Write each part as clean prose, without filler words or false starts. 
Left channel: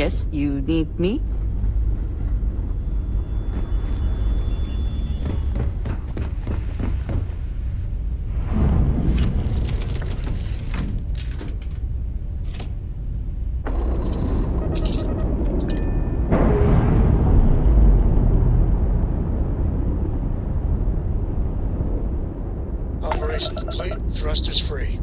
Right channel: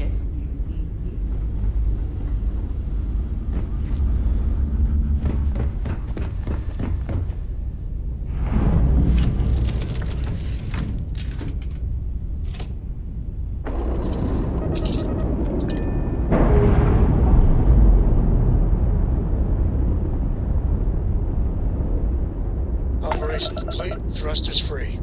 Yes, you need me? Operation complete. Thrusters free.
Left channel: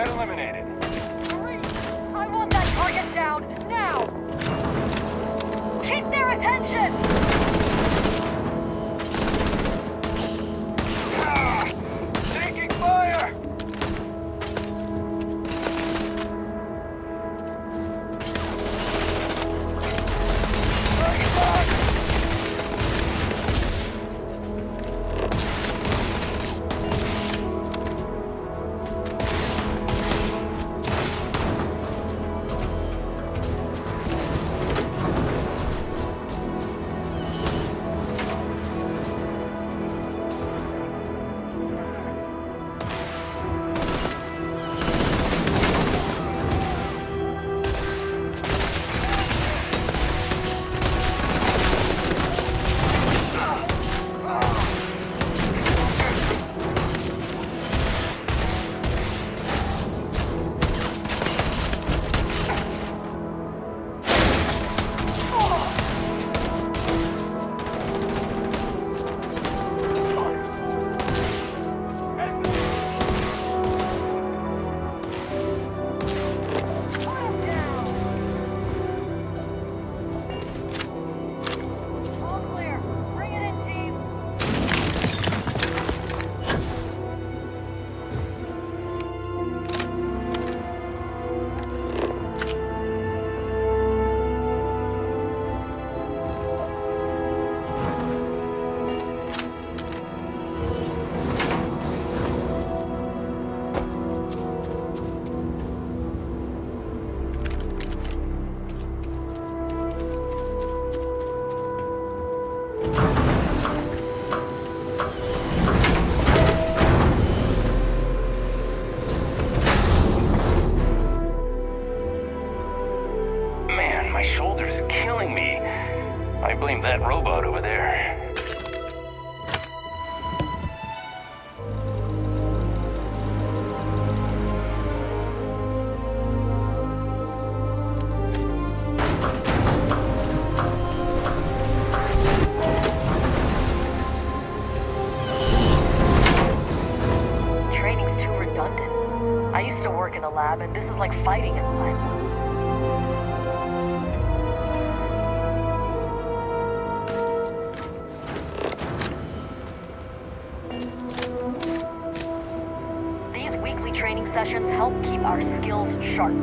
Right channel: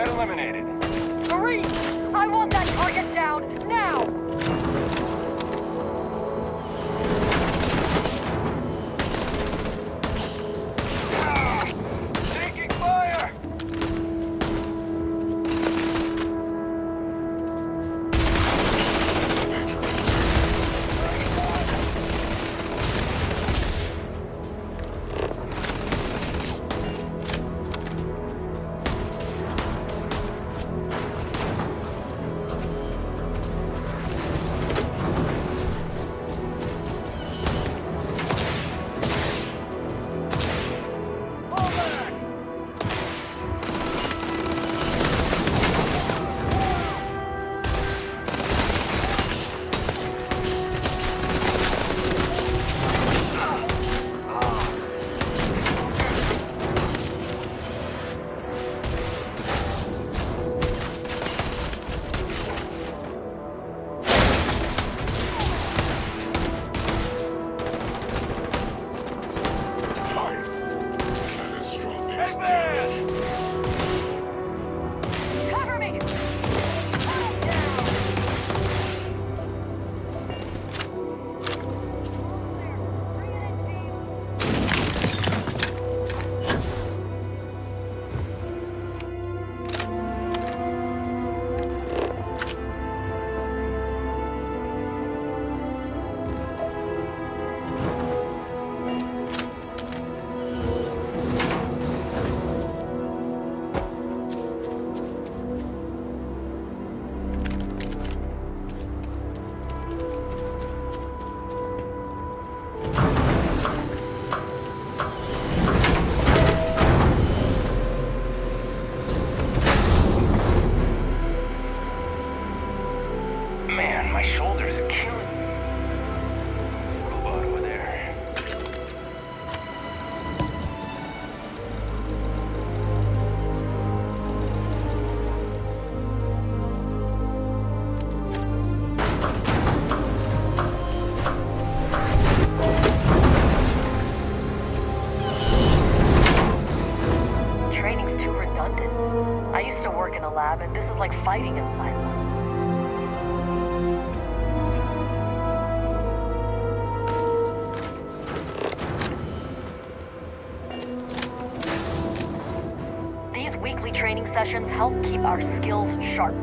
Threat eliminated. Marie, I want that target down, now! Keep their attention! Taking fire! Cover me! Put 'em down! All clear. Bring it in, team. Man, my shoulder is killing me. I blame that robot over there. Training's too redundant. I used to work in a lab, and this is like fighting inside one. These weekly training sessions help keep our skills sharp.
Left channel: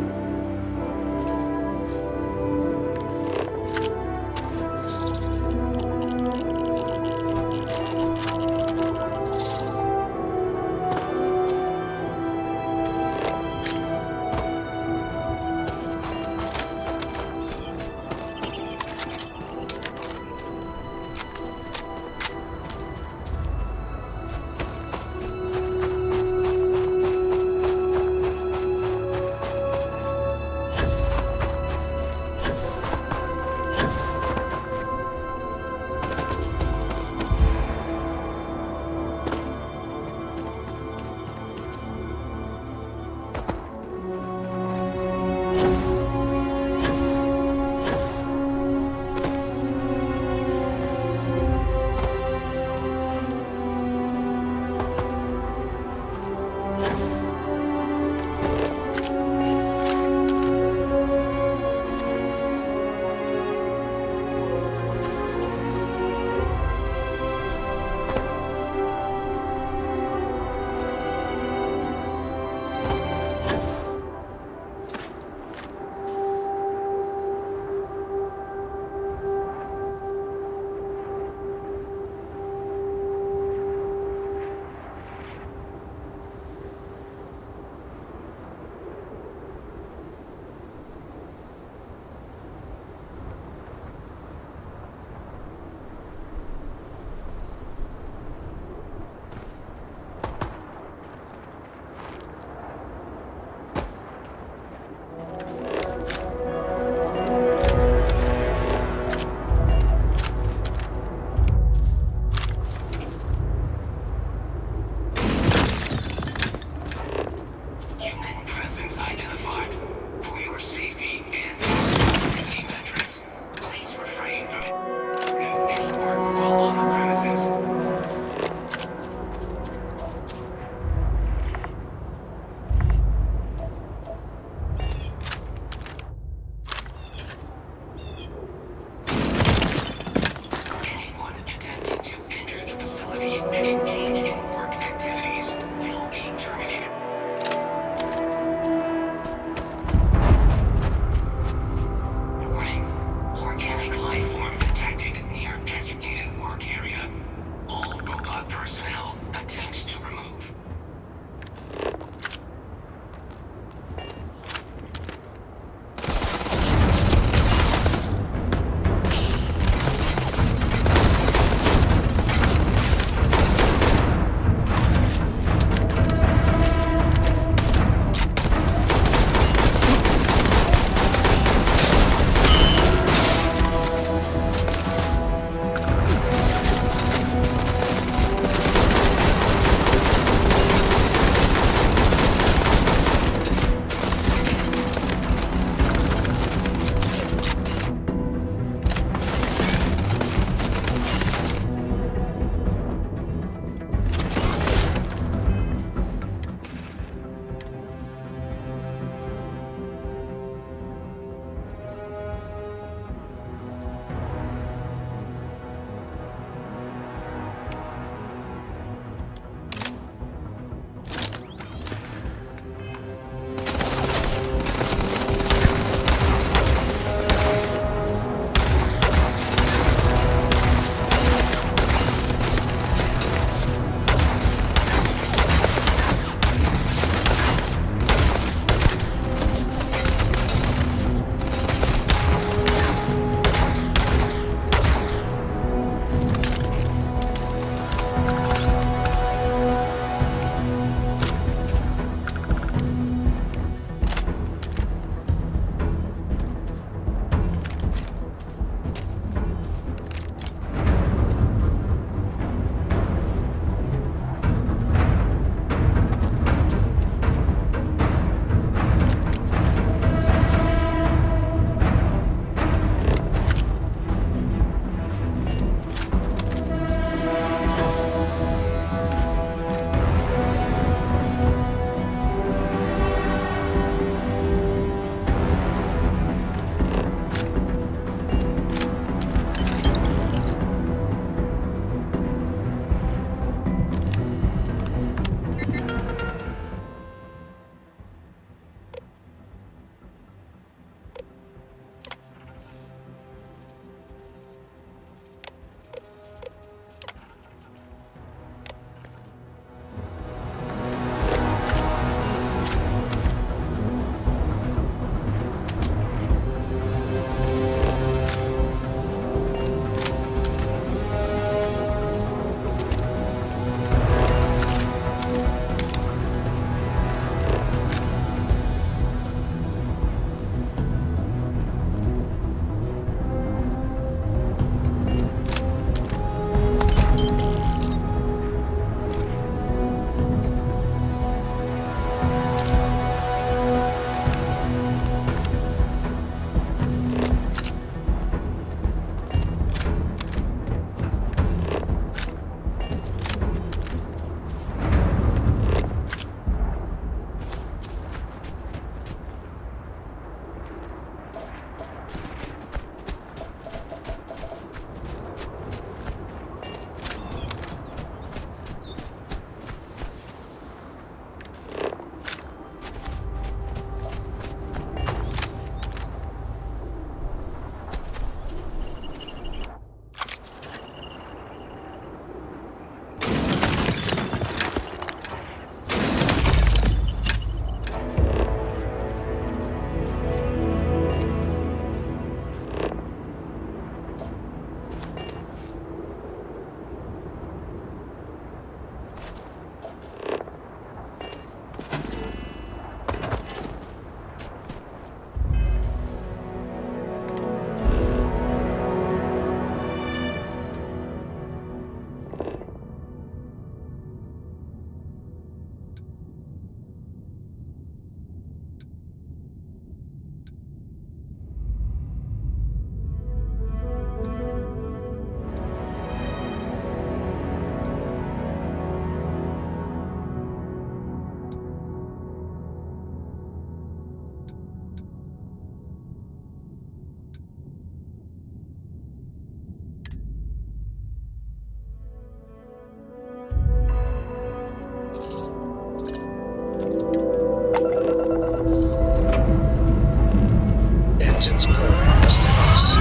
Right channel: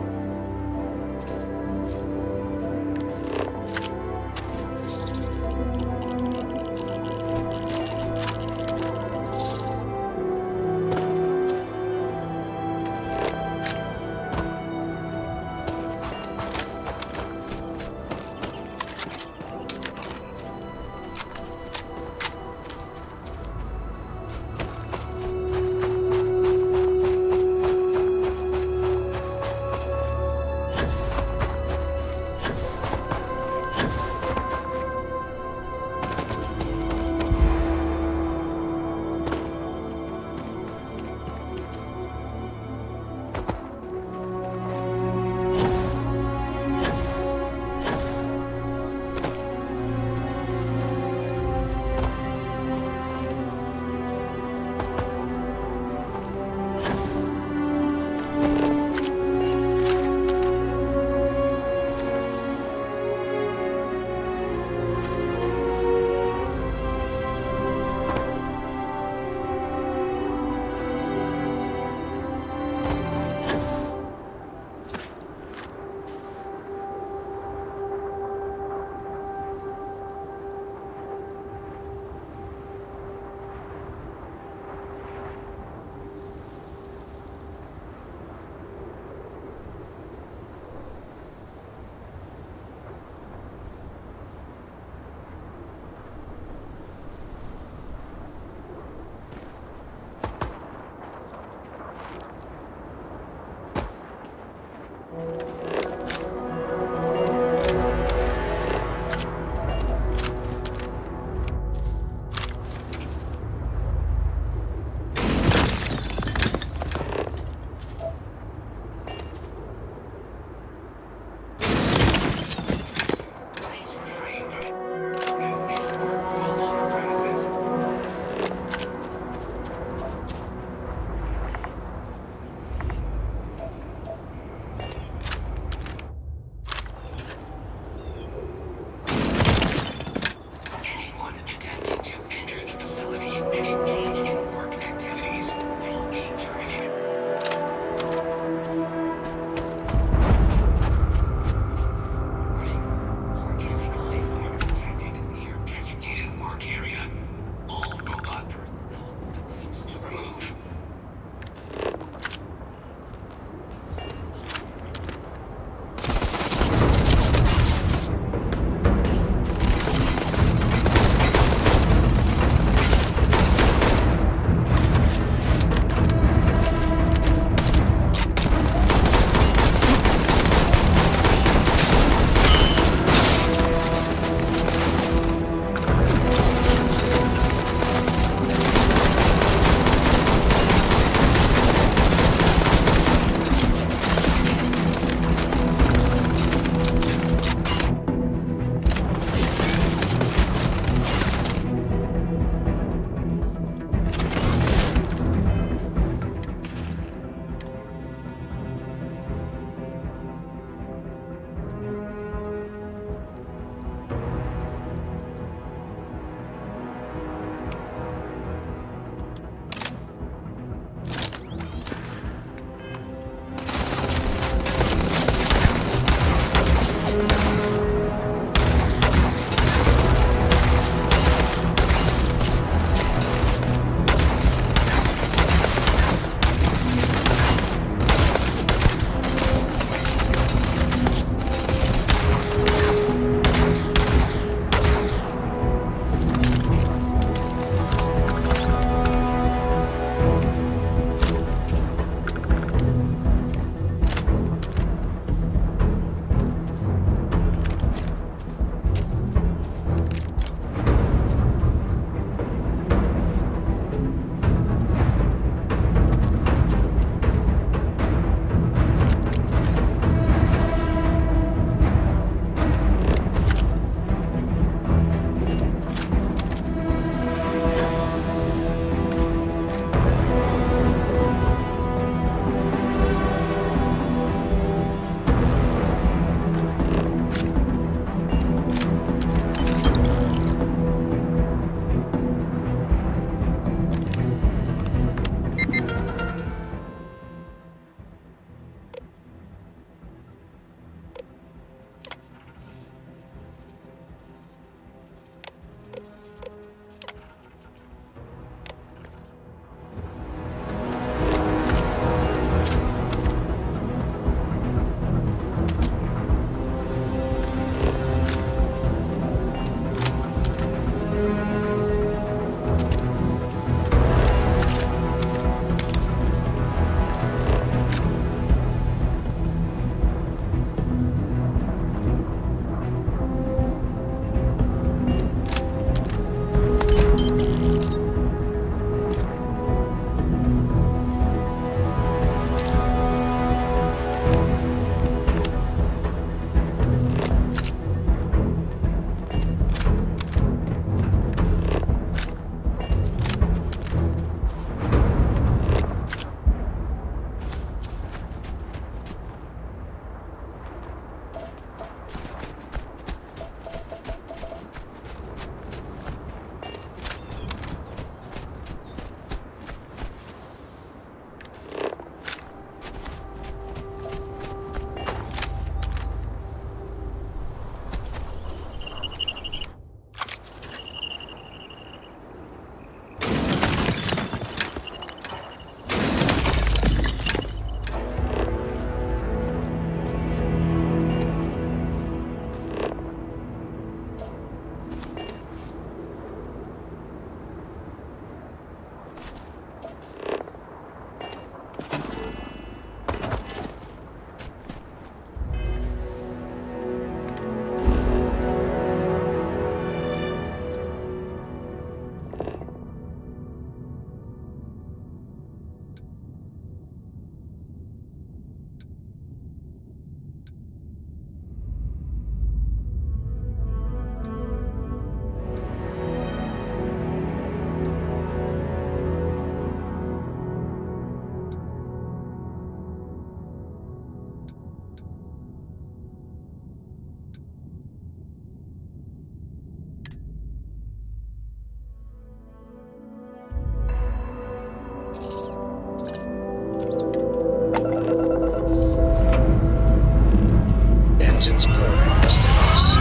Engines purring. What's the news?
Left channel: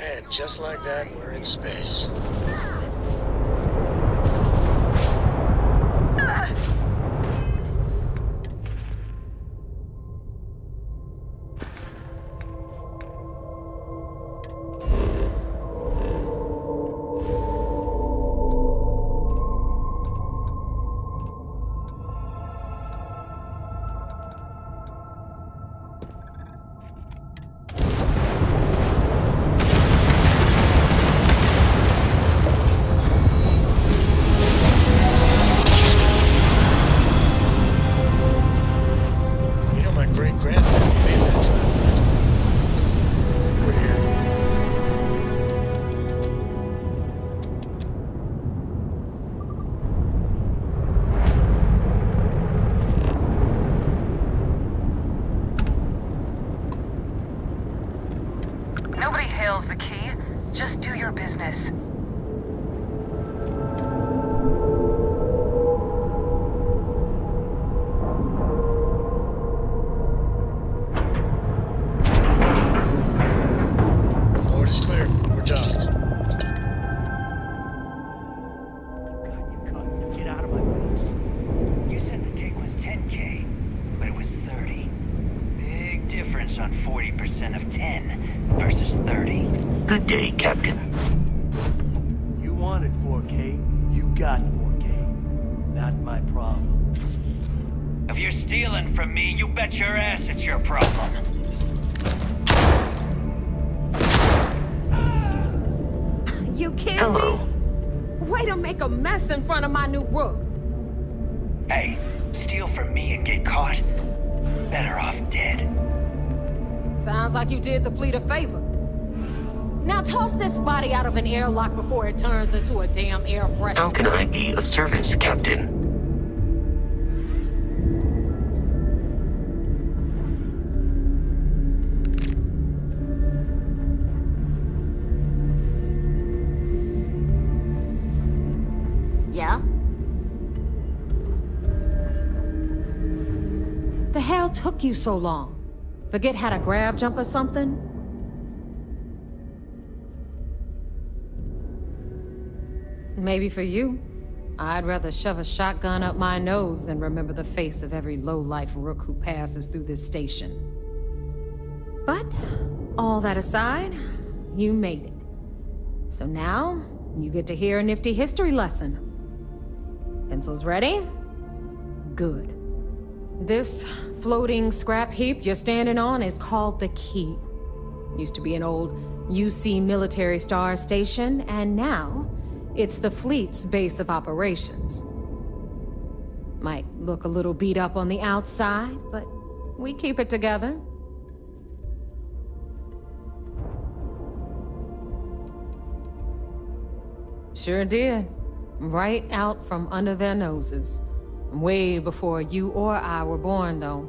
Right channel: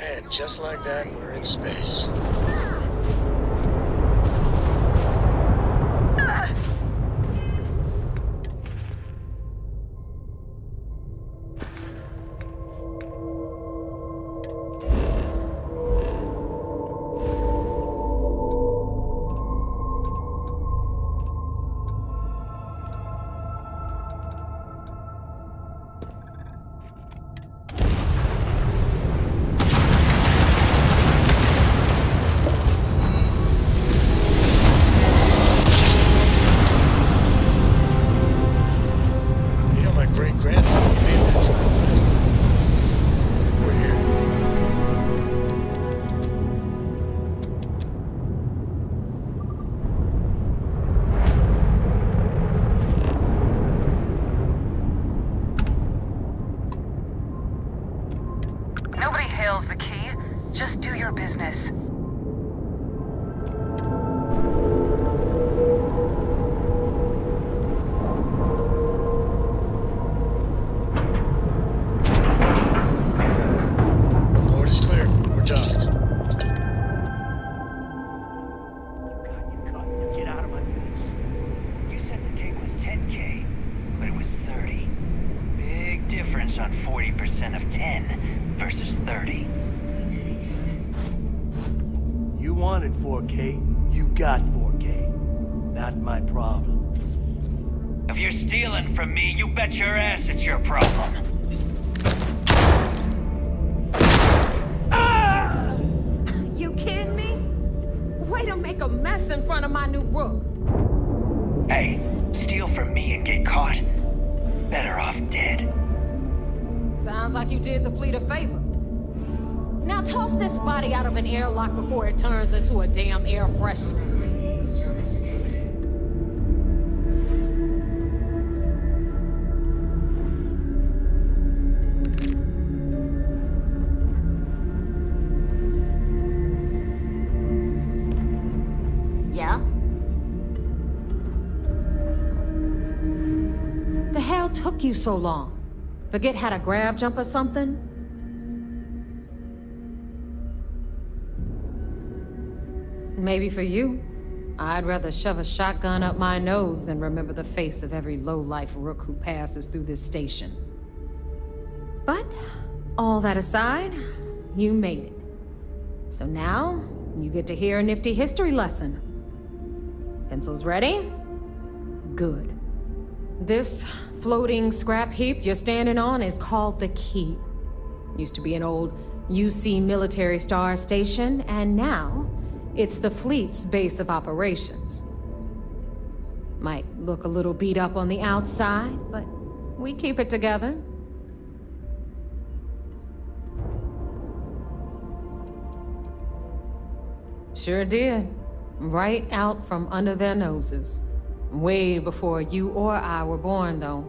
And just like that, we're in space. Great-grandfather made that drive, right? We're here. Nobody hails the key. Just do your business. It's clear. We're docked. You got you cut. Now get out of my face. You said the take was 10K, but it was 30. Big difference on 40% of 10 versus 30. Good day, Captain. You wanted 4K, you got 4K. Not my problem. If you're stealing from me, you bet your ass it's your problem. You kidding me? Way to make a mess in front of my new rook. Hey, steal from me and get caught. Better off dead. Sounds like you did the fleet a favor. Now toss this body out of an airlock before it turns into a damn air How freshener. can I be of service, Captain? Yeah? The hell took you so long? Forget how to grab jump or something? Maybe for you. I'd rather shove a shotgun up my nose than remember the face of every low-life rook who passes through this station. But, all that aside, you made it. So now, you get to hear a nifty history lesson. Pencils ready? Good. This floating scrap heap you're standing on is called the Key. Used to be an old UC military star station, and now it's the fleet's base of operations. Might look a little beat up on the outside, but we keep it together. Sure did. Right out from under their noses. Way before you or I were born, though.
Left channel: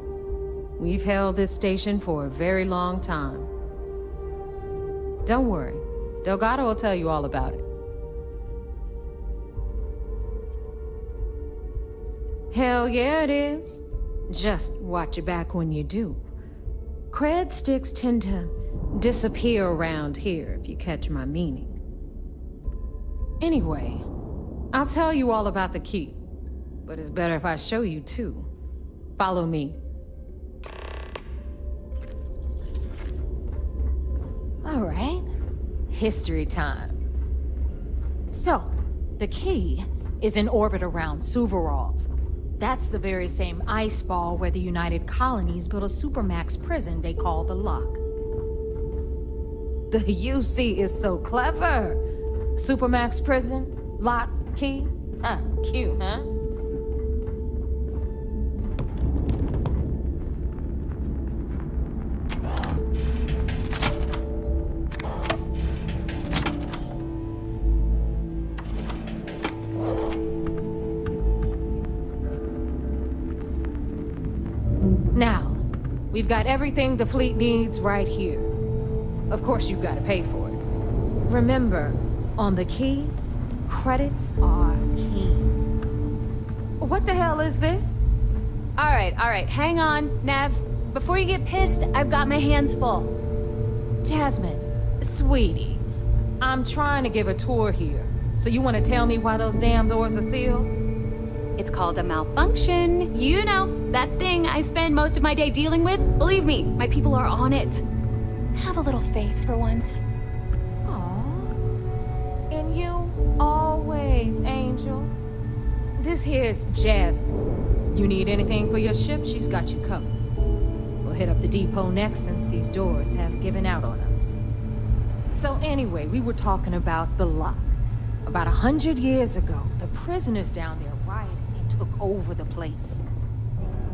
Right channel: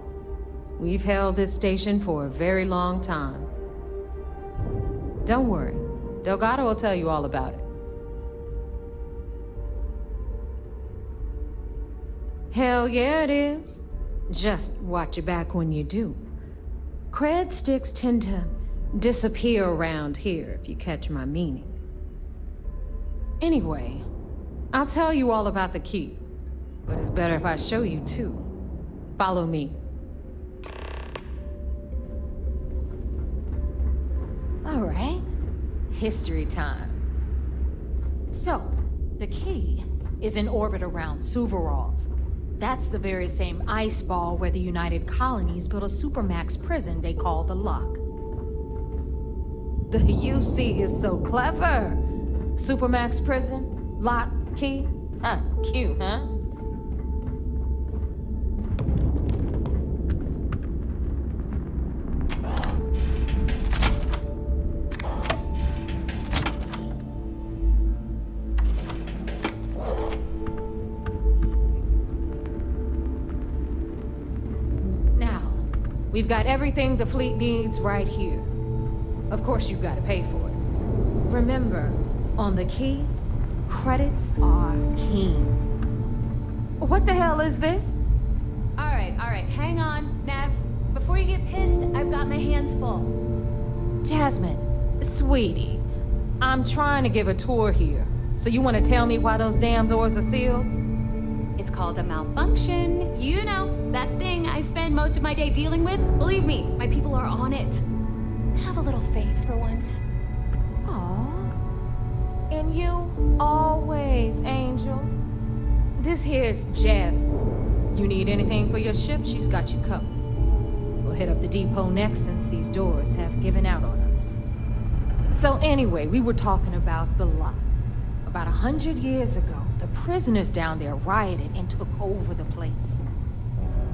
We've held this station for a very long time. Don't worry. Delgado will tell you all about it. Hell yeah, it is. Just watch your back when you do. Cred sticks tend to disappear around here, if you catch my meaning. Anyway, I'll tell you all about the Key. But it's better if I show you, too. Follow me. All right. History time. So, the Key is in orbit around Suvorov. That's the very same ice ball where the United Colonies built a supermax prison they call the Lock. The UC is so clever. Supermax prison, Lock, Key. Cute, huh? Now, we've got everything the fleet needs right here. Of course, you've got to pay for it. Remember, on the key, credits are king. What the hell is this? All right, hang on, Nev. Before you get pissed, I've got my hands full. Jasmine, sweetie, I'm trying to give a tour here. So you want to tell me why those damn doors are sealed? It's called a malfunction. You know, that thing I spend most of my day dealing with. Believe me, my people are on it. Have a little faith for once. Aw. And you always, Angel. This here's Jasmine. You need anything for your ship, she's got you covered. We'll hit up the depot next since these doors have given out on us. So anyway, we were talking about the lock. About 100 years ago, the prisoners down there rioted and took over the place.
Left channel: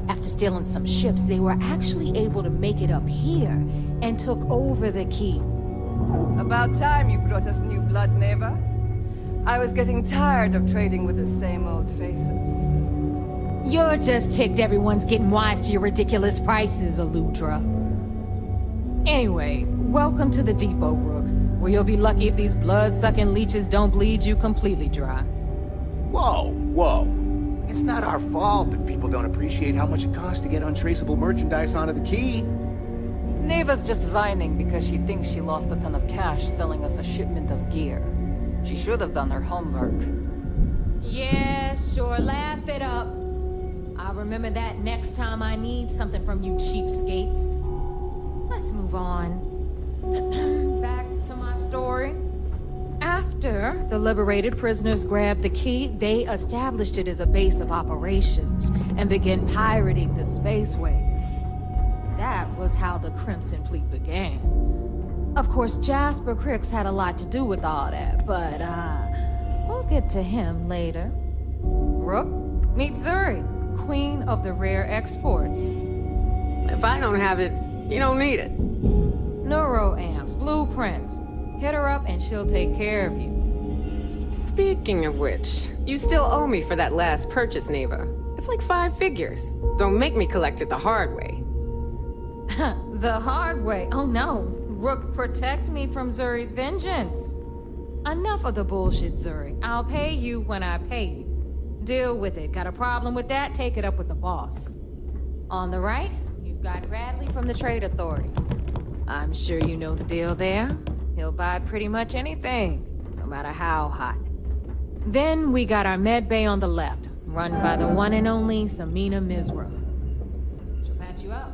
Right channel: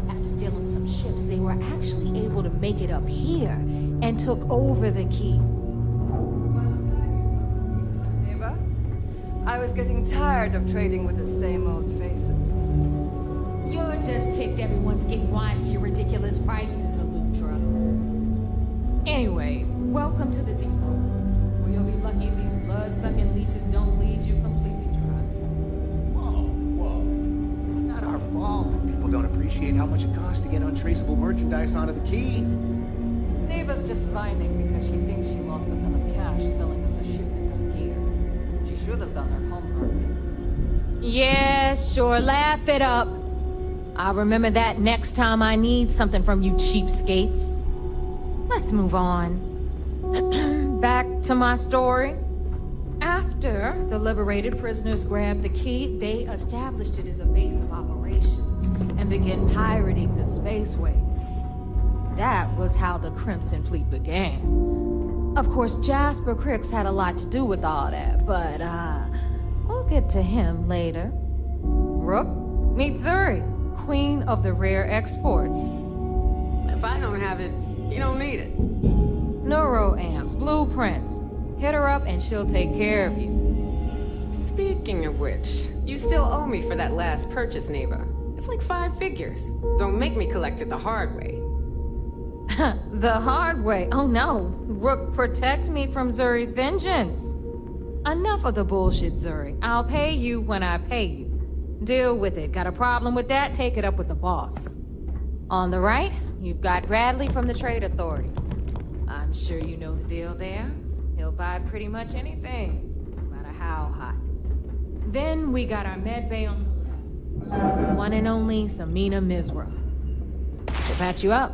After stealing some ships, they were actually able to make it up here and took over the key. About time you brought us new blood, Neva. I was getting tired of trading with the same old faces. You're just ticked everyone's getting wise to your ridiculous prices, Aludra. Anyway, welcome to the depot, Rook, where you'll be lucky if these blood-sucking leeches don't bleed you completely dry. Whoa, whoa. It's not our fault that people don't appreciate how much it costs to get untraceable merchandise onto the key. Neva's just whining because she thinks she lost a ton of cash selling us a shipment of gear. She should have done her homework. Yeah, sure, laugh it up. I'll remember that next time I need something from you cheapskates. Let's move on. Back to my story. After the liberated prisoners grabbed the key, they established it as a base of operations and began pirating the spaceways. That was how the Crimson Fleet began. Of course, Jasper Cricks had a lot to do with all that, but, we'll get to him later. Rook, meet Zuri, Queen of the Rare Exports. If I don't have it, you don't need it. Neuroamps, blueprints. Hit her up and she'll take care of you. Speaking of which, you still owe me for that last purchase, Neva. It's like 5 figures. Don't make me collect it the hard way. The hard way? Oh no. Rook, protect me from Zuri's vengeance. Enough of the bullshit, Zuri. I'll pay you when I pay you. Deal with it. Got a problem with that? Take it up with the boss. On the right, you've got Bradley from the Trade Authority. I'm sure you know the deal there. He'll buy pretty much anything, no matter how hot. Then we got our med bay on the left, run by the one and only Samina Mizra. She'll patch you up,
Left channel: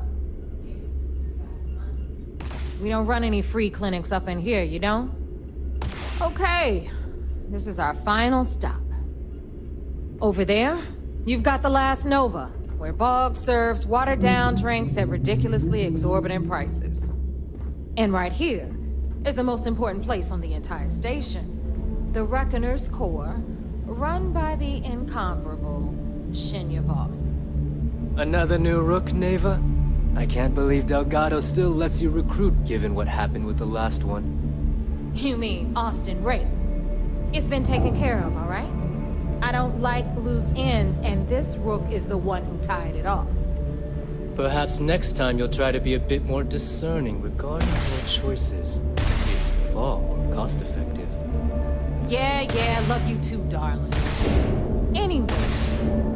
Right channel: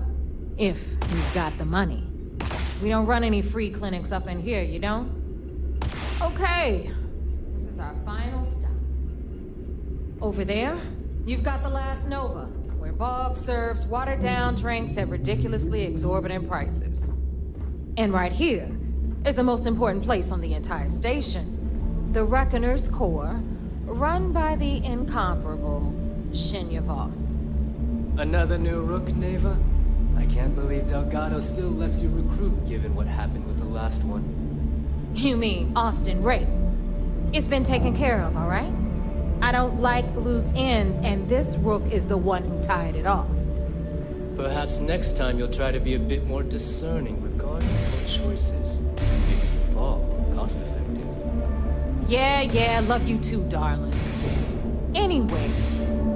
if you've got the money. We don't run any free clinics up in here, you don't? Okay, this is our final stop. Over there, you've got the Last Nova, where Bog serves watered-down drinks at ridiculously exorbitant prices. And right here is the most important place on the entire station, the Reckoner's Core, run by the incomparable Shinya Voss. Another new Rook, Neva? I can't believe Delgado still lets you recruit given what happened with the last one. You mean Austin Ray? It's been taken care of, all right? I don't like loose ends, and this Rook is the one who tied it off. Perhaps next time you'll try to be a bit more discerning regarding your choices. It's far more cost-effective. Yeah, love you too, darling. Anyway,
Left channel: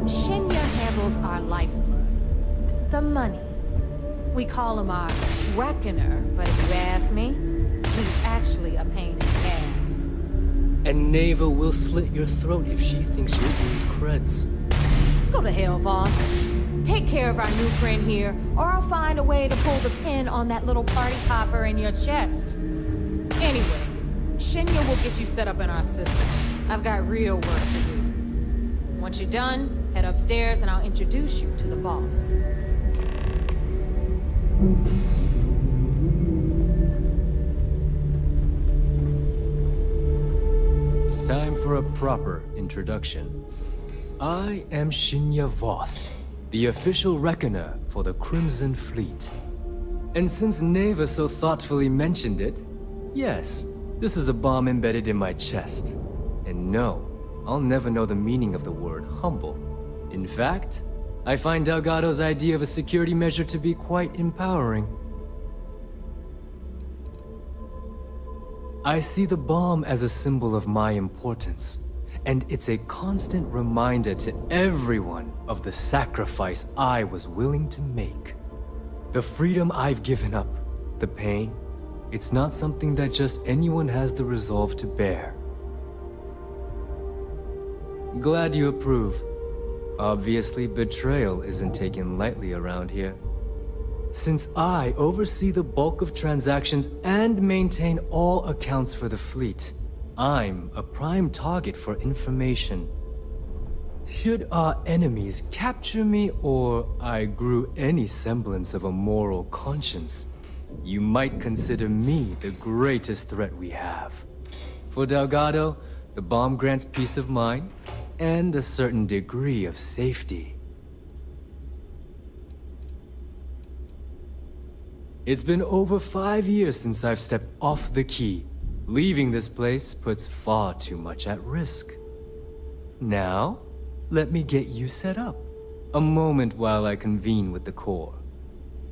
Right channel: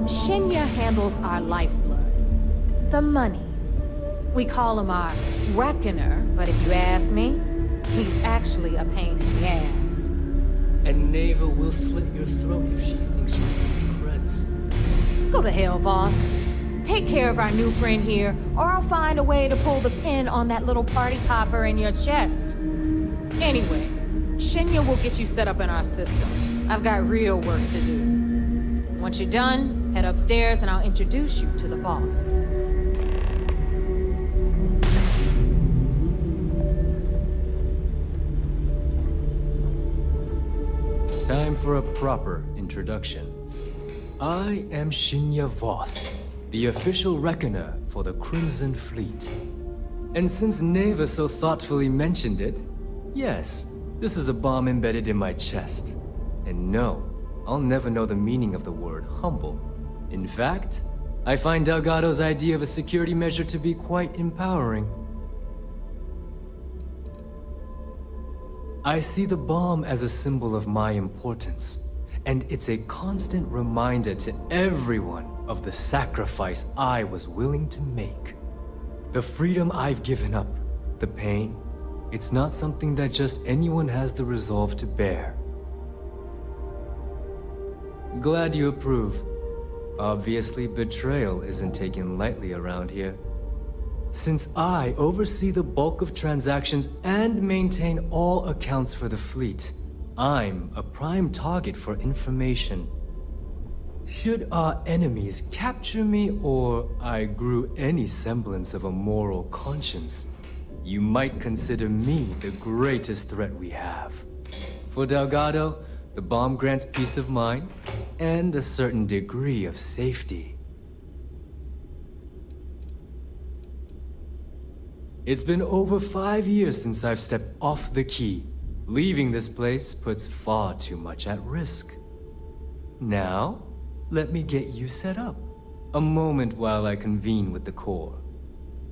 Shinya handles our lifeblood. The money. We call him our Reckoner, but if you ask me, he's actually a pain in the ass. And Neva will slit your throat if she thinks you need creds. Go to hell, boss. Take care of our new friend here, or I'll find a way to pull the pin on that little party popper in your chest. Anyway, Shinya will get you set up in our system. I've got real work to do. Once you're done, head upstairs and I'll introduce you to the boss. Time for a proper introduction. I am Shinya Voss, the official reckoner for the Crimson Fleet. And since Neva so thoughtfully mentioned it, yes, this is a bomb embedded in my chest. And no, I'll never know the meaning of the word humble. In fact, I find Delgado's idea of a security measure to be quite empowering. I see the bomb as a symbol of my importance, and it's a constant reminder to everyone of the sacrifice I was willing to make. The freedom I've given up, the pain, it's not something that just anyone has the resolve to bear. Glad you approve. Obviously, betrayal isn't taken lightly around here. Since I oversee the bulk of transactions and maintain all accounts for the fleet, I'm a prime target for information. Should our enemies capture me or I grew any semblance of a moral conscience, you might consider me the greatest threat we have. For Delgado, the bomb grants peace of mind and a certain degree of safety. It's been over 5 years since I've stepped off the key. Leaving this place puts far too much at risk. Now, let me get you set up. A moment while I convene with the core.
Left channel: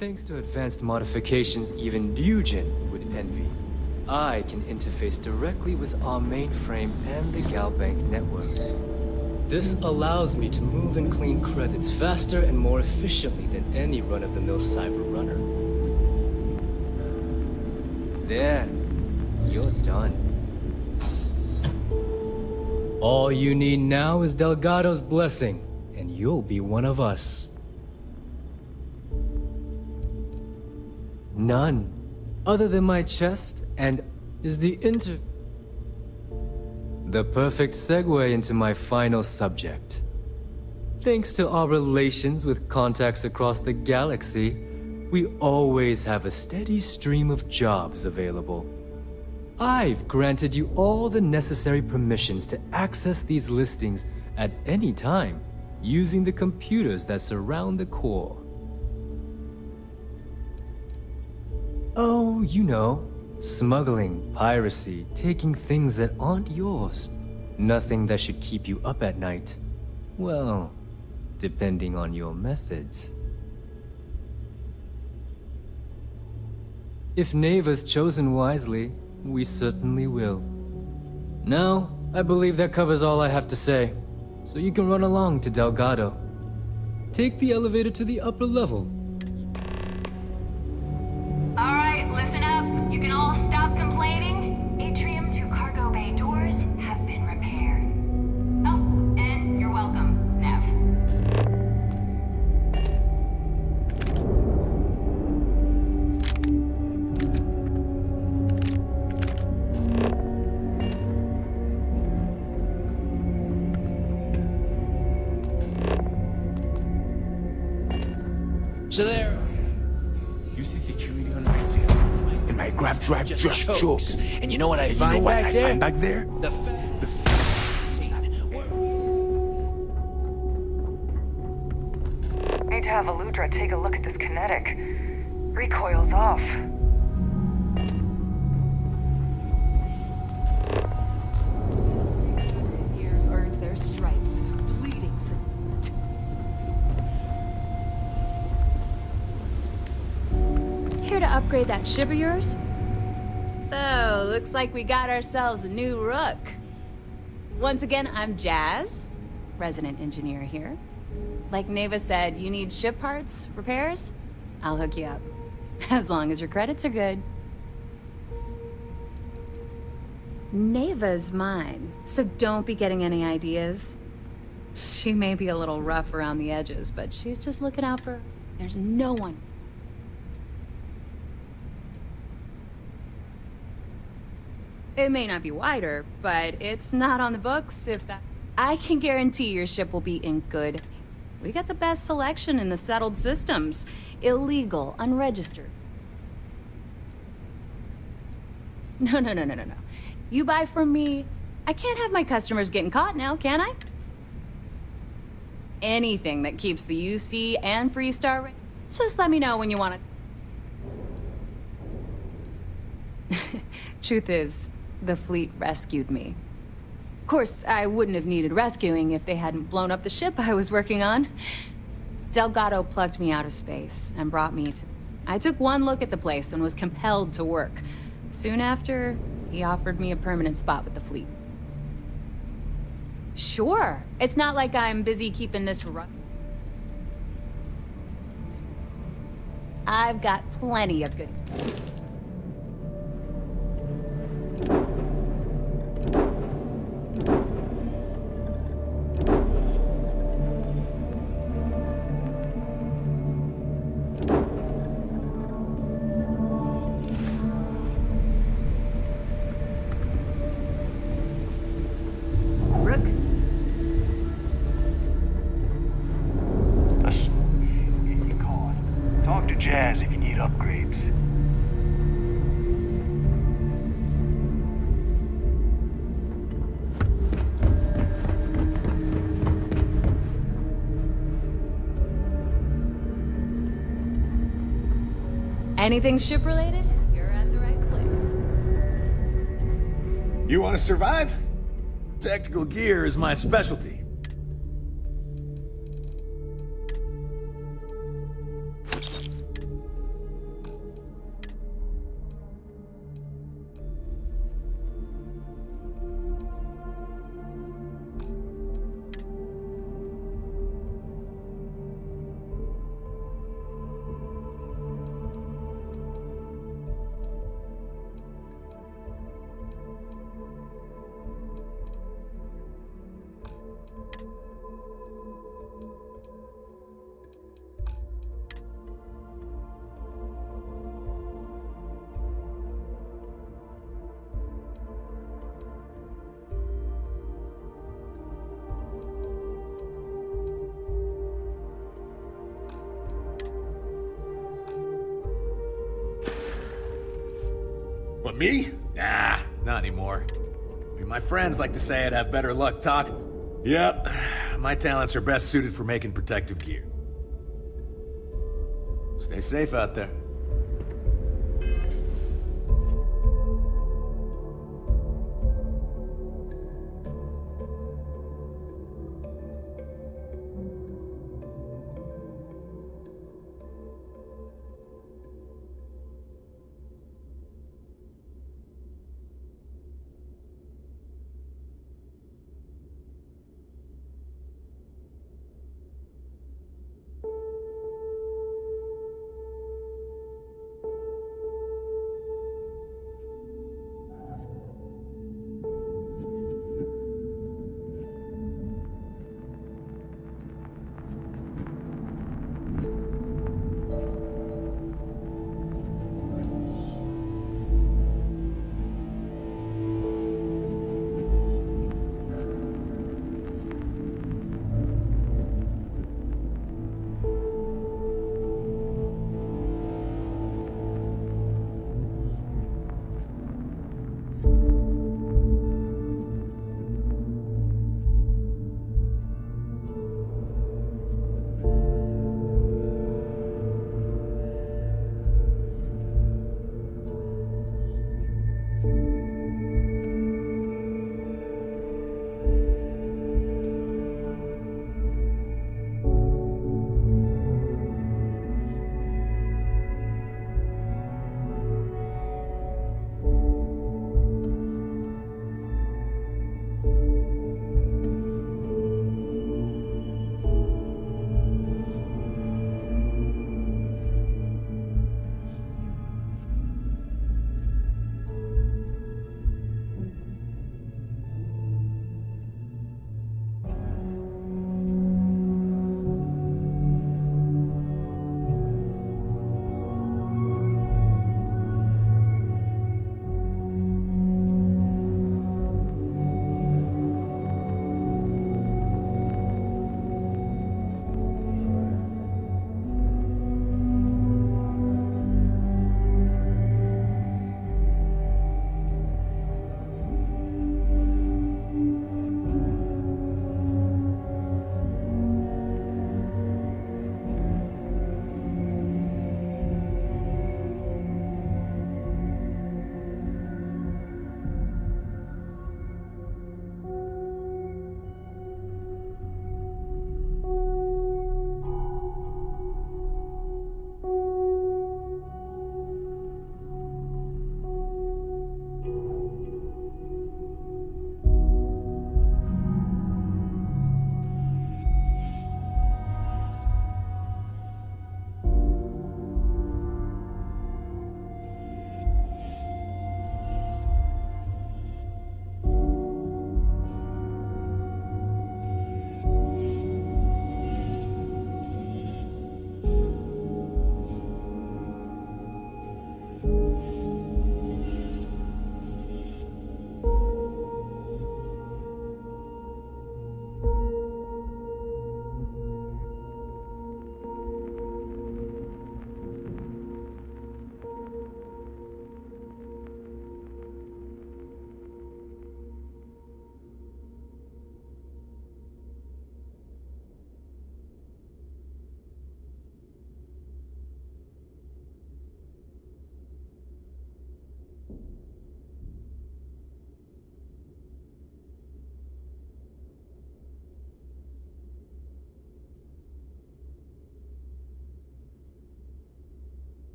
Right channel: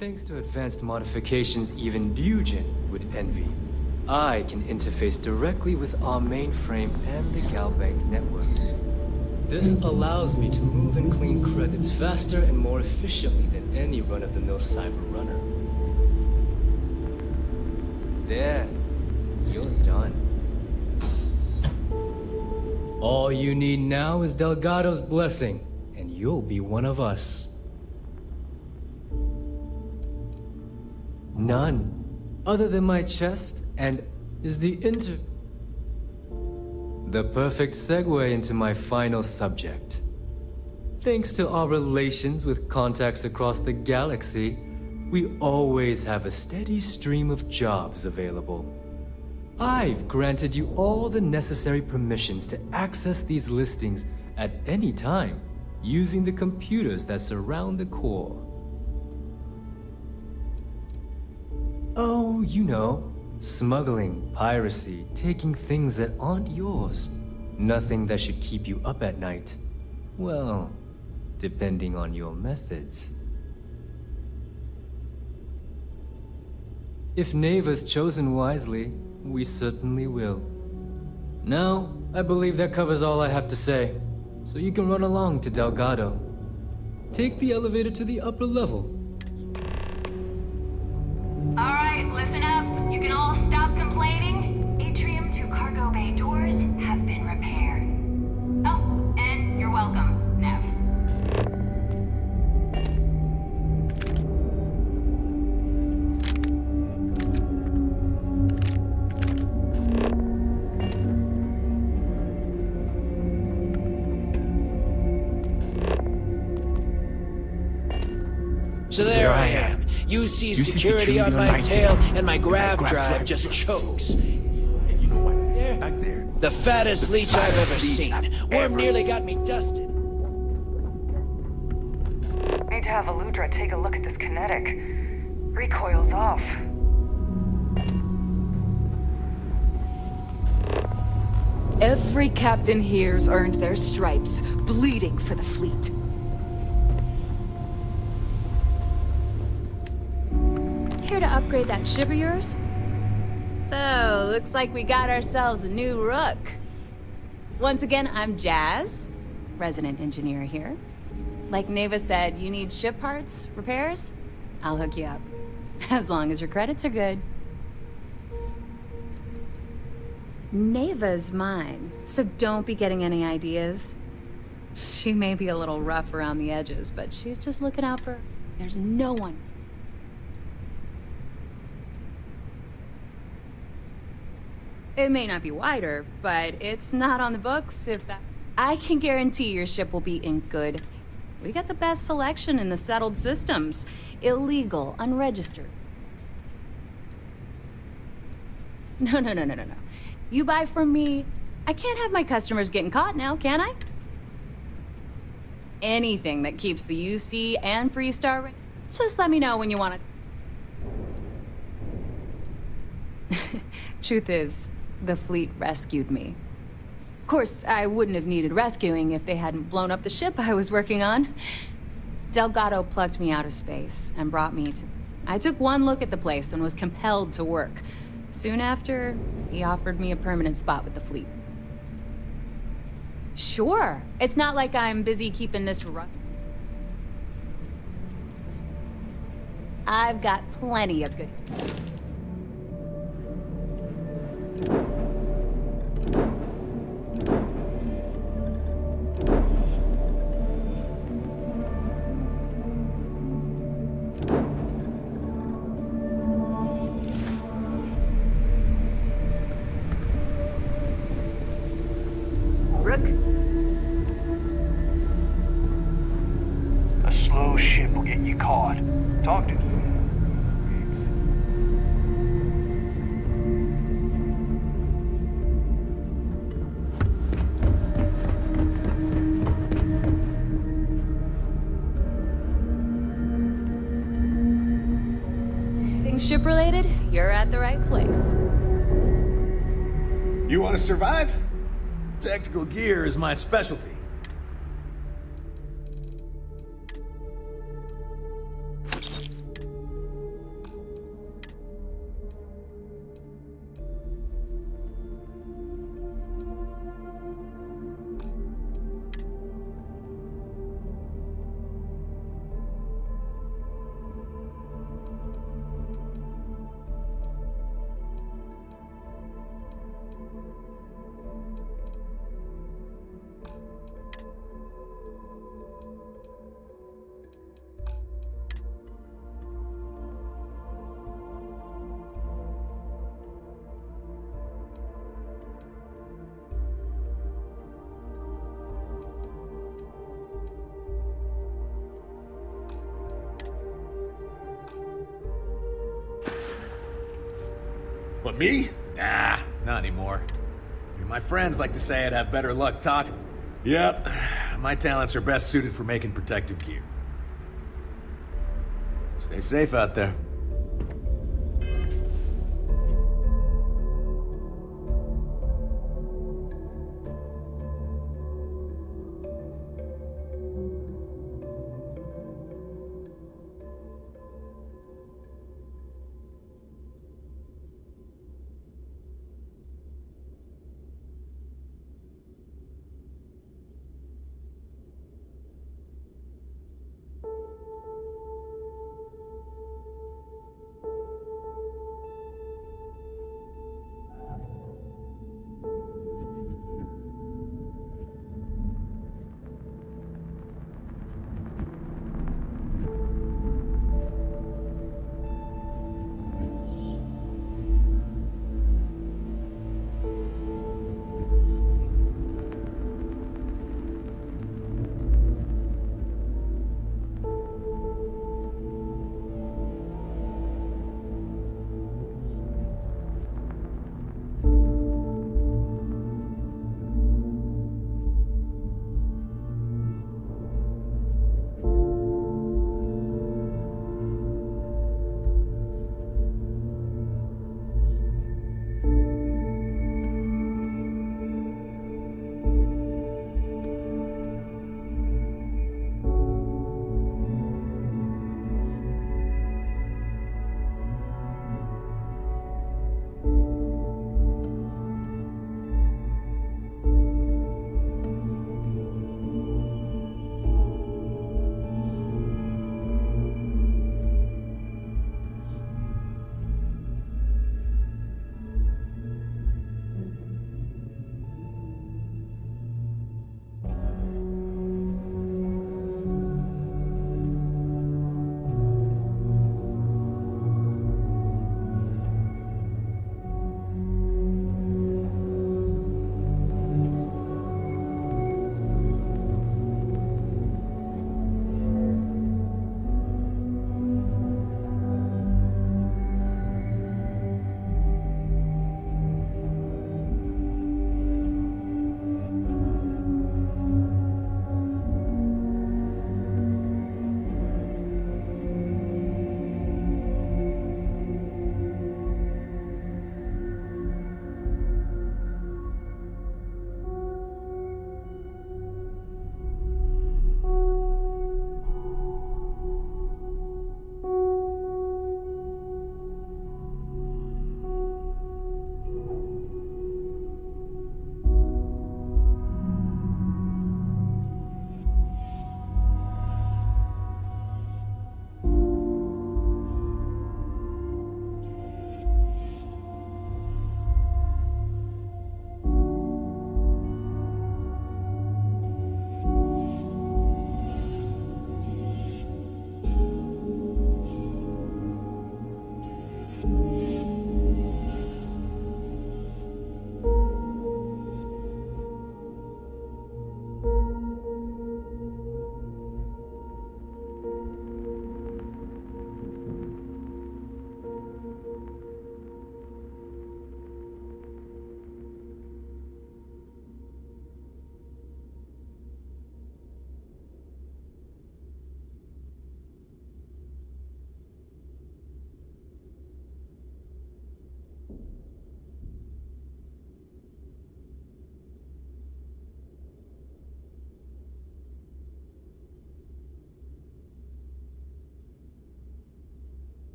Thanks to advanced modifications even Ryujin would envy, I can interface directly with our mainframe and the Galbank network. This allows me to move and clean credits faster and more efficiently than any run-of-the-mill cyber runner. There, you're done. All you need now is Delgado's blessing, and you'll be one of us. None, other than my chest, and is the perfect segue into my final subject. Thanks to our relations with contacts across the galaxy, we always have a steady stream of jobs available. I've granted you all the necessary permissions to access these listings at any time, using the computers that surround the core. Oh, you know, smuggling, piracy, taking things that aren't yours. Nothing that should keep you up at night. Well, depending on your methods. If Neva's chosen wisely, we certainly will. Now, I believe that covers all I have to say, so you can run along to Delgado. Take the elevator to the upper level. Alright, listen up. You can all stop complaining. Atrium to cargo bay doors have been repaired. Oh, and you're welcome, Nev. So there I am. You see security on my tail, and my grav drive just chokes. And you know what I find back there? The fattest leech I've ever seen. Worm nearly got me dusted. Need to have Aludra take a look at this kinetic. Recoil's off. Every captain here's earned their stripes, bleeding for the fleet. Here to upgrade that ship of yours? So, looks like we got ourselves a new rook. Once again, I'm Jazz, resident engineer here. Like Neva said, you need ship parts, repairs? I'll hook you up. As long as your credits are good. Neva's mine, so don't be getting any ideas. She may be a little rough around the edges, but she's just looking out for... There's no one. It may not be wider, but it's not on the books if that... I can guarantee your ship will be in good. We got the best selection in the settled systems. Illegal, unregistered. No. You buy from me. I can't have my customers getting caught now, can I? Anything that keeps the UC and Freestar... Just let me know when you want it. Truth is, the fleet rescued me. Of course, I wouldn't have needed rescuing if they hadn't blown up the ship I was working on. Delgado plucked me out of space and brought me to... I took one look at the place and was compelled to work. Soon after, he offered me a permanent spot with the fleet. Sure. It's not like I'm busy keeping this I've got plenty of good... A slow ship will get you caught. Talk to Jazz if you need upgrades. Anything ship-related, you're at the right place. You want to survive? Tactical gear is my specialty. What, me? Nah, not anymore. I mean, my friends like to say I'd have better luck talking. Yep, my talents are best suited for making protective gear. Stay safe out there.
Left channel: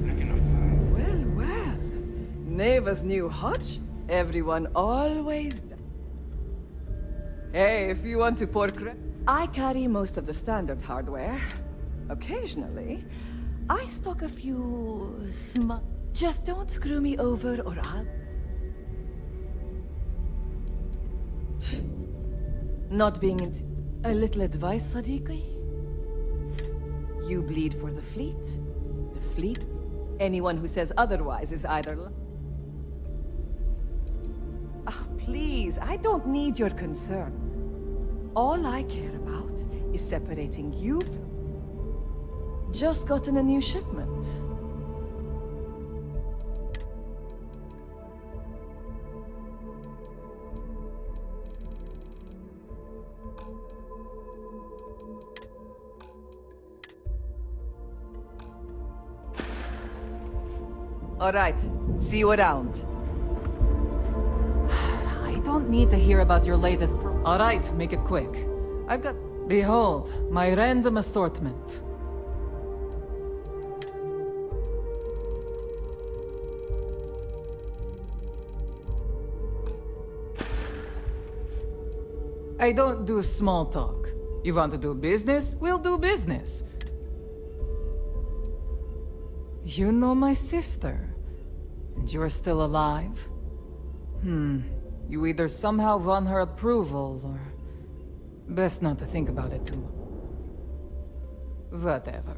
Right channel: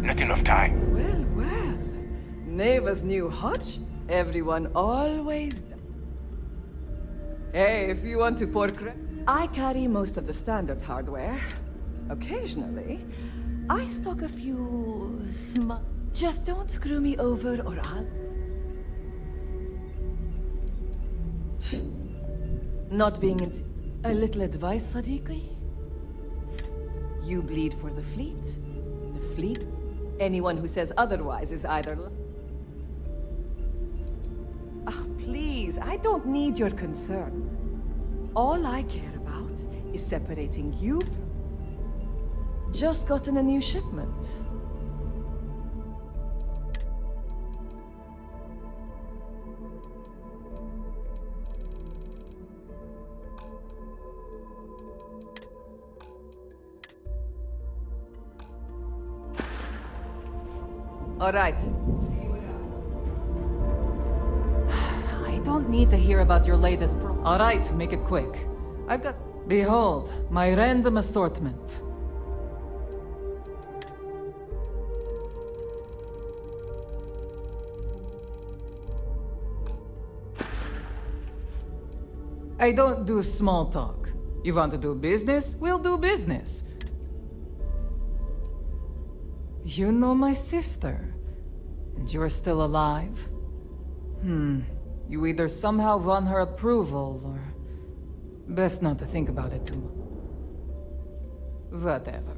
Not enough time. Well, well. Neva's new hutch? Everyone always... Hey, if you want to pour I carry most of the standard hardware. Occasionally, I stock a few Just don't screw me over or I'll... Not being a little advice, Sadiqi? You bleed for the fleet. The fleet? Anyone who says otherwise is either... Ah, please, I don't need your concern. All I care about is separating you from... Just gotten a new shipment. All right, see you around. I don't need to hear about your latest All right, make it quick. I've got... Behold, my random assortment. I don't do small talk. You want to do business? We'll do business. You know my sister, and you're still alive? You either somehow won her approval, or... Best not to think about it too much. Whatever.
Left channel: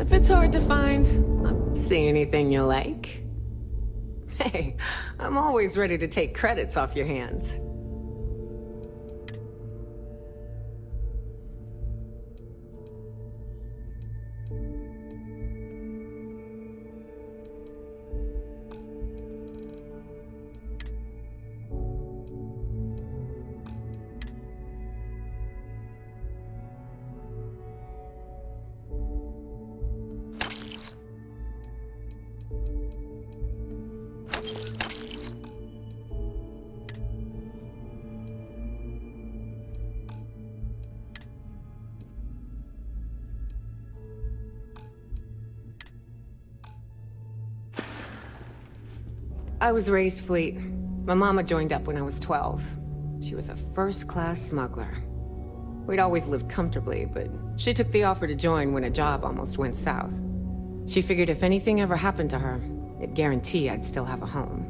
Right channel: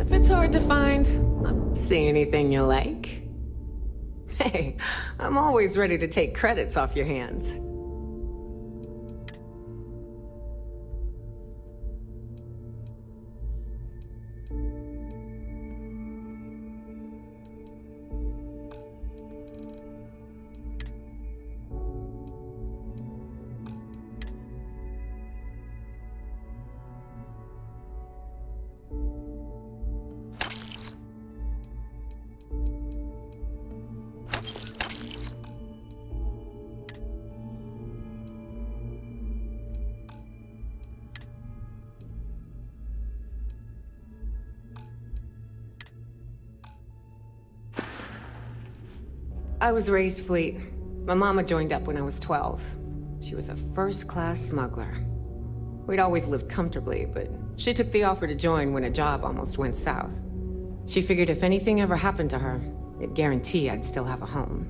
If it's hard to find, see anything you like? Hey, I'm always ready to take credits off your hands. I was raised fleet. My mama joined up when I was 12. She was a first-class smuggler. We'd always lived comfortably, but she took the offer to join when a job almost went south. She figured if anything ever happened to her, it'd guarantee I'd still have a home.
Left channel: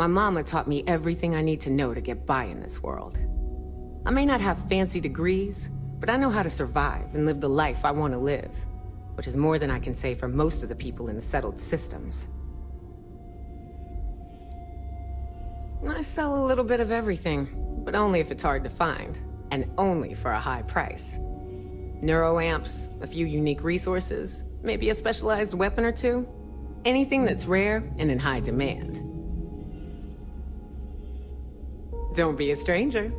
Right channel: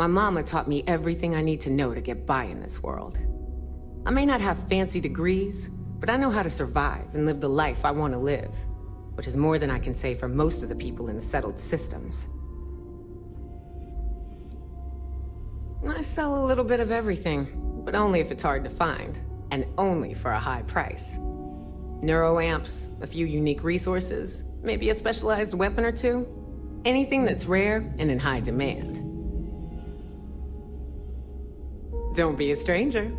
My mama taught me everything I need to know to get by in this world. I may not have fancy degrees, but I know how to survive and live the life I want to live, which is more than I can say for most of the people in the settled systems. I sell a little bit of everything, but only if it's hard to find, and only for a high price. Neuroamps, a few unique resources, maybe a specialized weapon or two. Anything that's rare and in high demand. Don't be a stranger.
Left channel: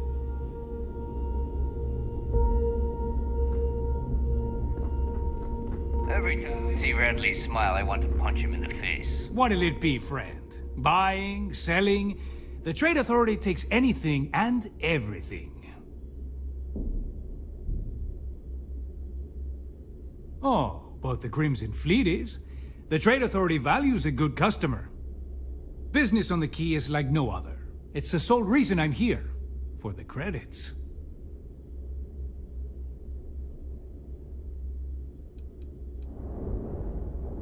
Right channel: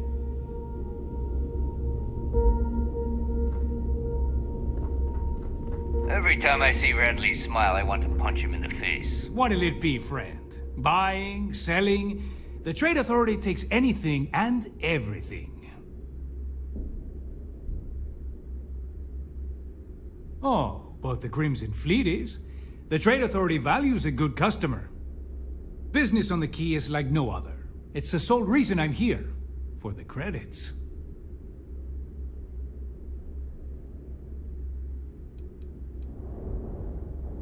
Every time I see Radley smile, I want to punch him in the face. What'll it be, friend? Buying, selling? The Trade Authority takes anything and everything. Oh, but the Crimson Fleet is. The Trade Authority values a good customer. Business on the Key is like no other. It's the sole reason I'm here. For the credits.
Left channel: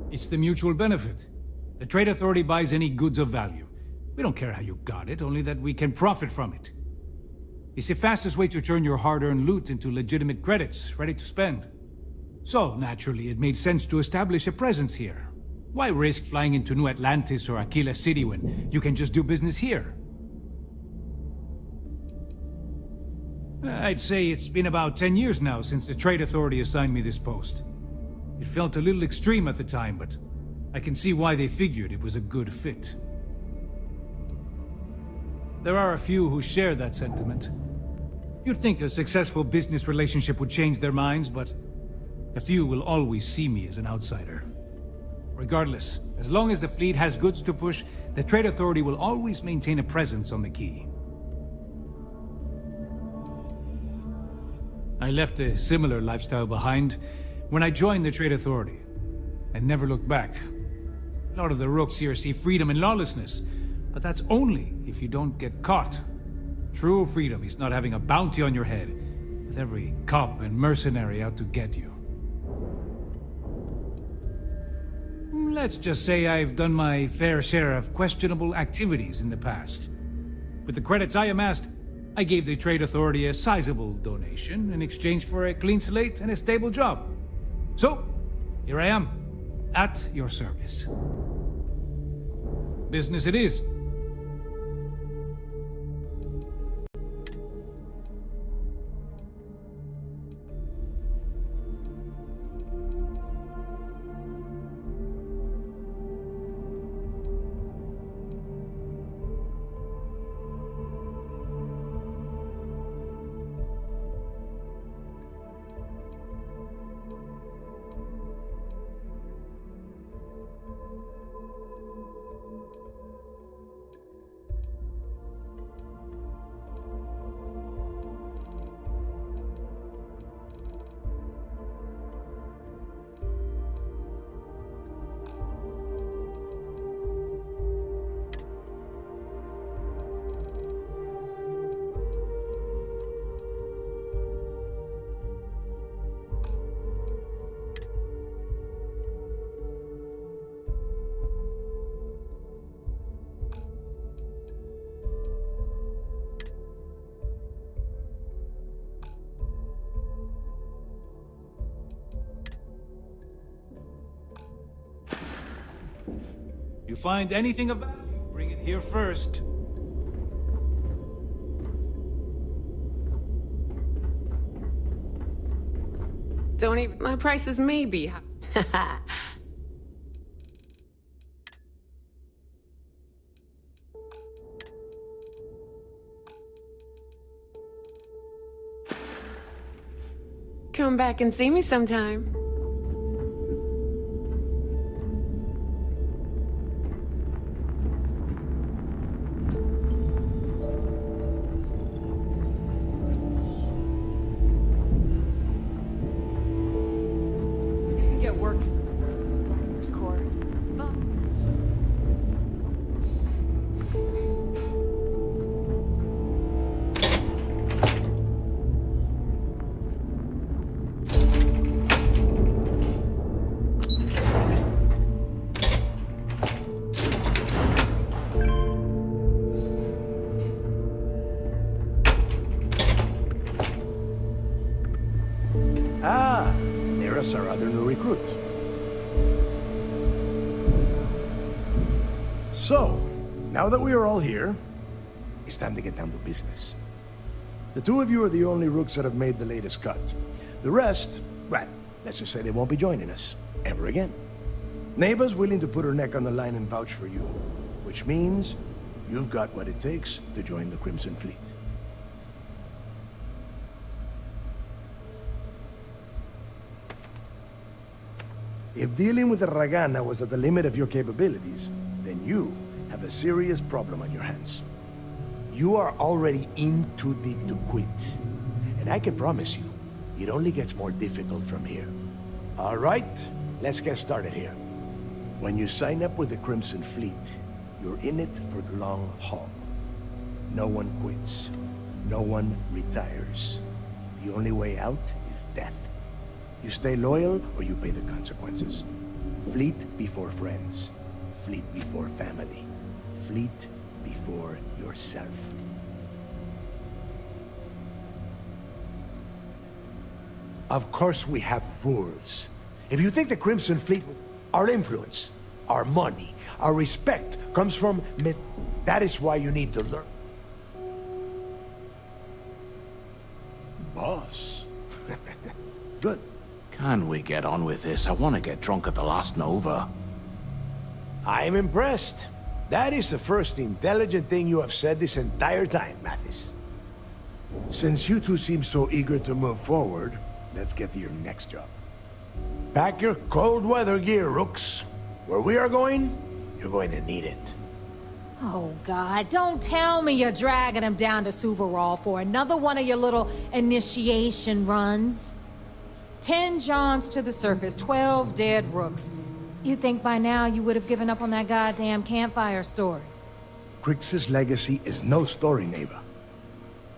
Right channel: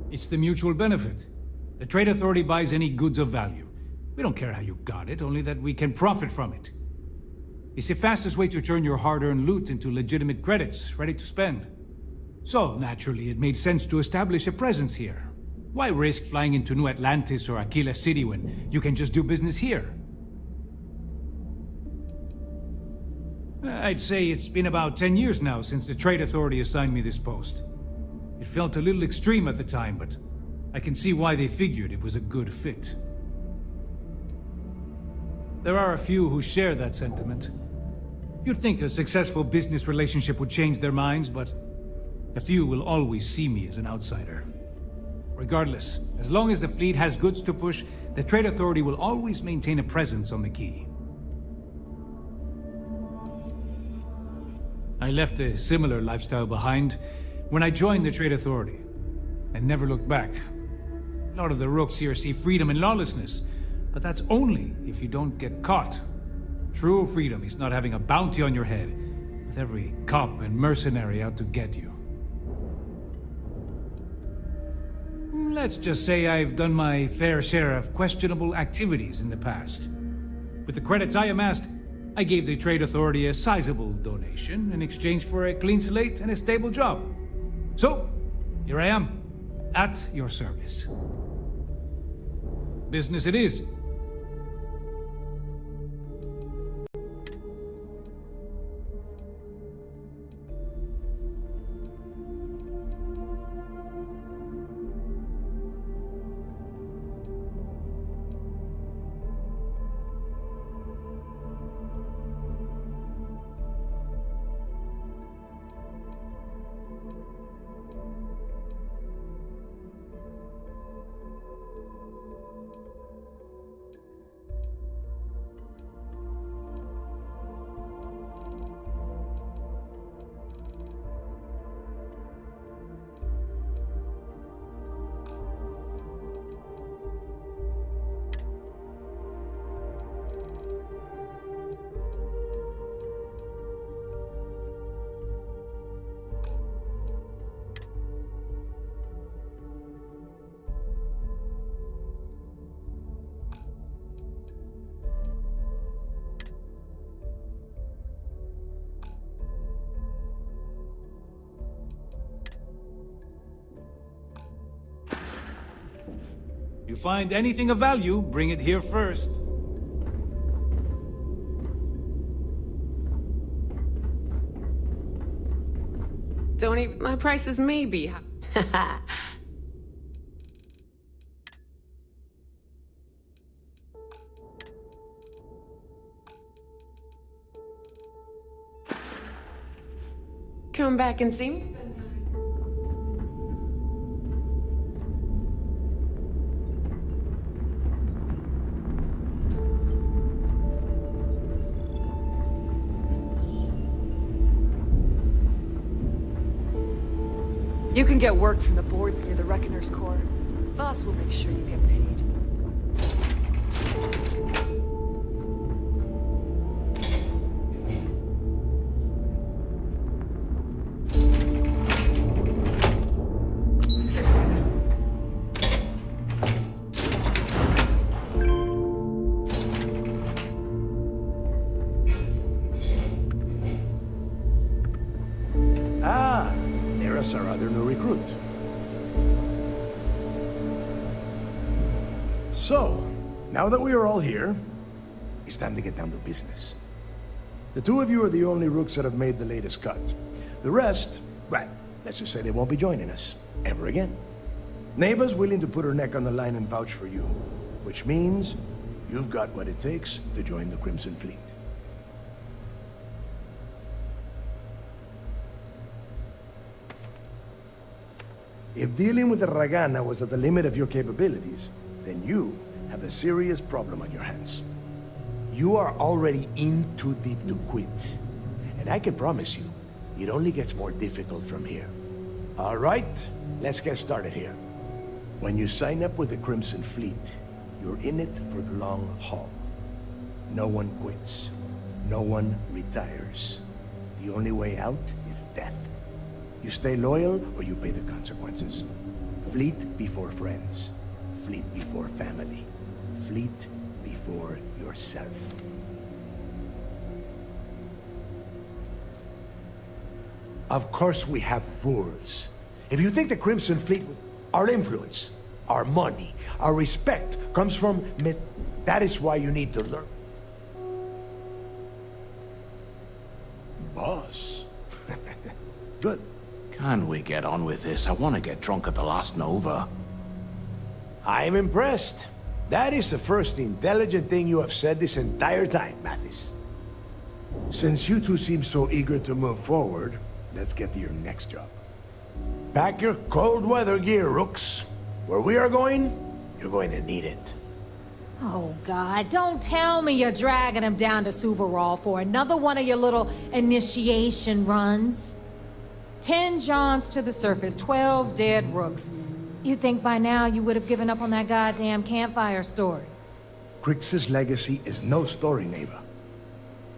It's the mutual benefit. The Trade Authority buys any goods of value. We don't care how you got it, only that we can profit from it. It's the fastest way to turn your hard-earned loot into legitimate credits, ready to spend. So, naturally, it made sense to establish a presence here. Why risk flying into New Atlantis or Aquila City when you can just do business here? I'd say it's been about 10 years now since the Trade Authority assigned me this post. It felt a little extreme at the time, but I can see why they figured it was a good fit. There are a few who share that sentiment. You'd think a successful business relationship would change their minds, but a few will always see me as an outsider. Regardless, as long as the fleet has goods to push, the Trade Authority will always maintain a presence on the Key. I left a similar lifestyle behind when I joined the Trade Authority, and never looked back. A lot of the rooks here see freedom and lawlessness, but that's only if you don't get caught. True freedom is not having a bounty on your head, with every cop and mercenary out to get you. Let's just say I've done my fair share of questionable activities in the past. With the credits I amassed, I gave the Trade Authority a sizable donation in exchange for a clean slate and a stable job. So, here I am, at your service. Business it is. You find anything of value, bring it here first. Don't even... My prices may be... Come back and see me sometime. You can get work from the boards near the Reckoner's Core. Voss will make sure you get paid. here as our other new recruit. So, now that we are all here, it's time to get down to business. The two of you are the only rooks that have made the latest cut. The rest, well, let's just say they won't be joining us ever again. Neva's willing to put her neck on the line and vouch for you, which means you've got what it takes to join the Crimson Fleet. If dealing with the Ragana was at the limit of your capabilities, then you have a serious problem on your hands. You are already in too deep to quit. And I can promise you, it only gets more difficult from here. All right, let's get started here. When you sign up with the Crimson Fleet, you're in it for the long haul. No one quits. No one retires. The only way out is death. You stay loyal or you pay the consequences. Fleet before friends. Fleet before family. Fleet before yourself. Of course we have rules. If you think the Crimson Fleet, our influence, our money, our respect comes from that is why you need to learn. Boss. Good. Can we get on with this? I want to get drunk at the last Nova. I'm impressed. That is the first intelligent thing you have said this entire time, Mathis. Since you two seem so eager to move forward, let's get to your next job. Pack your cold weather gear, Rooks. Where we are going, you're going to need it. Oh, God, don't tell me you're dragging him down to Suvarall for another one of your little initiation runs. 10 Johns to the surface, 12 dead Rooks. You'd think by now you would have given up on that goddamn campfire story. Crix's legacy is no story, Neva.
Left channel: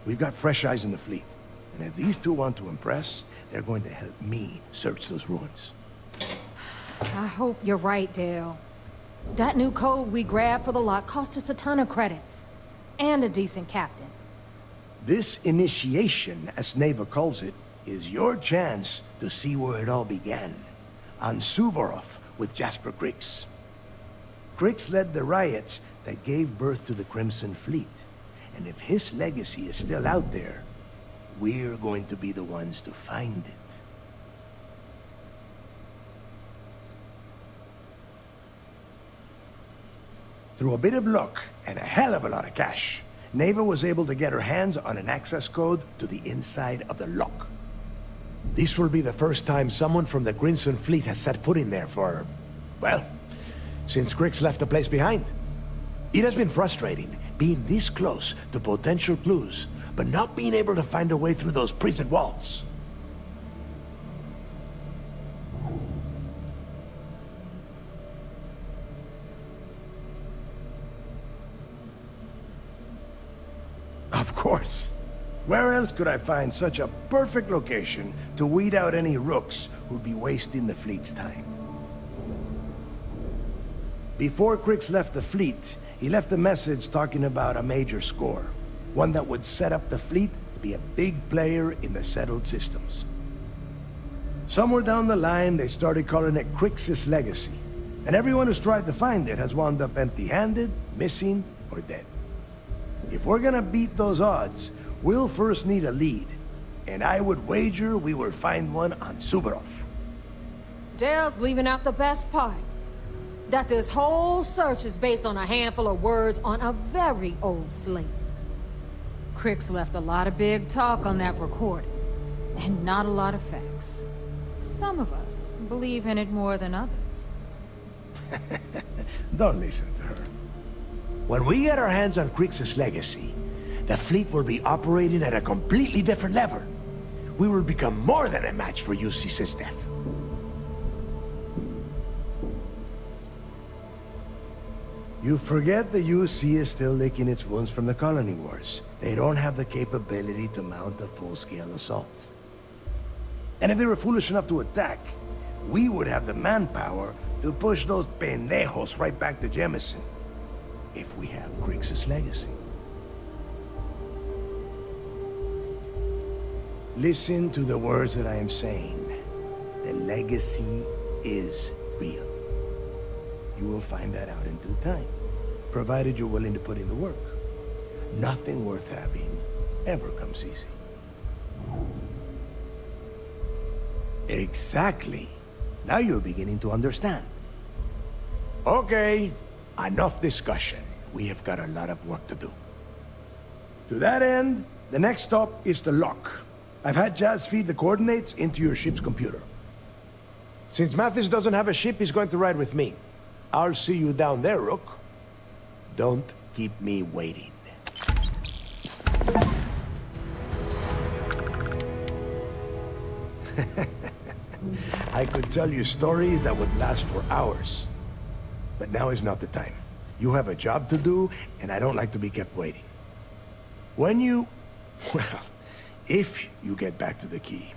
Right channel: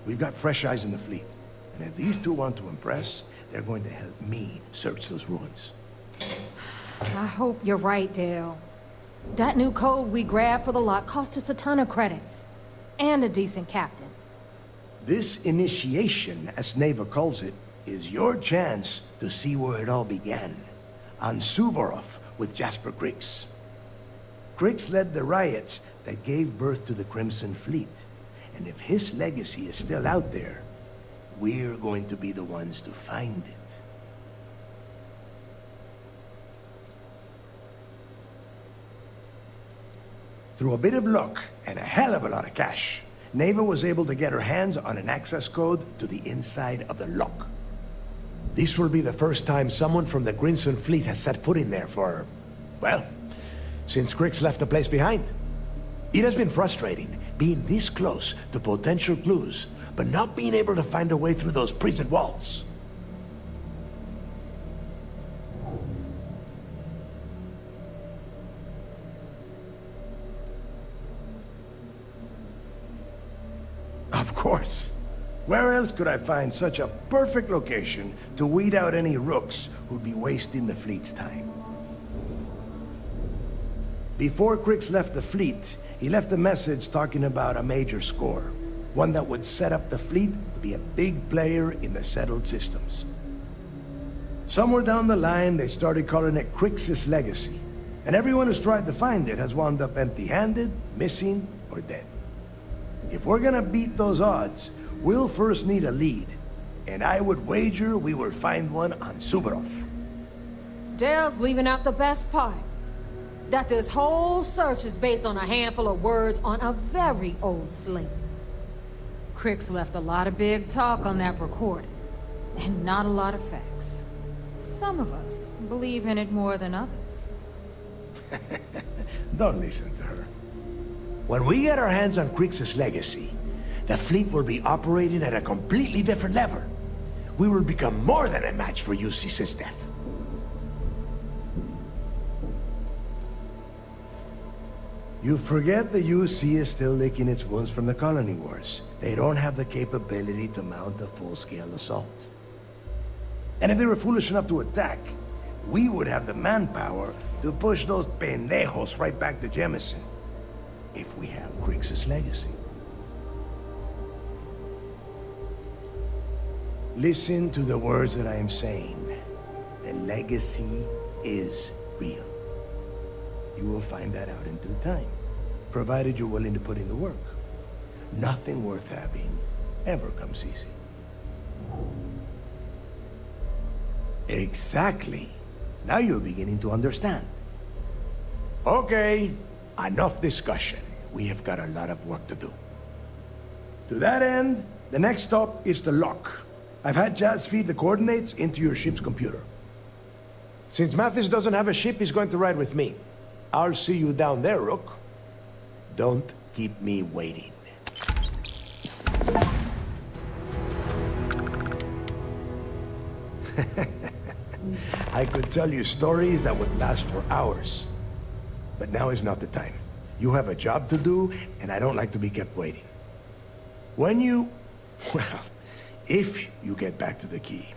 We've got fresh eyes in the fleet. And if these two want to impress, they're going to help me search those ruins. I hope you're right, Dale. That new code we grabbed for the lot cost us a ton of credits. And a decent captain. This initiation, as Neva calls it, is your chance to see where it all began. On Suvorov with Jasper Crix. Crix led the riots that gave birth to the Crimson Fleet. And if his legacy is still out there, we're going to be the ones to find it. Through a bit of luck and a hell of a lot of cash, Neva was able to get her hands on an access code to the inside of the lock. This will be the first time someone from the Crimson Fleet has set foot in there for, well, since Crix left the place behind. It has been frustrating, being this close to potential clues, but not being able to find a way through those prison walls. Of course. Where else could I find such a perfect location to weed out any rooks who'd be wasting the fleet's time? Before Crix left the fleet, he left a message talking about a major score. One that would set up the fleet to be a big player in the settled systems. Somewhere down the line, they started calling it Crix's legacy. And everyone who's tried to find it has wound up empty-handed, missing, or dead. If we're gonna beat those odds, we'll first need a lead. And I would wager we will find one on Suvorov. Dale's leaving out the best part. That this whole search is based on a handful of words on a very old slate. Crix left a lot of big talk on that recording, and not a lot of facts. Some of us believe in it more than others. Don't listen to her. When we get our hands on Crix's legacy, the fleet will be operating at a completely different level. We will become more than a match for UC Systef. You forget the UC is still licking its wounds from the colony wars. They don't have the capability to mount a full-scale assault. And if they were foolish enough to attack, we would have the manpower to push those pendejos right back to Jemison. If we have Crix's legacy. Listen to the words that I am saying. The legacy is real. You will find that out in due time, provided you're willing to put in the work. Nothing worth having ever comes easy. Exactly. Now you're beginning to understand. Okay, enough discussion. We have got a lot of work to do. To that end, the next stop is the lock. I've had Jazz feed the coordinates into your ship's computer. Since Mathis doesn't have a ship, he's going to ride with me. I'll see you down there, Rook. Don't keep me waiting. I could tell you stories that would last for hours. But now is not the time. You have a job to do, and I don't like to be kept waiting. When you... well, if you get back to the key,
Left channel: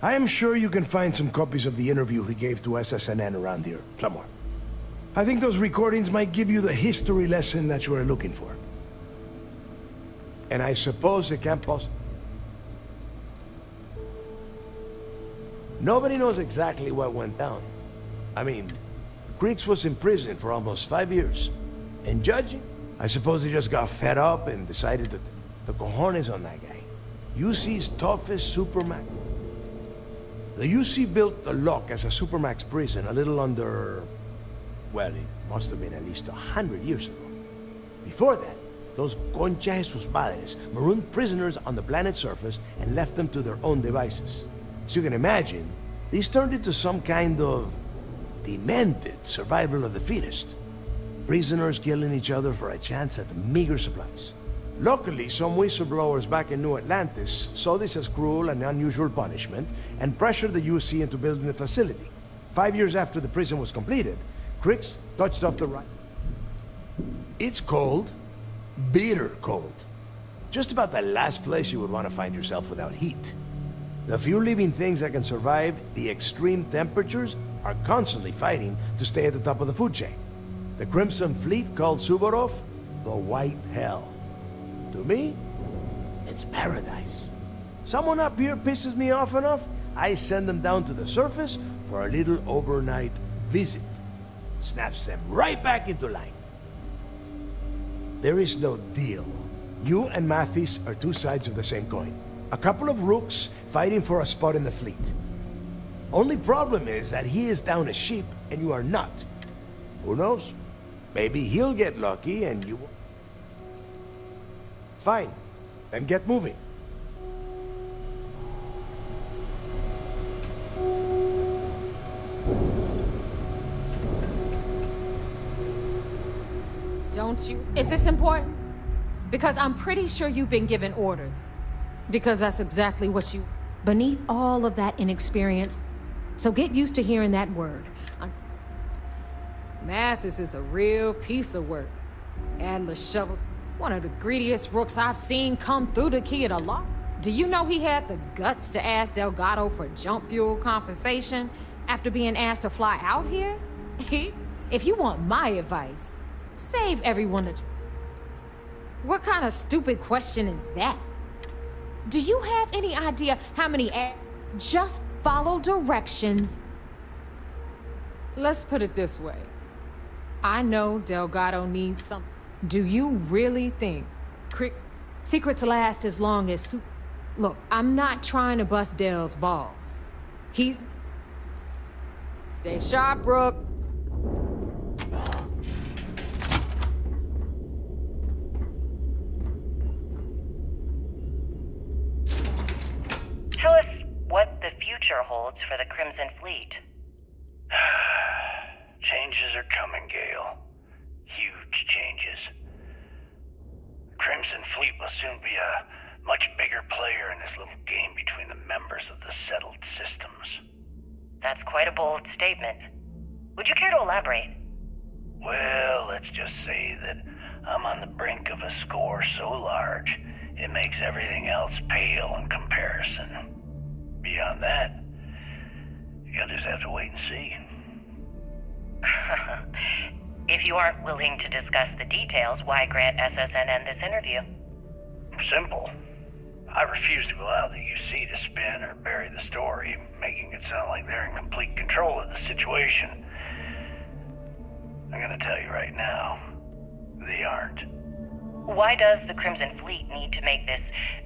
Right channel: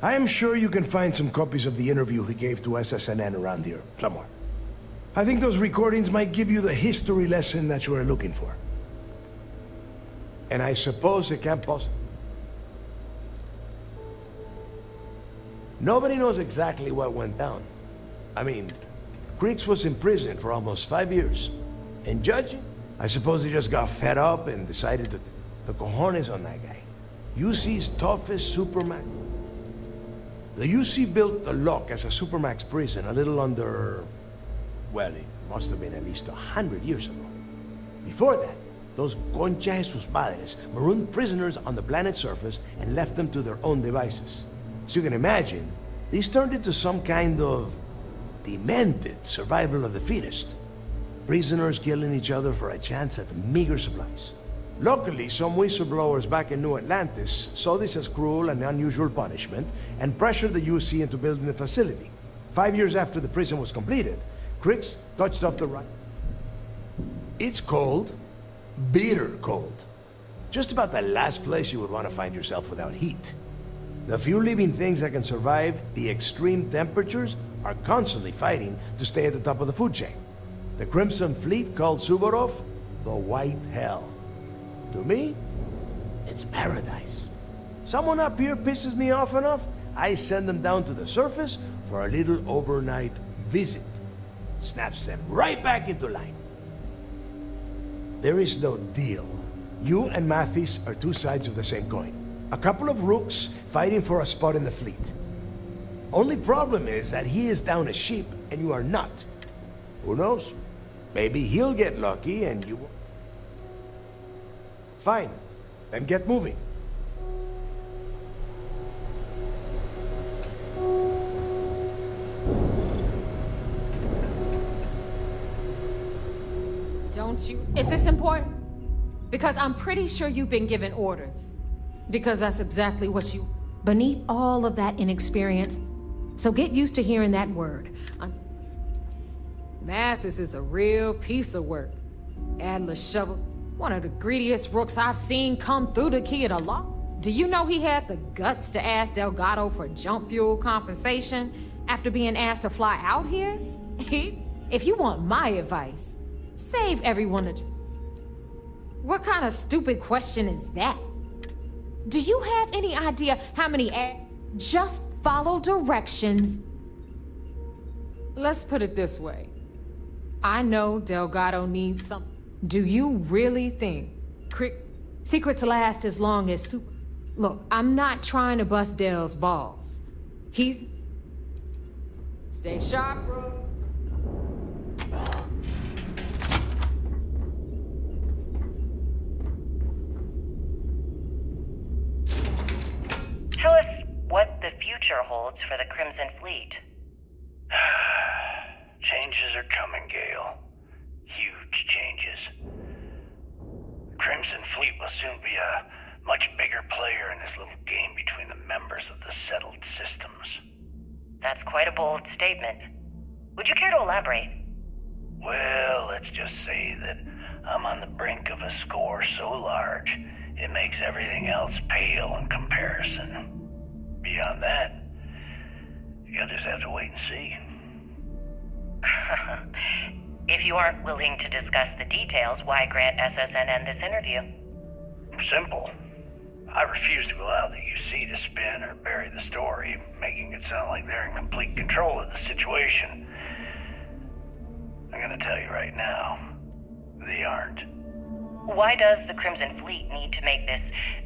I am sure you can find some copies of the interview he gave to SSNN around here, somewhere. I think those recordings might give you the history lesson that you are looking for. And I suppose it can't possibly... Nobody knows exactly what went down. I mean, Creeks was in prison for almost 5 years. And judging, I suppose he just got fed up and decided to... the cojones on that guy. UC's toughest Supermax. The UC built the Lock as a Supermax prison a little under... well, it must have been at least 100 years ago. Before that, those concha de sus madres marooned prisoners on the planet's surface and left them to their own devices. As you can imagine, these turned into some kind of demented survival of the fittest. Prisoners killing each other for a chance at meager supplies. Luckily, some whistleblowers back in New Atlantis saw this as cruel and unusual punishment and pressured the UC into building the facility. 5 years after the prison was completed, Crix touched off the right. It's cold. Bitter cold. Just about the last place you would want to find yourself without heat. The few living things that can survive the extreme temperatures are constantly fighting to stay at the top of the food chain. The Crimson Fleet called Suvorov the White Hell. To me, it's paradise. Someone up here pisses me off enough, I send them down to the surface for a little overnight visit. Snaps them right back into line. There is no deal. You and Mathis are two sides of the same coin. A couple of rooks fighting for a spot in the fleet. Only problem is that he is down a ship and you are not. Who knows? Maybe he'll get lucky and you won't. Fine. Then get moving. Don't you? Is this important? Because I'm pretty sure you've been given orders. Because that's exactly what you... Beneath all of that inexperience, so get used to hearing that word. Mathis is a real piece of work. Atlas shoveled one of the greediest rooks I've seen come through the key of the lock. Do you know he had the guts to ask Delgado for jump fuel compensation after being asked to fly out here? If you want my advice, save everyone the... What kind of stupid question is that? Do you have any idea how many just follow directions? Let's put it this way. I know Delgado needs some... Do you really think secrets last as long as Look, I'm not trying to bust Del's balls. He's... Stay sharp, Rook. Tell us what the future holds for the Crimson Fleet. Changes are coming, Gale. Huge changes. Crimson Fleet will soon be a much bigger player in this little game between the members of the settled systems. That's quite a bold statement. Would you care to elaborate? Well, let's just say that I'm on the brink of a score so large, it makes everything else pale in comparison. Beyond that, you'll just have to wait and see. If you aren't willing to discuss the details, why grant SSNN this interview? Simple. I refuse to allow the UC to spin or bury the story, making it sound like they're in complete control of the situation. I'm gonna tell you right now, they aren't. Why does the Crimson Fleet need to make this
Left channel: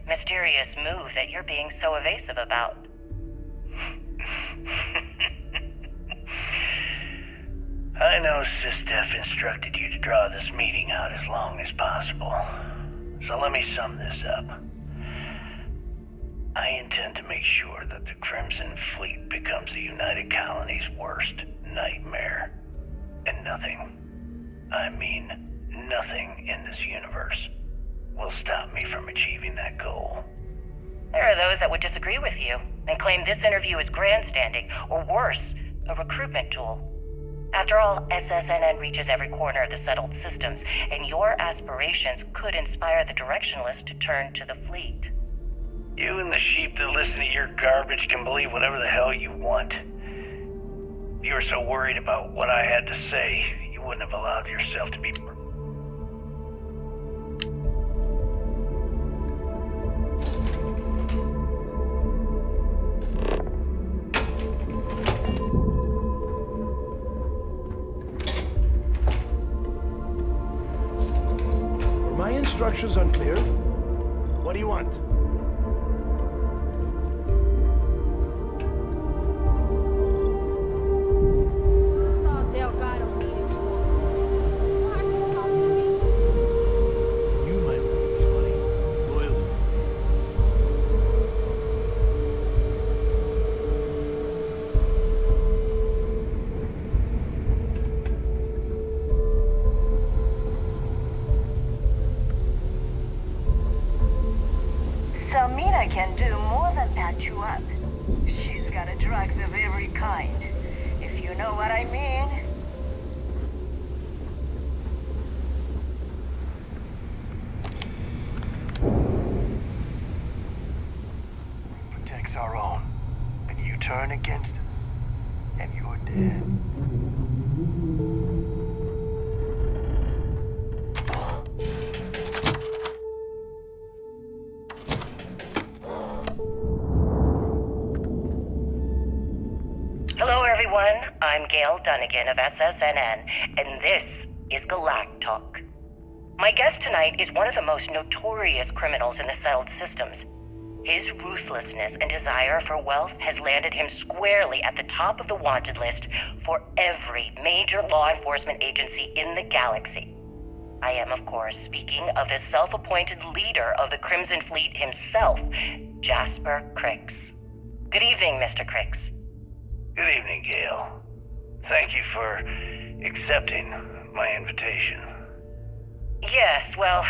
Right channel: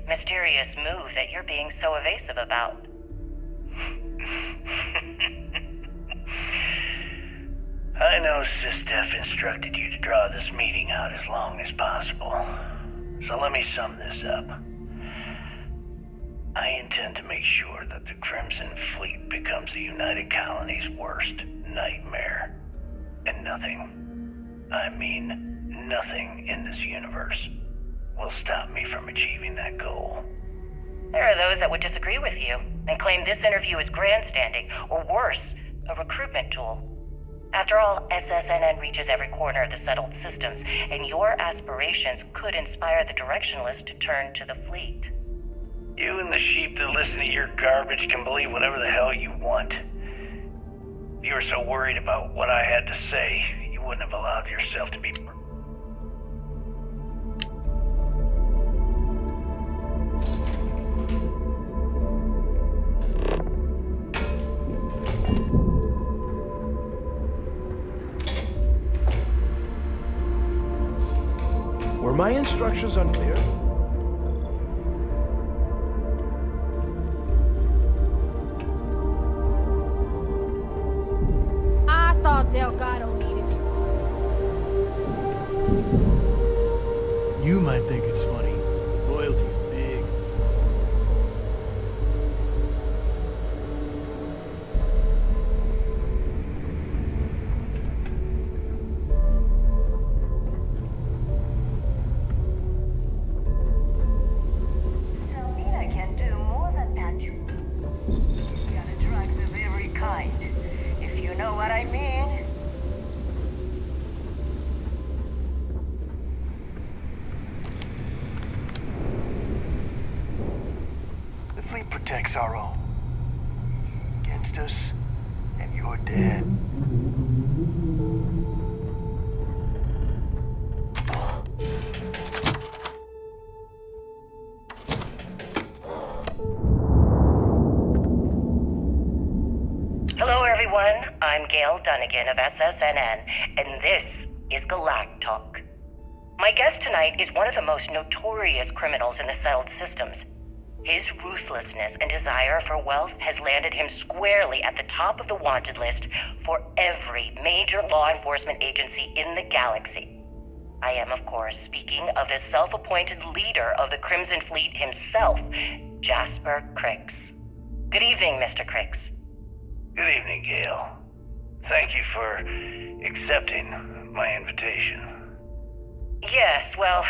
mysterious move that you're being so evasive about? I know SysDef instructed you to draw this meeting out as long as possible. So let me sum this up. I intend to make sure that the Crimson Fleet becomes the United Colony's worst nightmare. And nothing, I mean nothing in this universe, will stop me from achieving that goal. There are those that would disagree with you and claim this interview is grandstanding, or worse, a recruitment tool. After all, SSNN reaches every corner of the settled systems, and your aspirations could inspire the directionless to turn to the fleet. You and the sheep that listen to your garbage can believe whatever the hell you want. If you were so worried about what I had to say, you wouldn't have allowed yourself to be... Were my instructions unclear? What do you want? I thought Delgado needed you. You might think it's funny. Loyalty's big. Samina can do more than patch you up. She's got a drugs of every kind, if you know what I mean. The fleet protects our own, and you turn against us, and you're dead. Hello, everyone. I'm Gail Dunnigan of SSNN, and this is Galactic Talk. My guest tonight is one of the most notorious criminals in the settled systems. His ruthlessness and desire for wealth has landed him squarely at the top of the wanted list for every major law enforcement agency in the galaxy. I am, of course, speaking of the self-appointed leader of the Crimson Fleet himself, Jasper Crix. Good evening, Mr. Crix. Good evening, Gail. Thank you for accepting my invitation. Yes, well,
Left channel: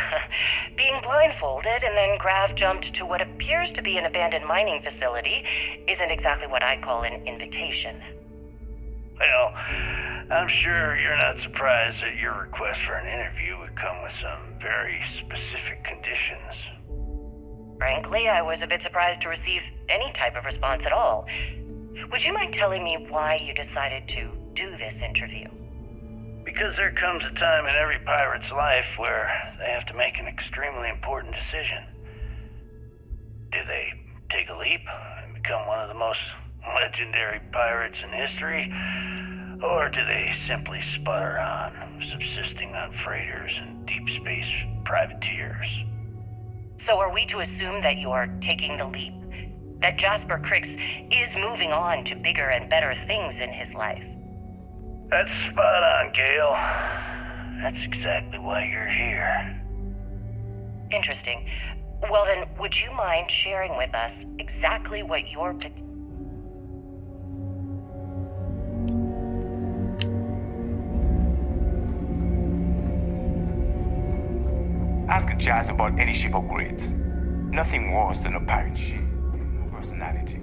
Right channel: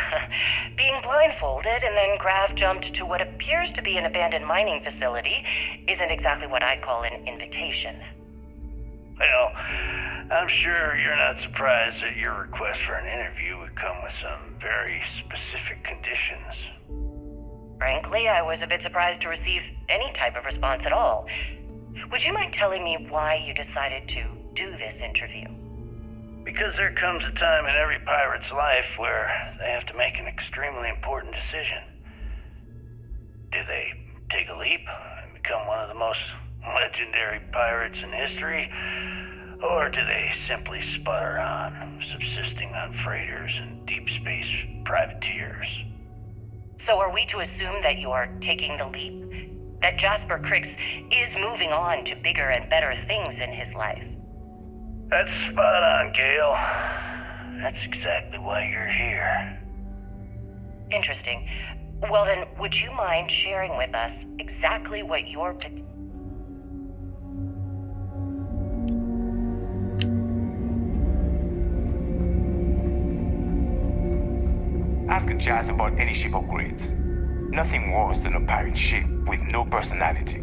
being blindfolded and then Grav jumped to what appears to be an abandoned mining facility isn't exactly what I'd call an invitation. Well, I'm sure you're not surprised that your request for an interview would come with some very specific conditions. Frankly, I was a bit surprised to receive any type of response at all. Would you mind telling me why you decided to do this interview? Because there comes a time in every pirate's life where they have to make an extremely important decision. Do they take a leap and become one of the most legendary pirates in history? Or do they simply sputter on, subsisting on freighters and deep space privateers? So are we to assume that you're taking the leap? That Jasper Crix is moving on to bigger and better things in his life? That's spot on, Gail. That's exactly why you're here. Interesting. Well then, would you mind sharing with us exactly what your... Ask Jazz about any ship upgrades. Nothing worse than a pirate ship with no personality.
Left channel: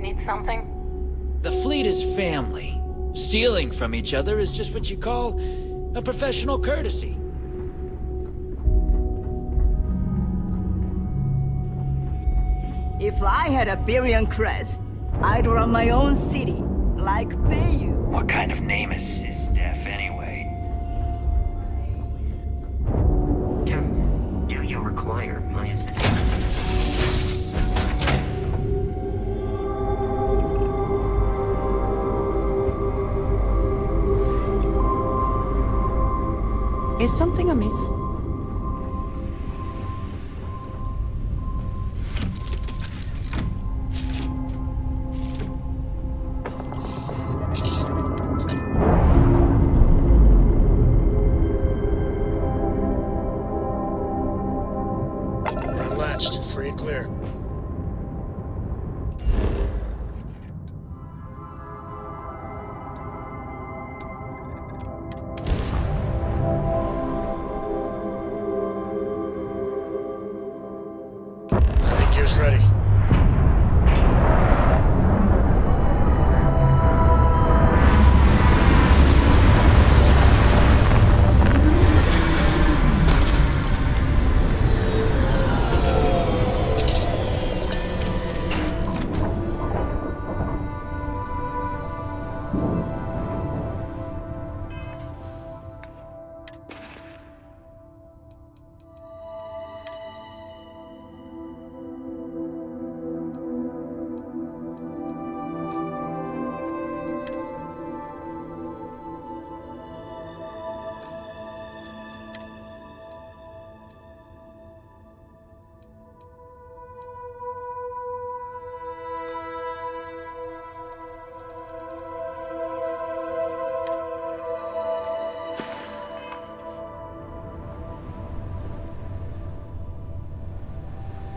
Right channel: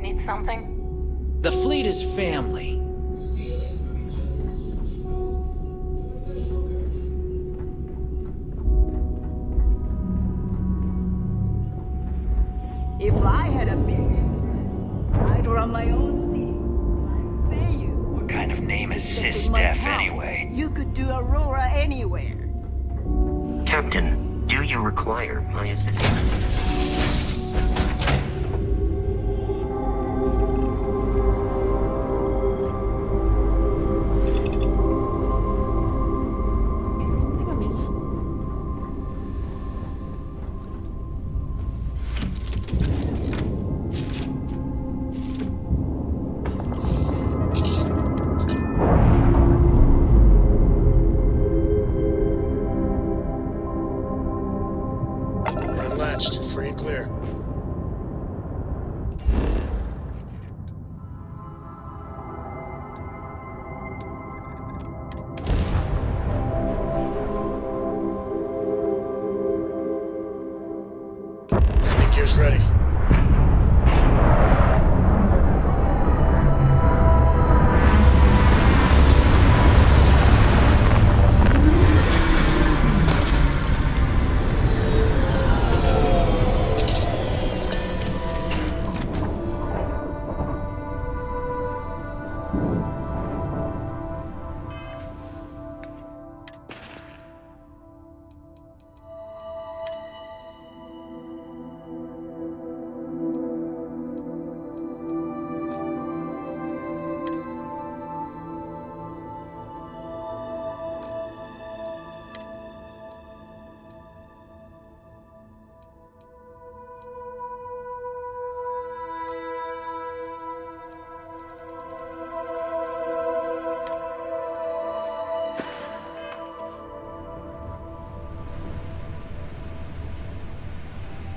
Need something? The fleet is family. Stealing from each other is just what you call a professional courtesy. If I had a billion crest, I'd run my own city, like Bayou. What kind of name is SysDef anyway? You could do Aurora anywhere. Captain, do you require my assistance? Is something amiss? We're unlatched. Free and clear. Landing gear's ready.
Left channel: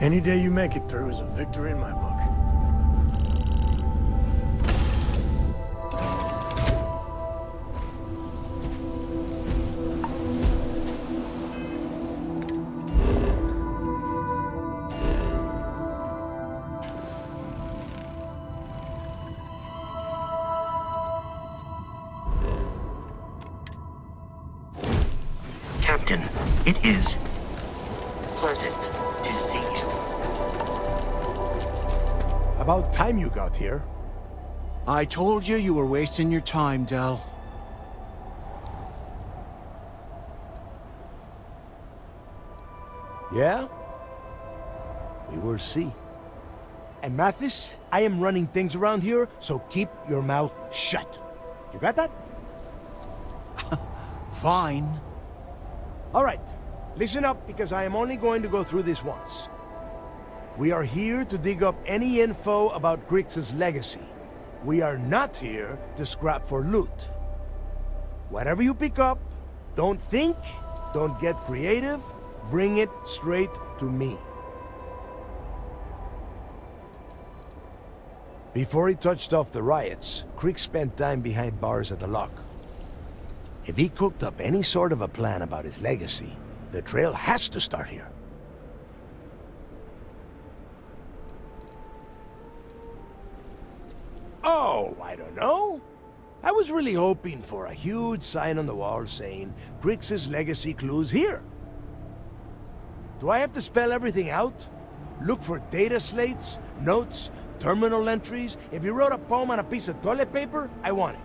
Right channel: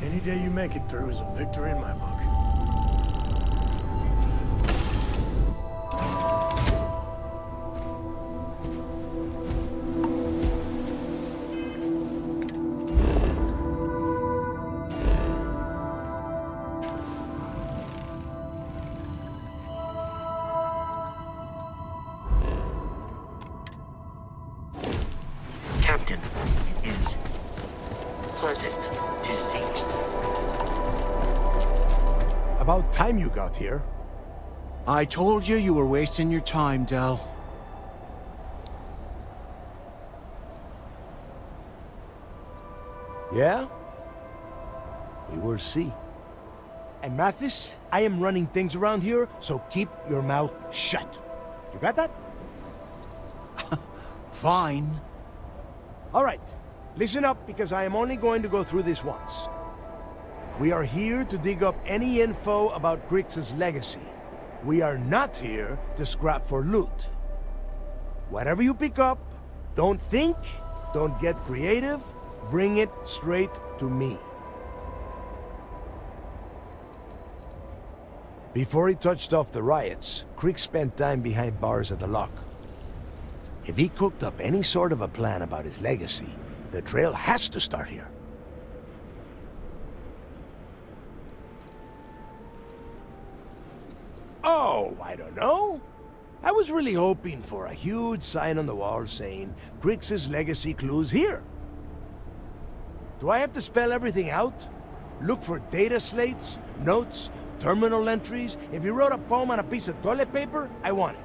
Any day you make it through is a victory in my book. Captain, it is pleasant to see you. About time you got here. I told you you were wasting your time, Del. Yeah? We will see. And Mathis, I am running things around here, so keep your mouth shut. You got that? Fine. All right. Listen up, because I am only going to go through this once. We are here to dig up any info about Crix's legacy. We are not here to scrap for loot. Whatever you pick up, don't think, don't get creative, bring it straight to me. Before he touched off the riots, Crix spent time behind bars at the lock. If he cooked up any sort of a plan about his legacy, the trail has to start here. Oh, I don't know. I was really hoping for a huge sign on the wall saying, Crix's legacy clues here. Do I have to spell everything out? Look for data slates, notes, terminal entries? If you wrote a poem on a piece of toilet paper, I want it.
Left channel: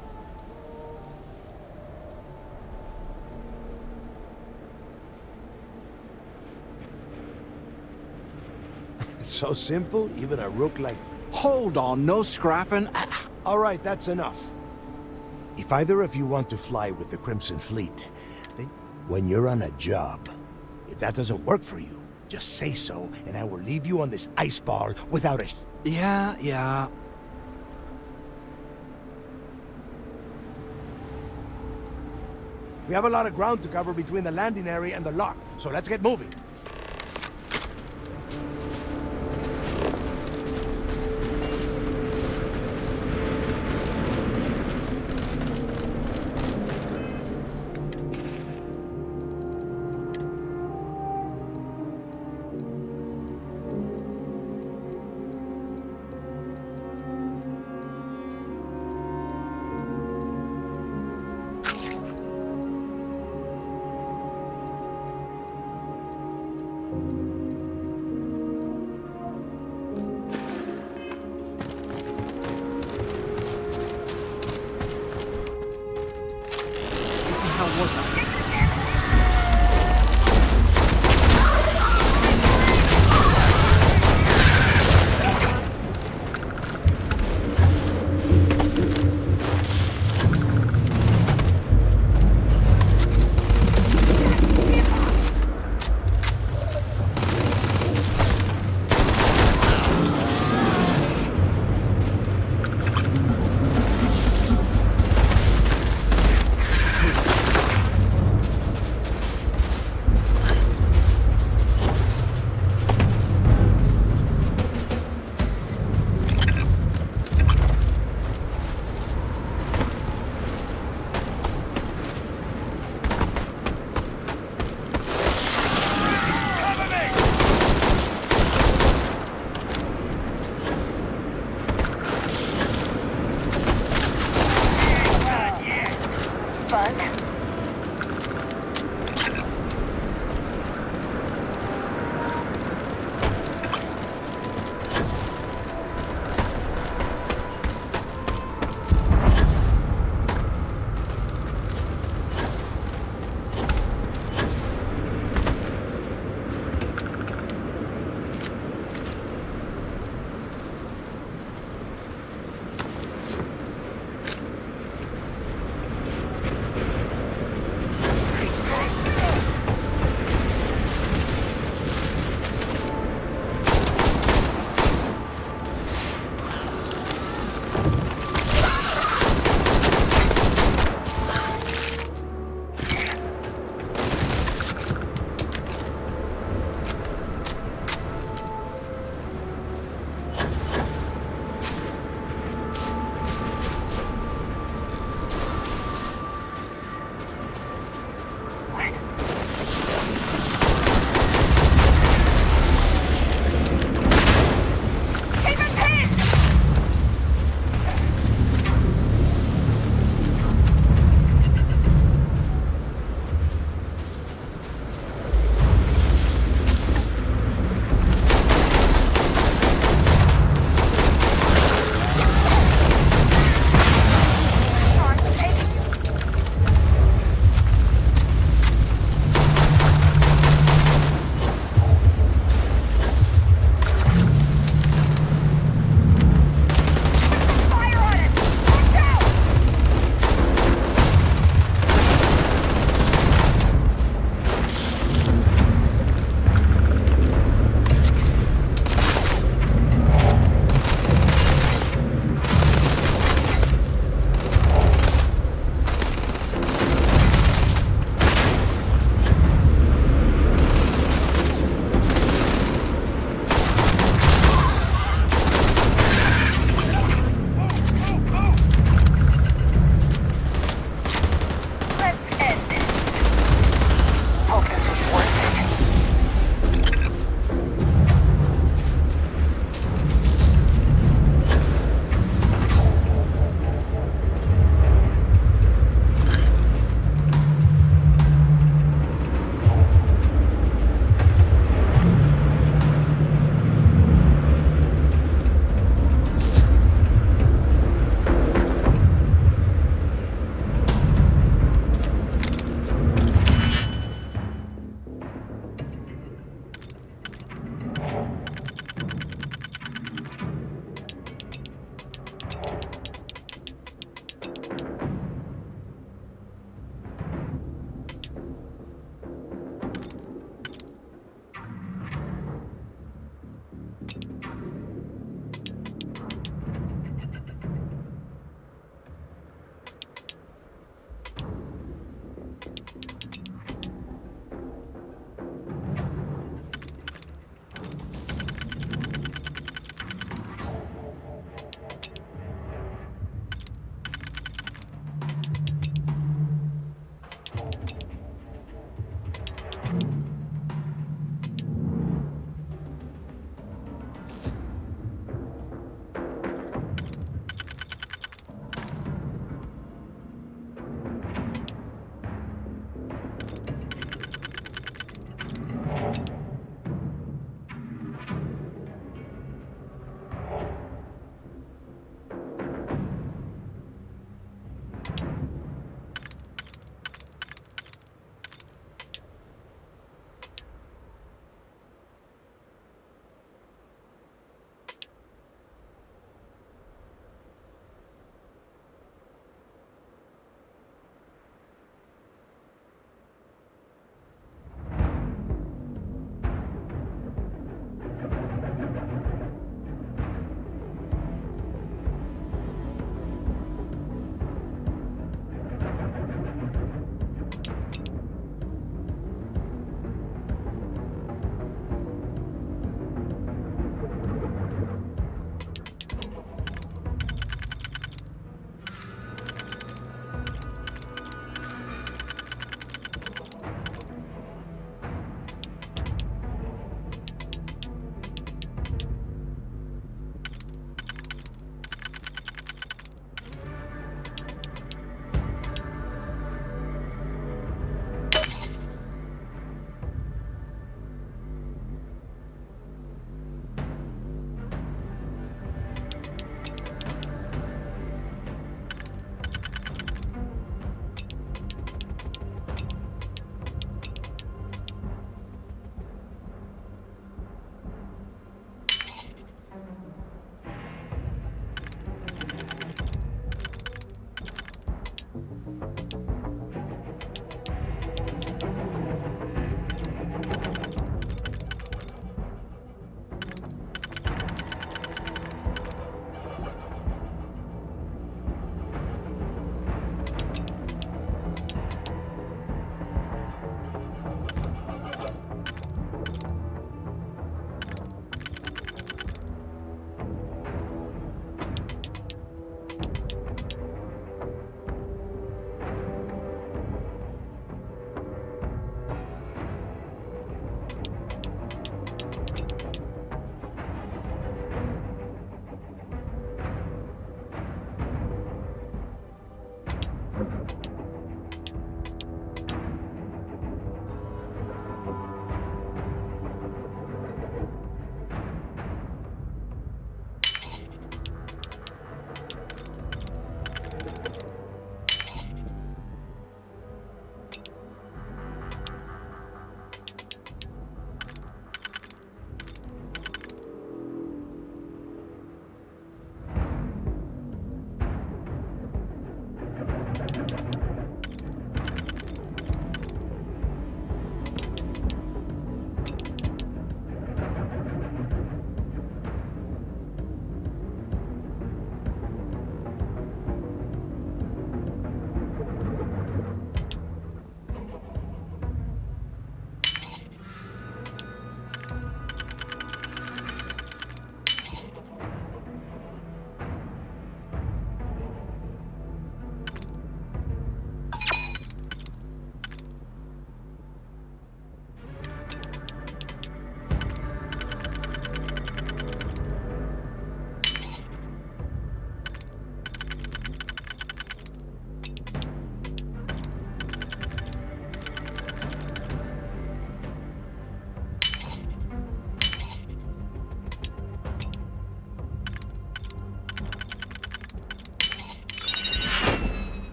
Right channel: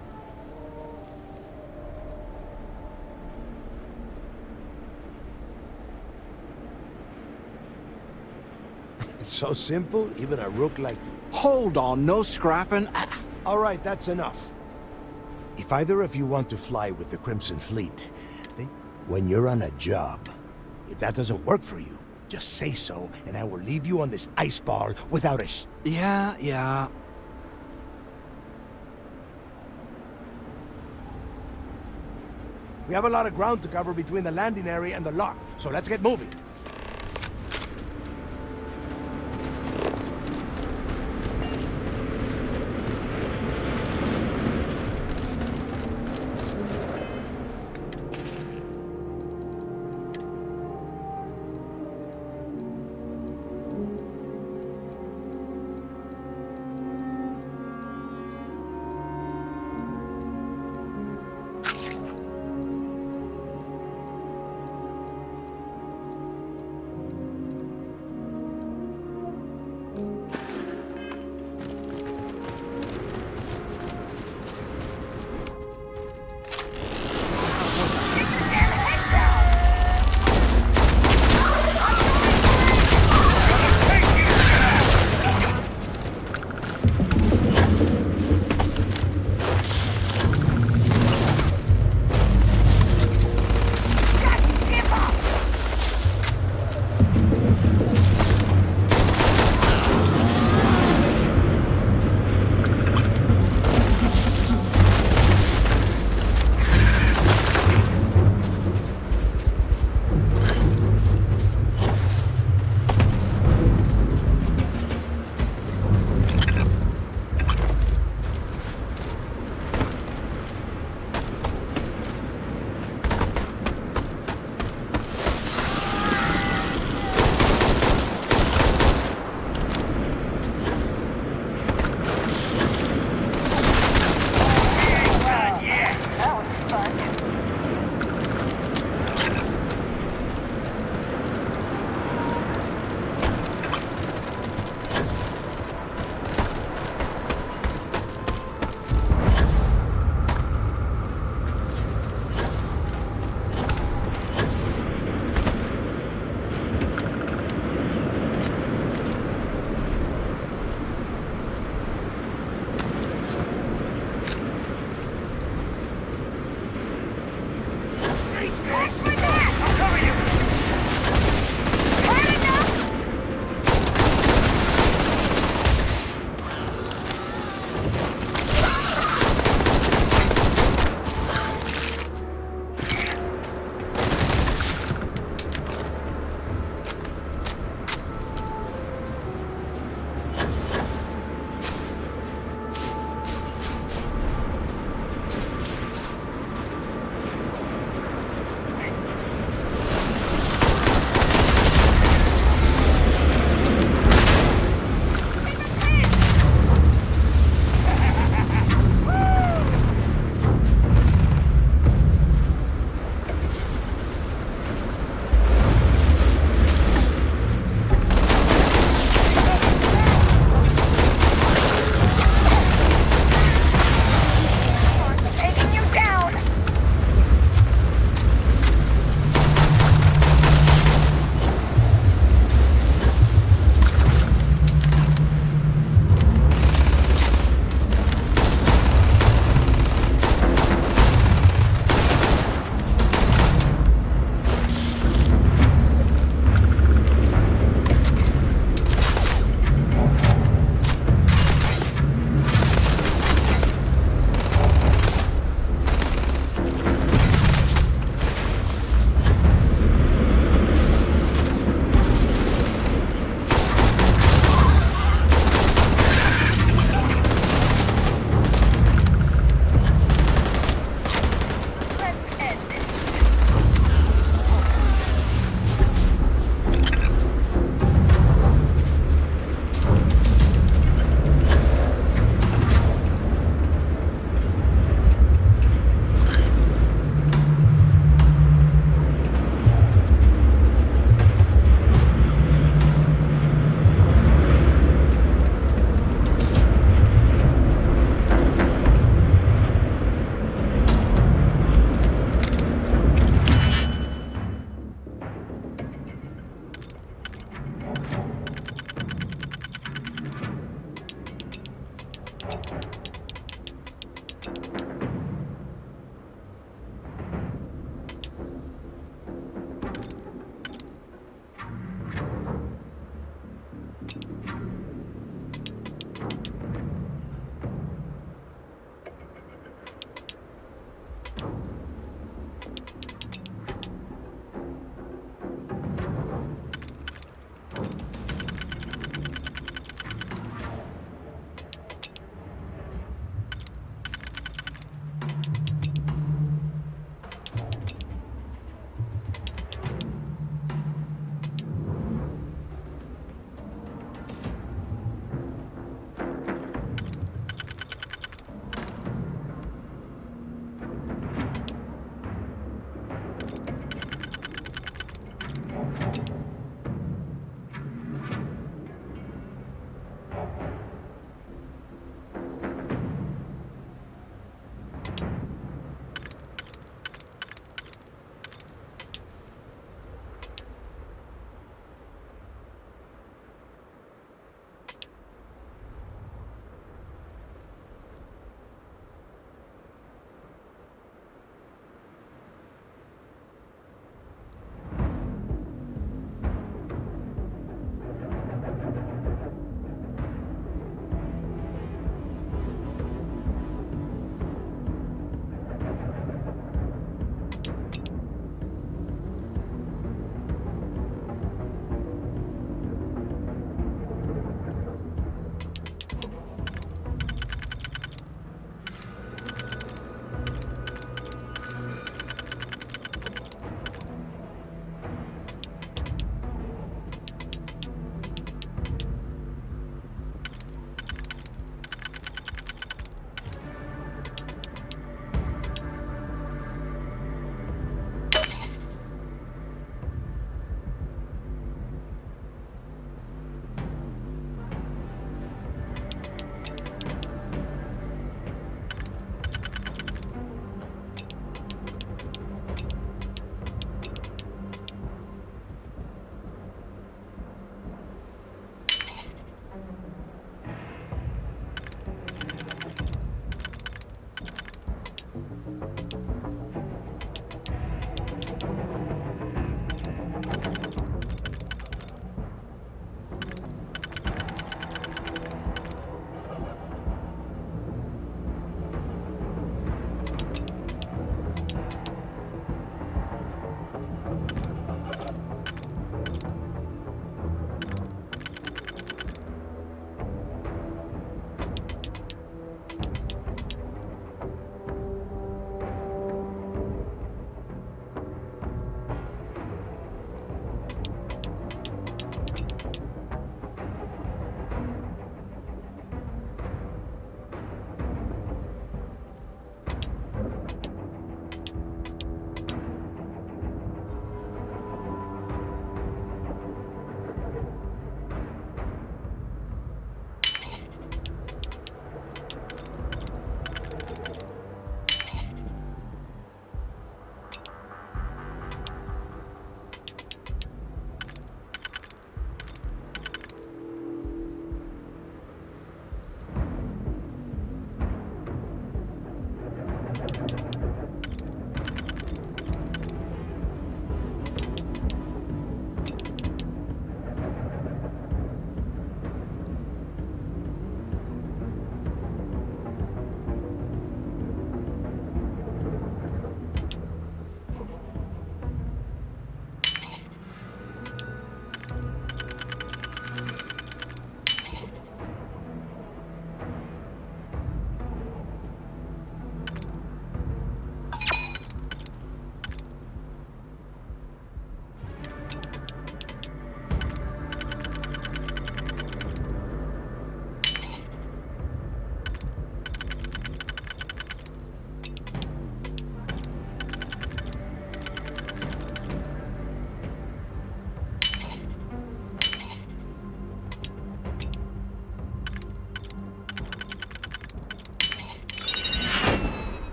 It's so simple, even a rook like... Hold on, no scrapping. All right, that's enough. If either of you want to fly with the Crimson Fleet, then when you're on a job, if that doesn't work for you, just say so, and I will leave you on this ice ball without a Yeah. We have a lot of ground to cover between the landing area and the lock, so let's get moving.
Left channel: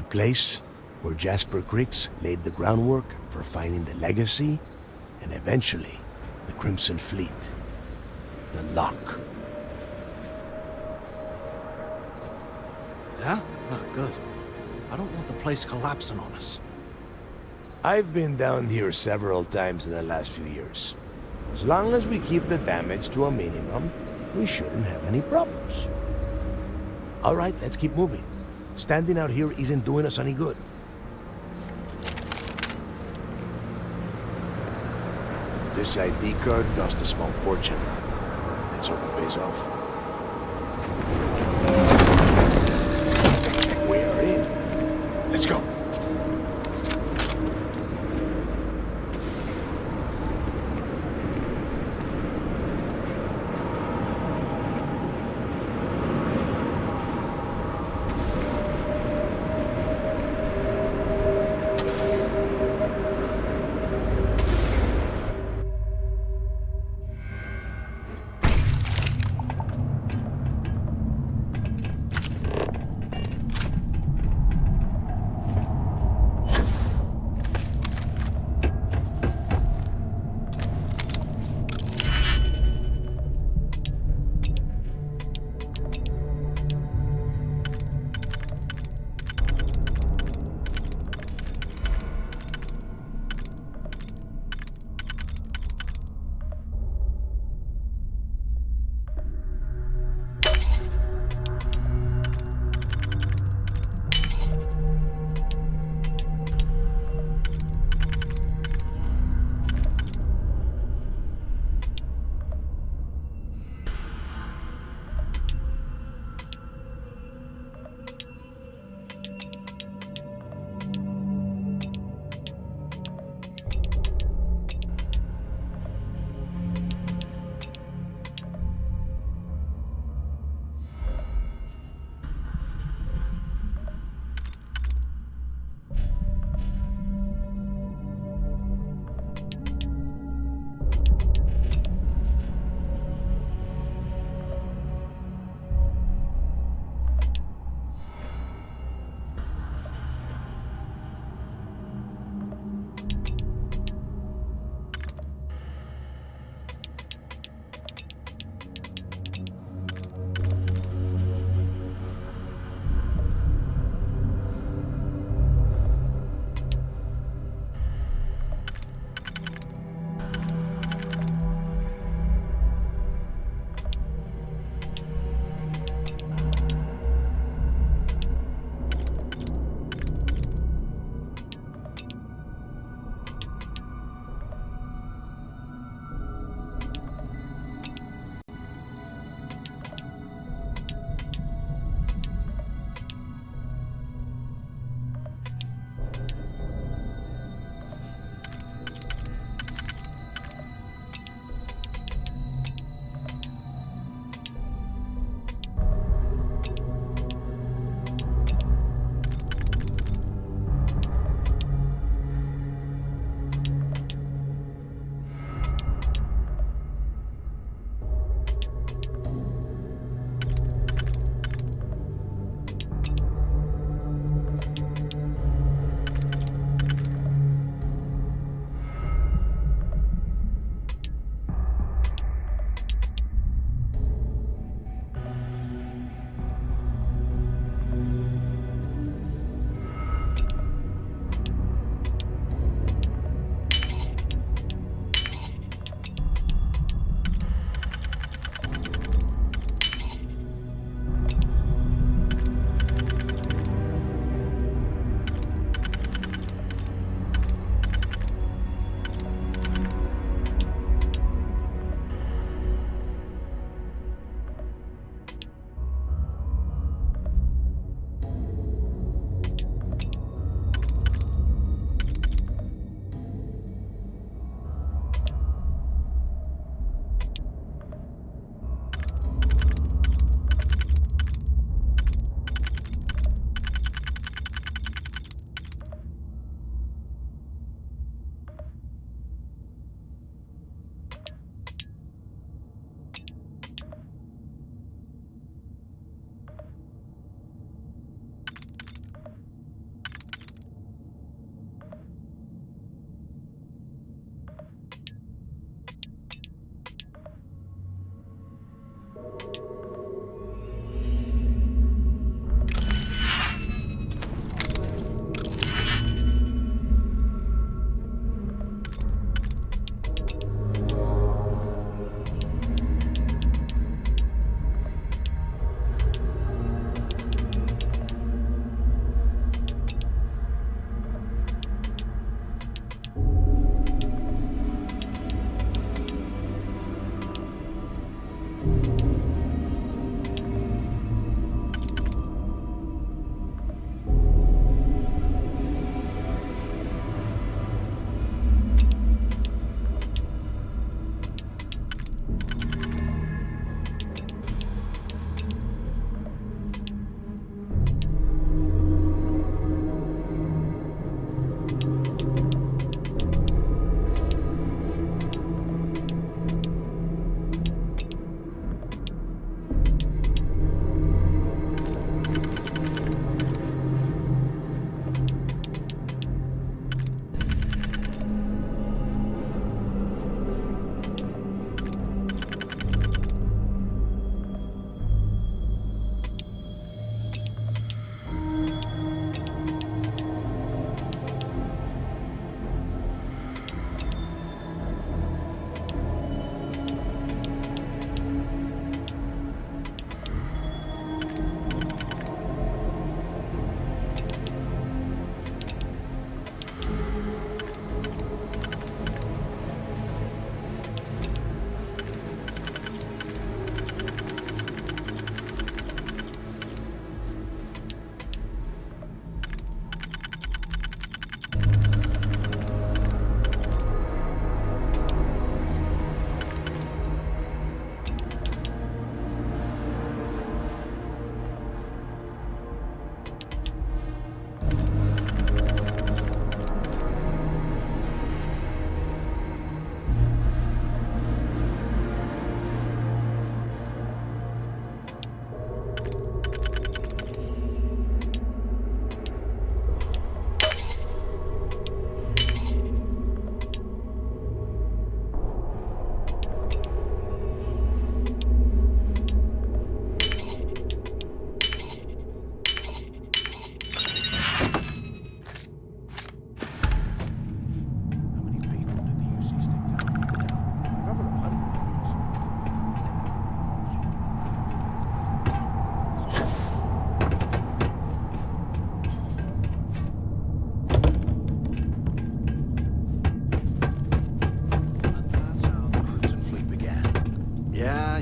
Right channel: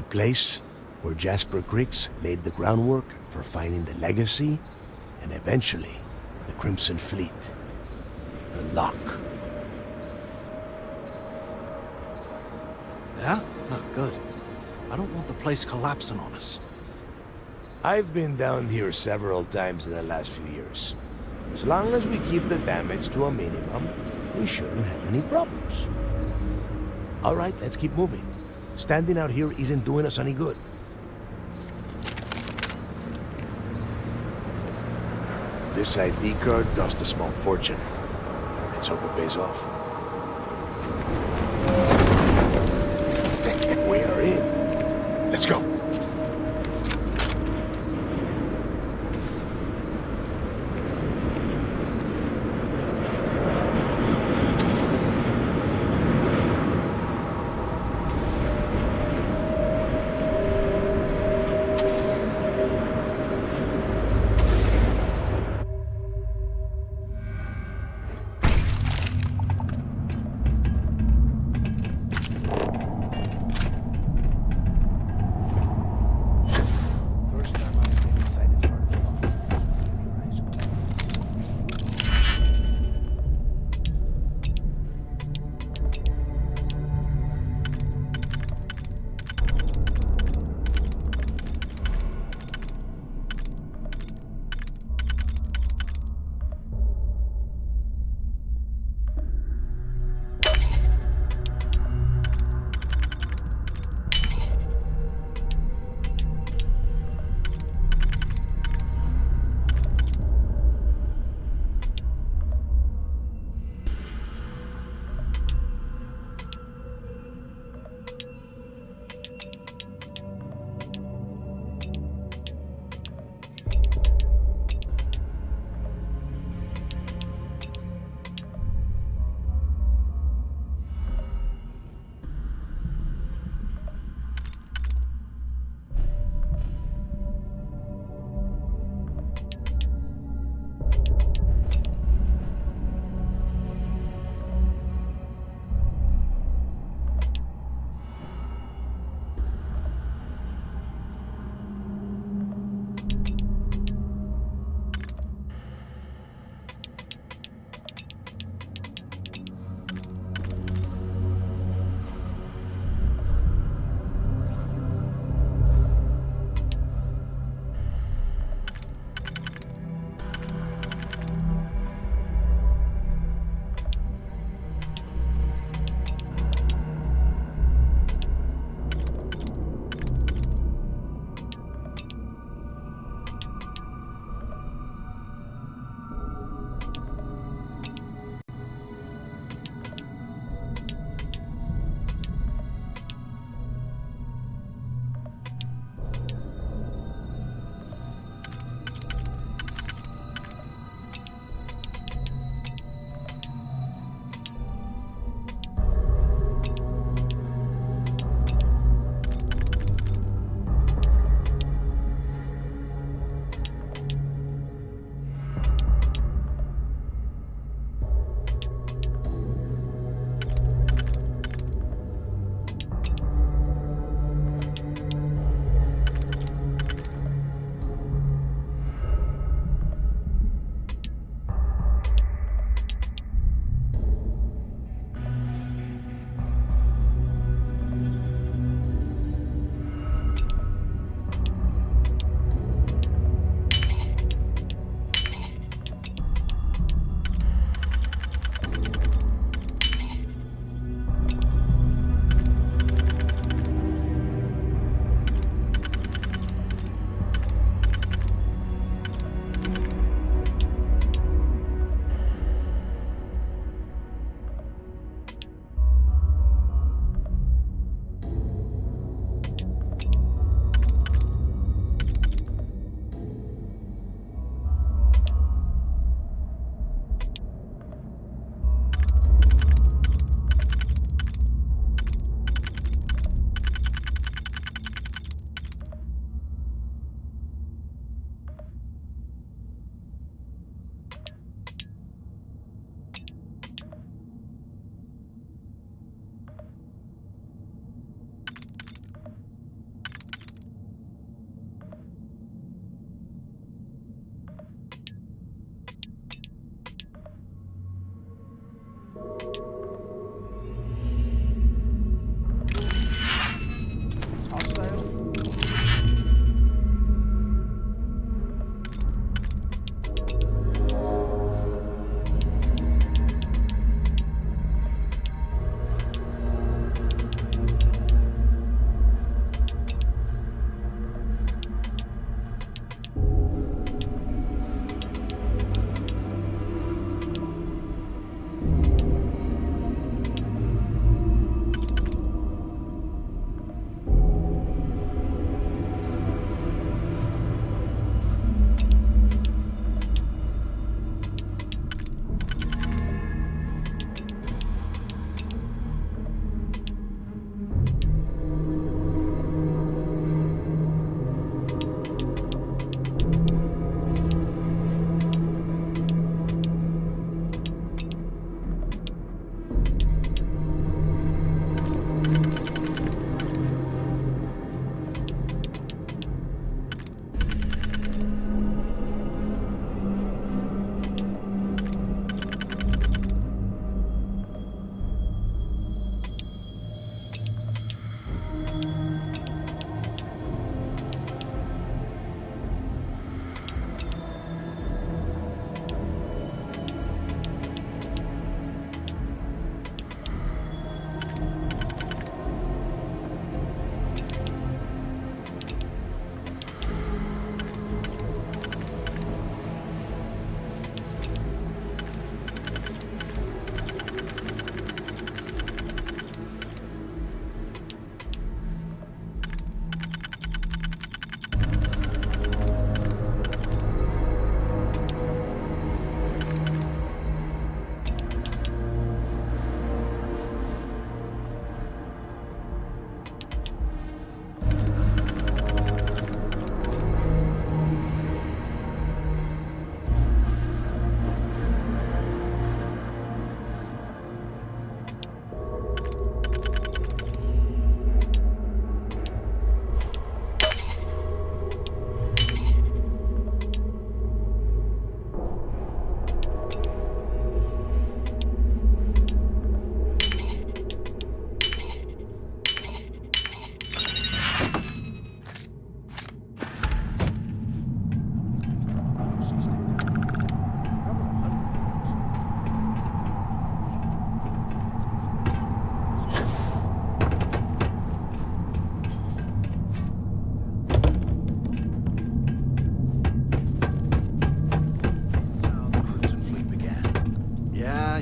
The place where Jasper Creeks laid the groundwork for finding the Legacy and eventually the Crimson Fleet. The Lock. Yeah? Oh, good. I don't want the place collapsing on us. I've been down here several times in the last few years. As long as we keep the damage to a minimum, we shouldn't have any problems. All right, let's keep moving. Standing out here isn't doing us any good. This ID card cost a small fortune. Let's hope it pays off. We are in. Let's go.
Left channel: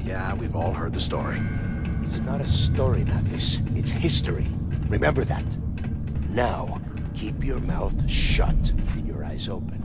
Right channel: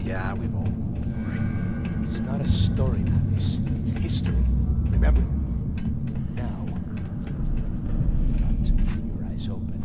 Yeah, we've all heard the story. It's not a story, Mathis. It's history. Remember that. Now, keep your mouth shut and your eyes open.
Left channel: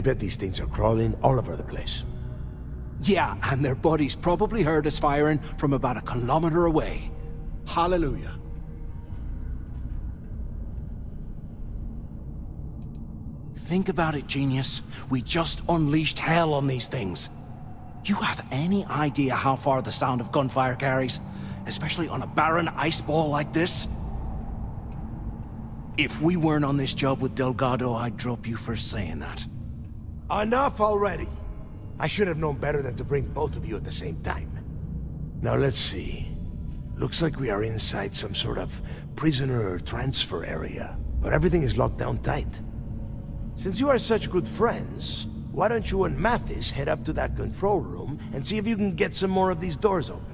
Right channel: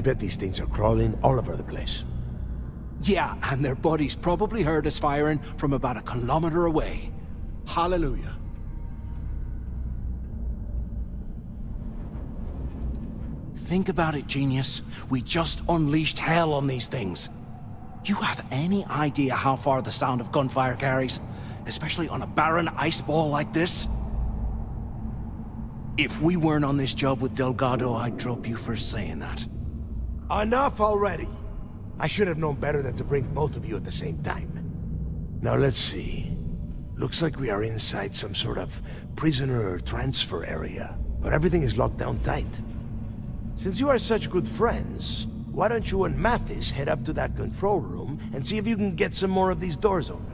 I bet these things are crawling all over the place. Yeah, and their buddies probably heard us firing from about a kilometer away. Hallelujah. Think about it, genius. We just unleashed hell on these things. You have any idea how far the sound of gunfire carries? Especially on a barren ice ball like this? If we weren't on this job with Delgado, I'd drop you for saying that. Enough already! I should have known better than to bring both of you at the same time. Now let's see. Looks like we are inside some sort of prisoner transfer area, but everything is locked down tight. Since you are such good friends, why don't you and Mathis head up to that control room and see if you can get some more of these doors open?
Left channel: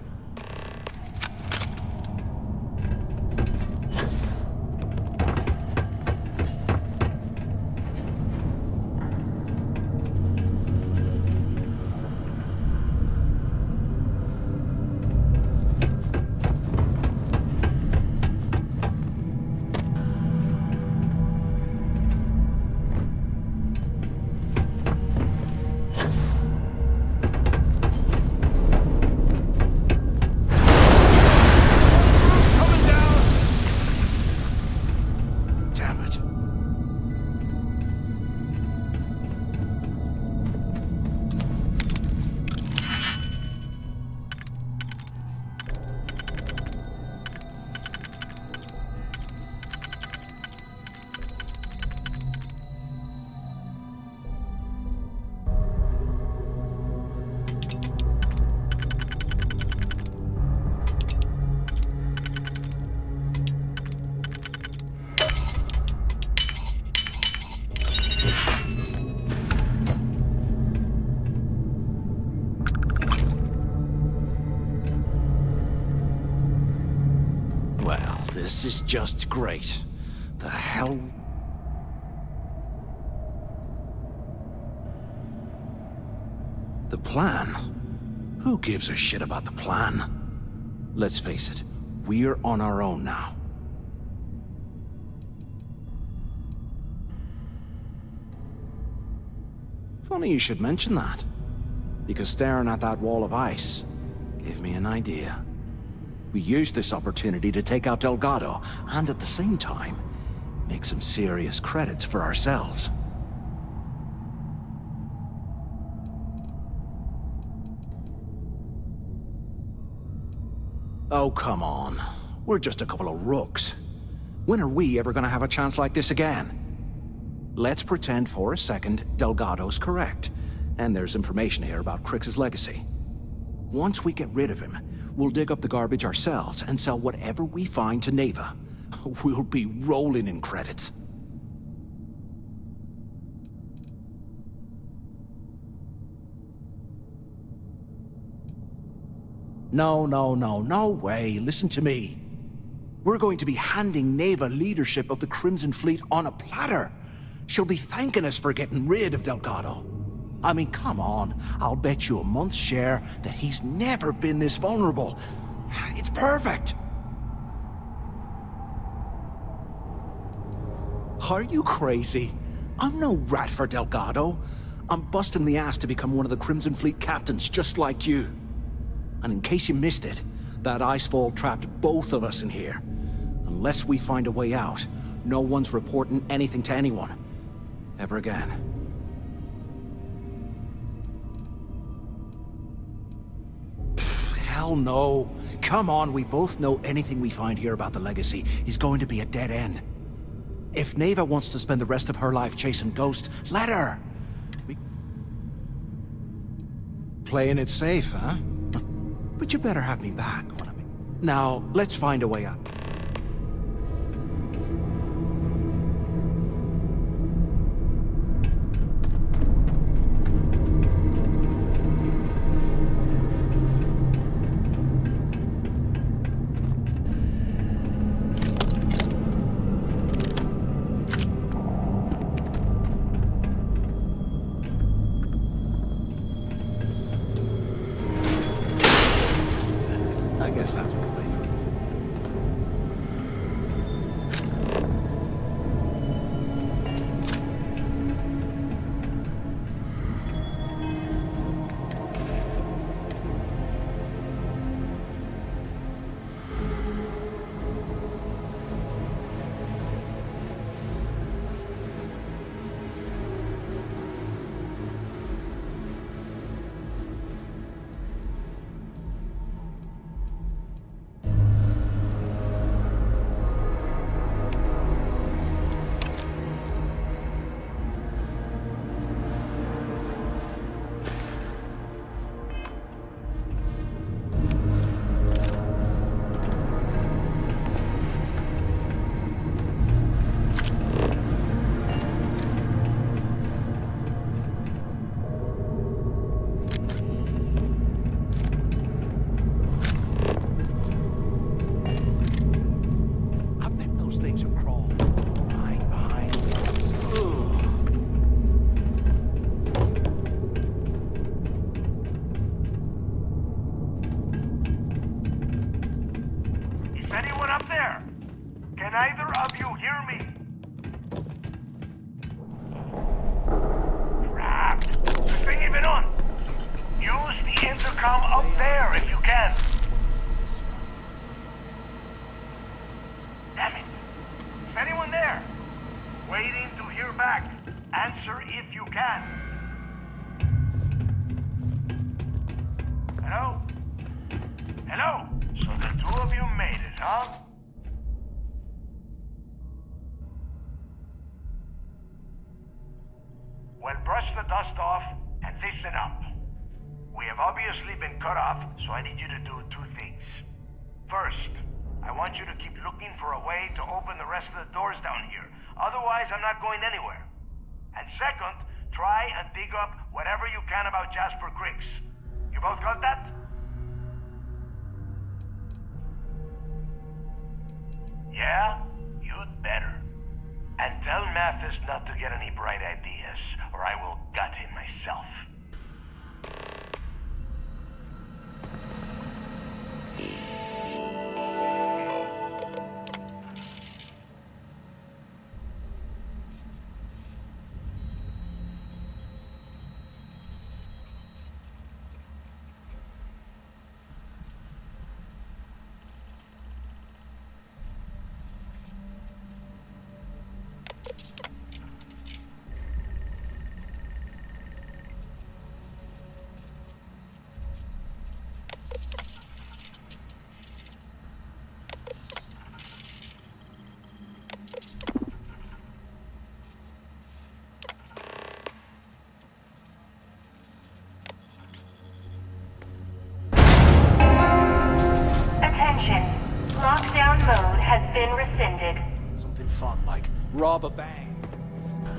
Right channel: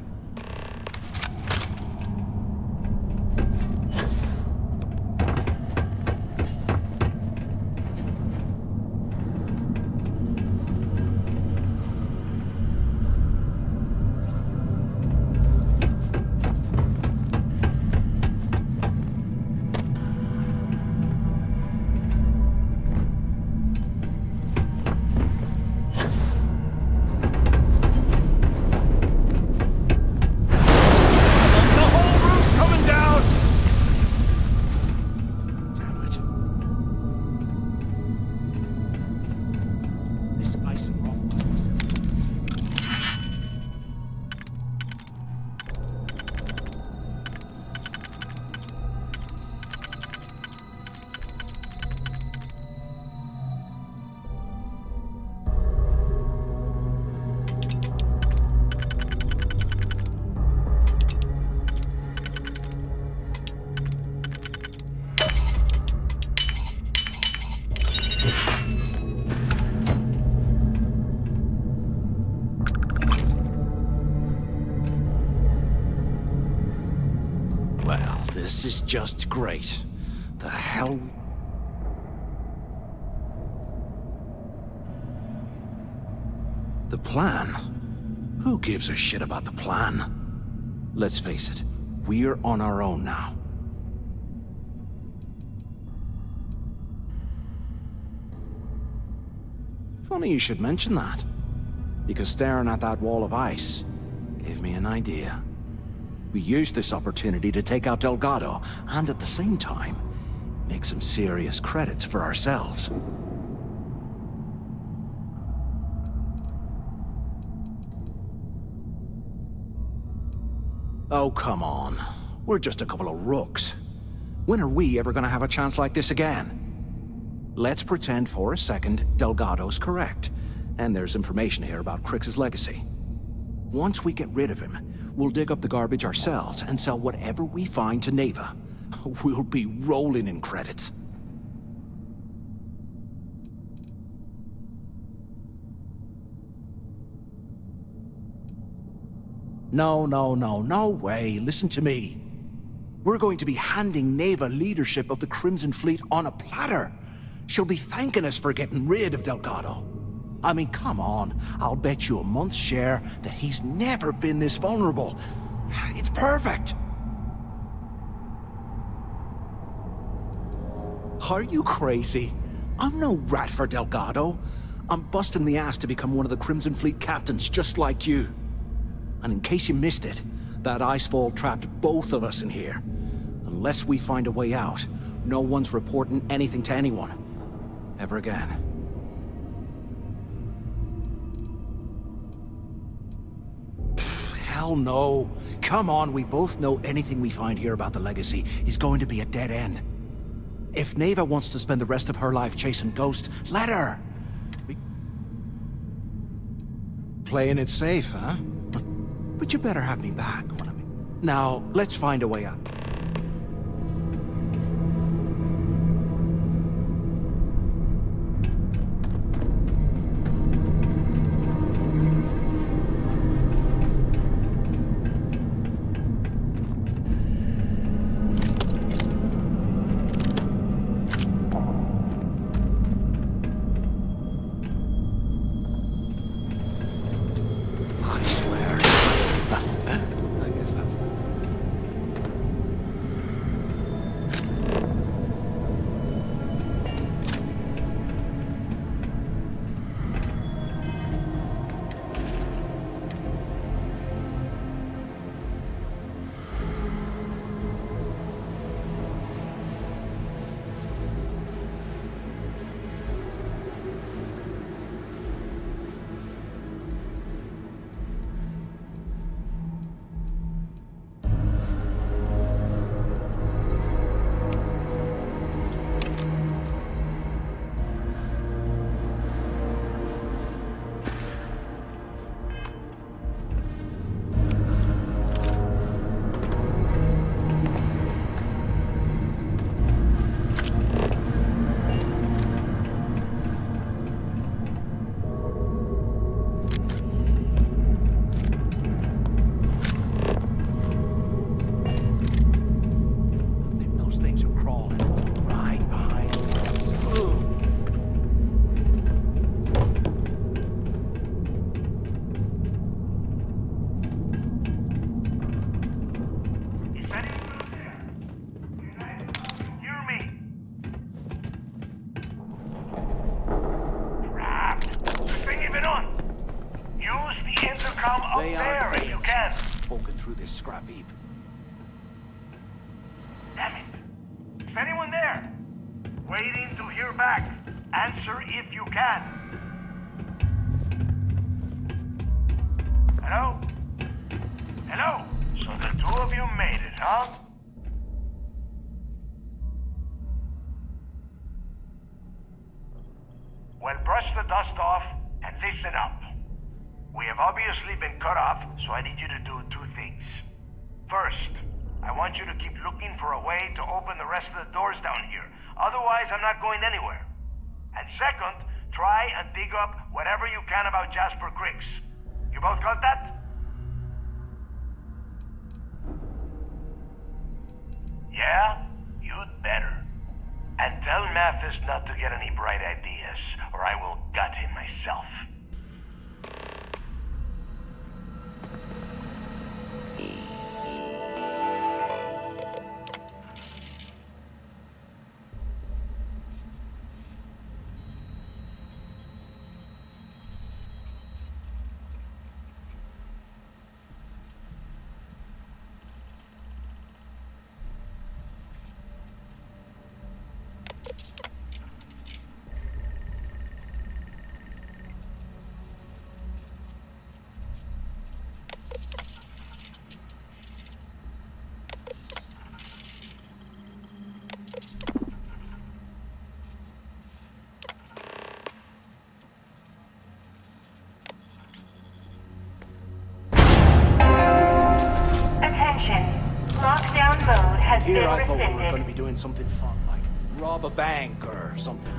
Well, this is just great. The hell... The plan? Who gives a shit about the plan? Let's face it, we're on our own now. Funny you should mention that, because staring at that wall of ice gave me an idea. We used this opportunity to take out Delgado, and at the same time, make some serious credits for ourselves. Oh, come on. We're just a couple of rooks. When are we ever gonna have a chance like this again? Let's pretend for a second Delgado's correct, and there's information here about Crix's legacy. Once we get rid of him, we'll dig up the garbage ourselves and sell whatever we find to Neva. We'll be rolling in credits. No way. Listen to me. We're going to be handing Neva leadership of the Crimson Fleet on a platter. She'll be thanking us for getting rid of Delgado. I mean, come on. I'll bet you a month's share that he's never been this vulnerable. It's perfect. Are you crazy? I'm no rat for Delgado. I'm busting the ass to become one of the Crimson Fleet captains, just like you. And in case you missed it, that icefall trapped both of us in here. Unless we find a way out, no one's reporting anything to anyone. Ever again. Hell no. Come on, we both know anything we find here about the legacy is going to be a dead end. If Neva wants to spend the rest of her life chasing ghosts, let her! Playing it safe, huh? But you better have me back when I'm... Now, let's find a way out. I guess that's what I thought. either of you hear me? Crap! Is this thing even on? Use the intercom up there if you can. Walking through this scrap heap. Damn it! Is anyone there? Waiting to hear back. Answer if you can. Hello? Hello? So the two of you made it, huh? Well, brush the dust off and listen up. We have obviously been cut off, so I need you to do two things. First, I want you to keep looking for a way to open the rest of the doors down here. Otherwise, I'm not going anywhere. And second, try and dig up whatever you can about Jasper Cricks. You both got that? Yeah? You'd better. And tell Mathis not to get any bright ideas, or I will gut him myself. Attention. Lockdown mode has been rescinded. We're gonna be doing something fun, like rob a bank or something.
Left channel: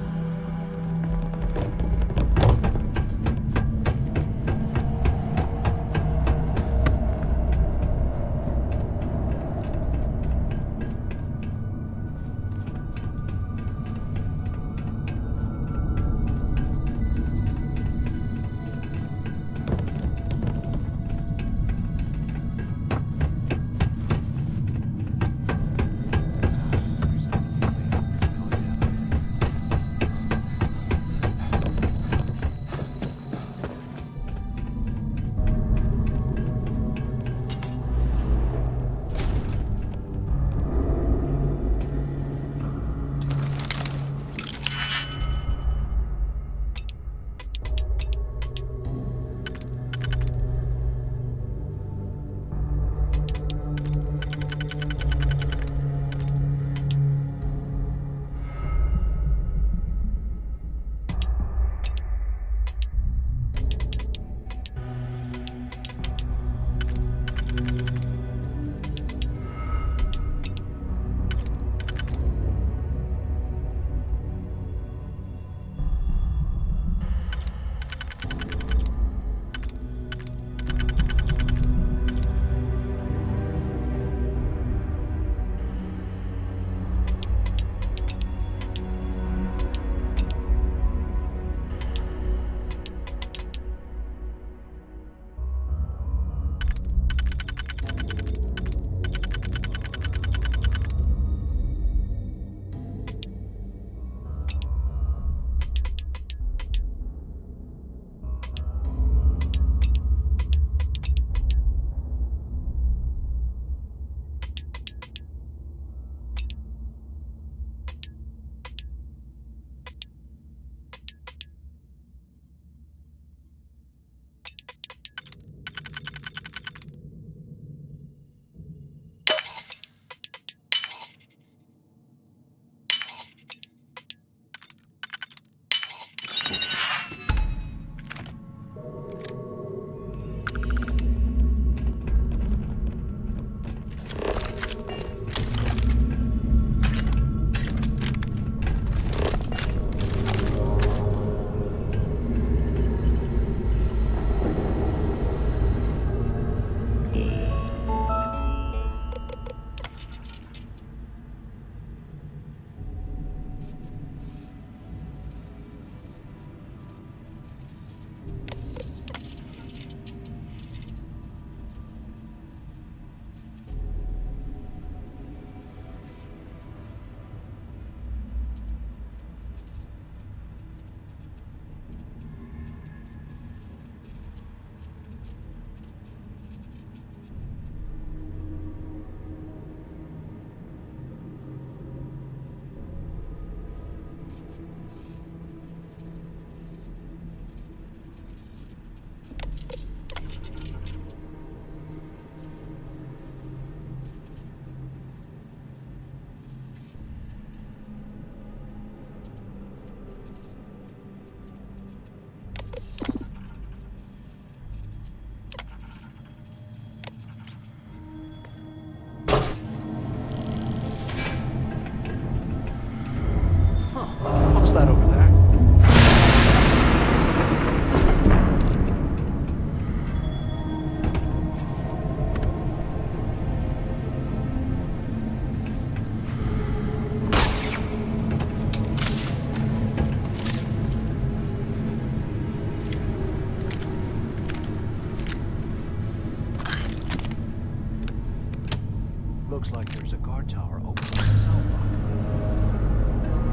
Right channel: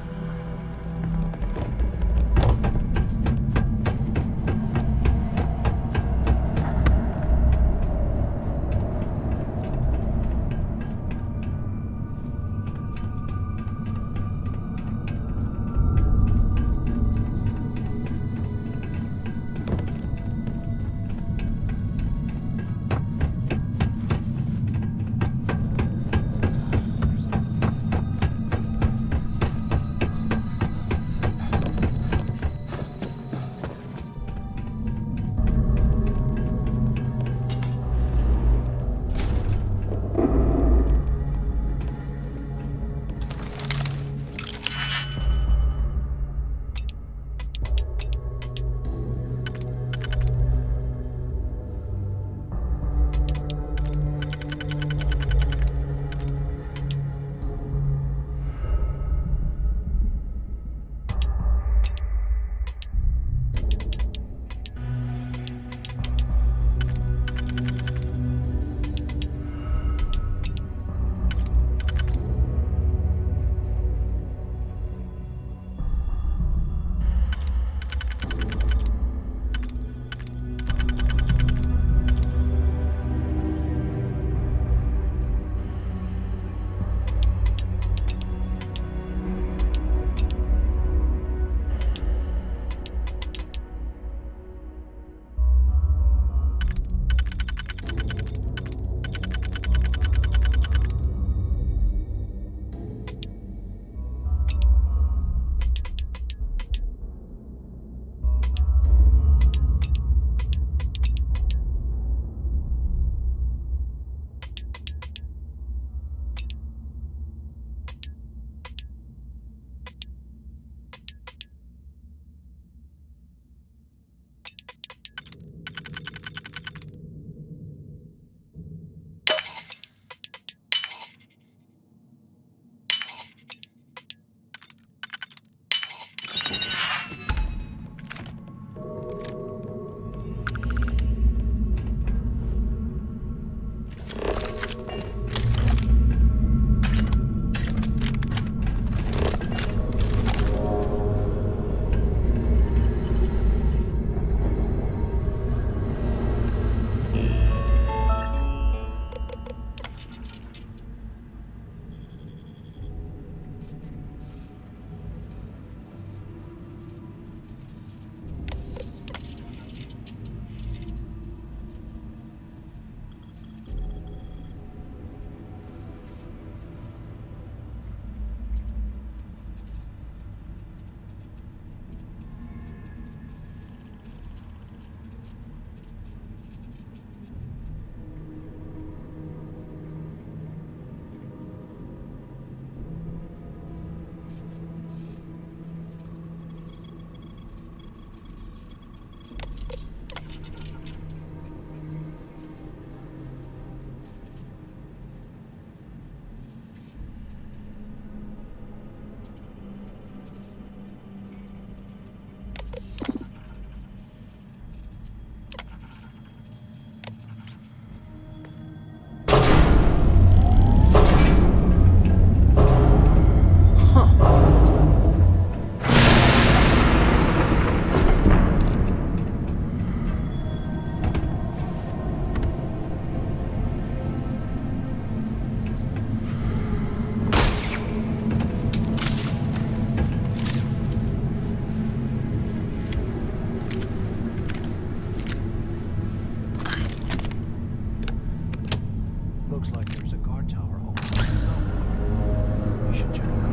looks like there's a guard tower over by the cell block. We should check it out.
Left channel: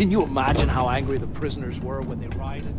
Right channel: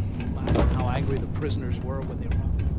Can you imagine how angry the prisoners were when they rioted?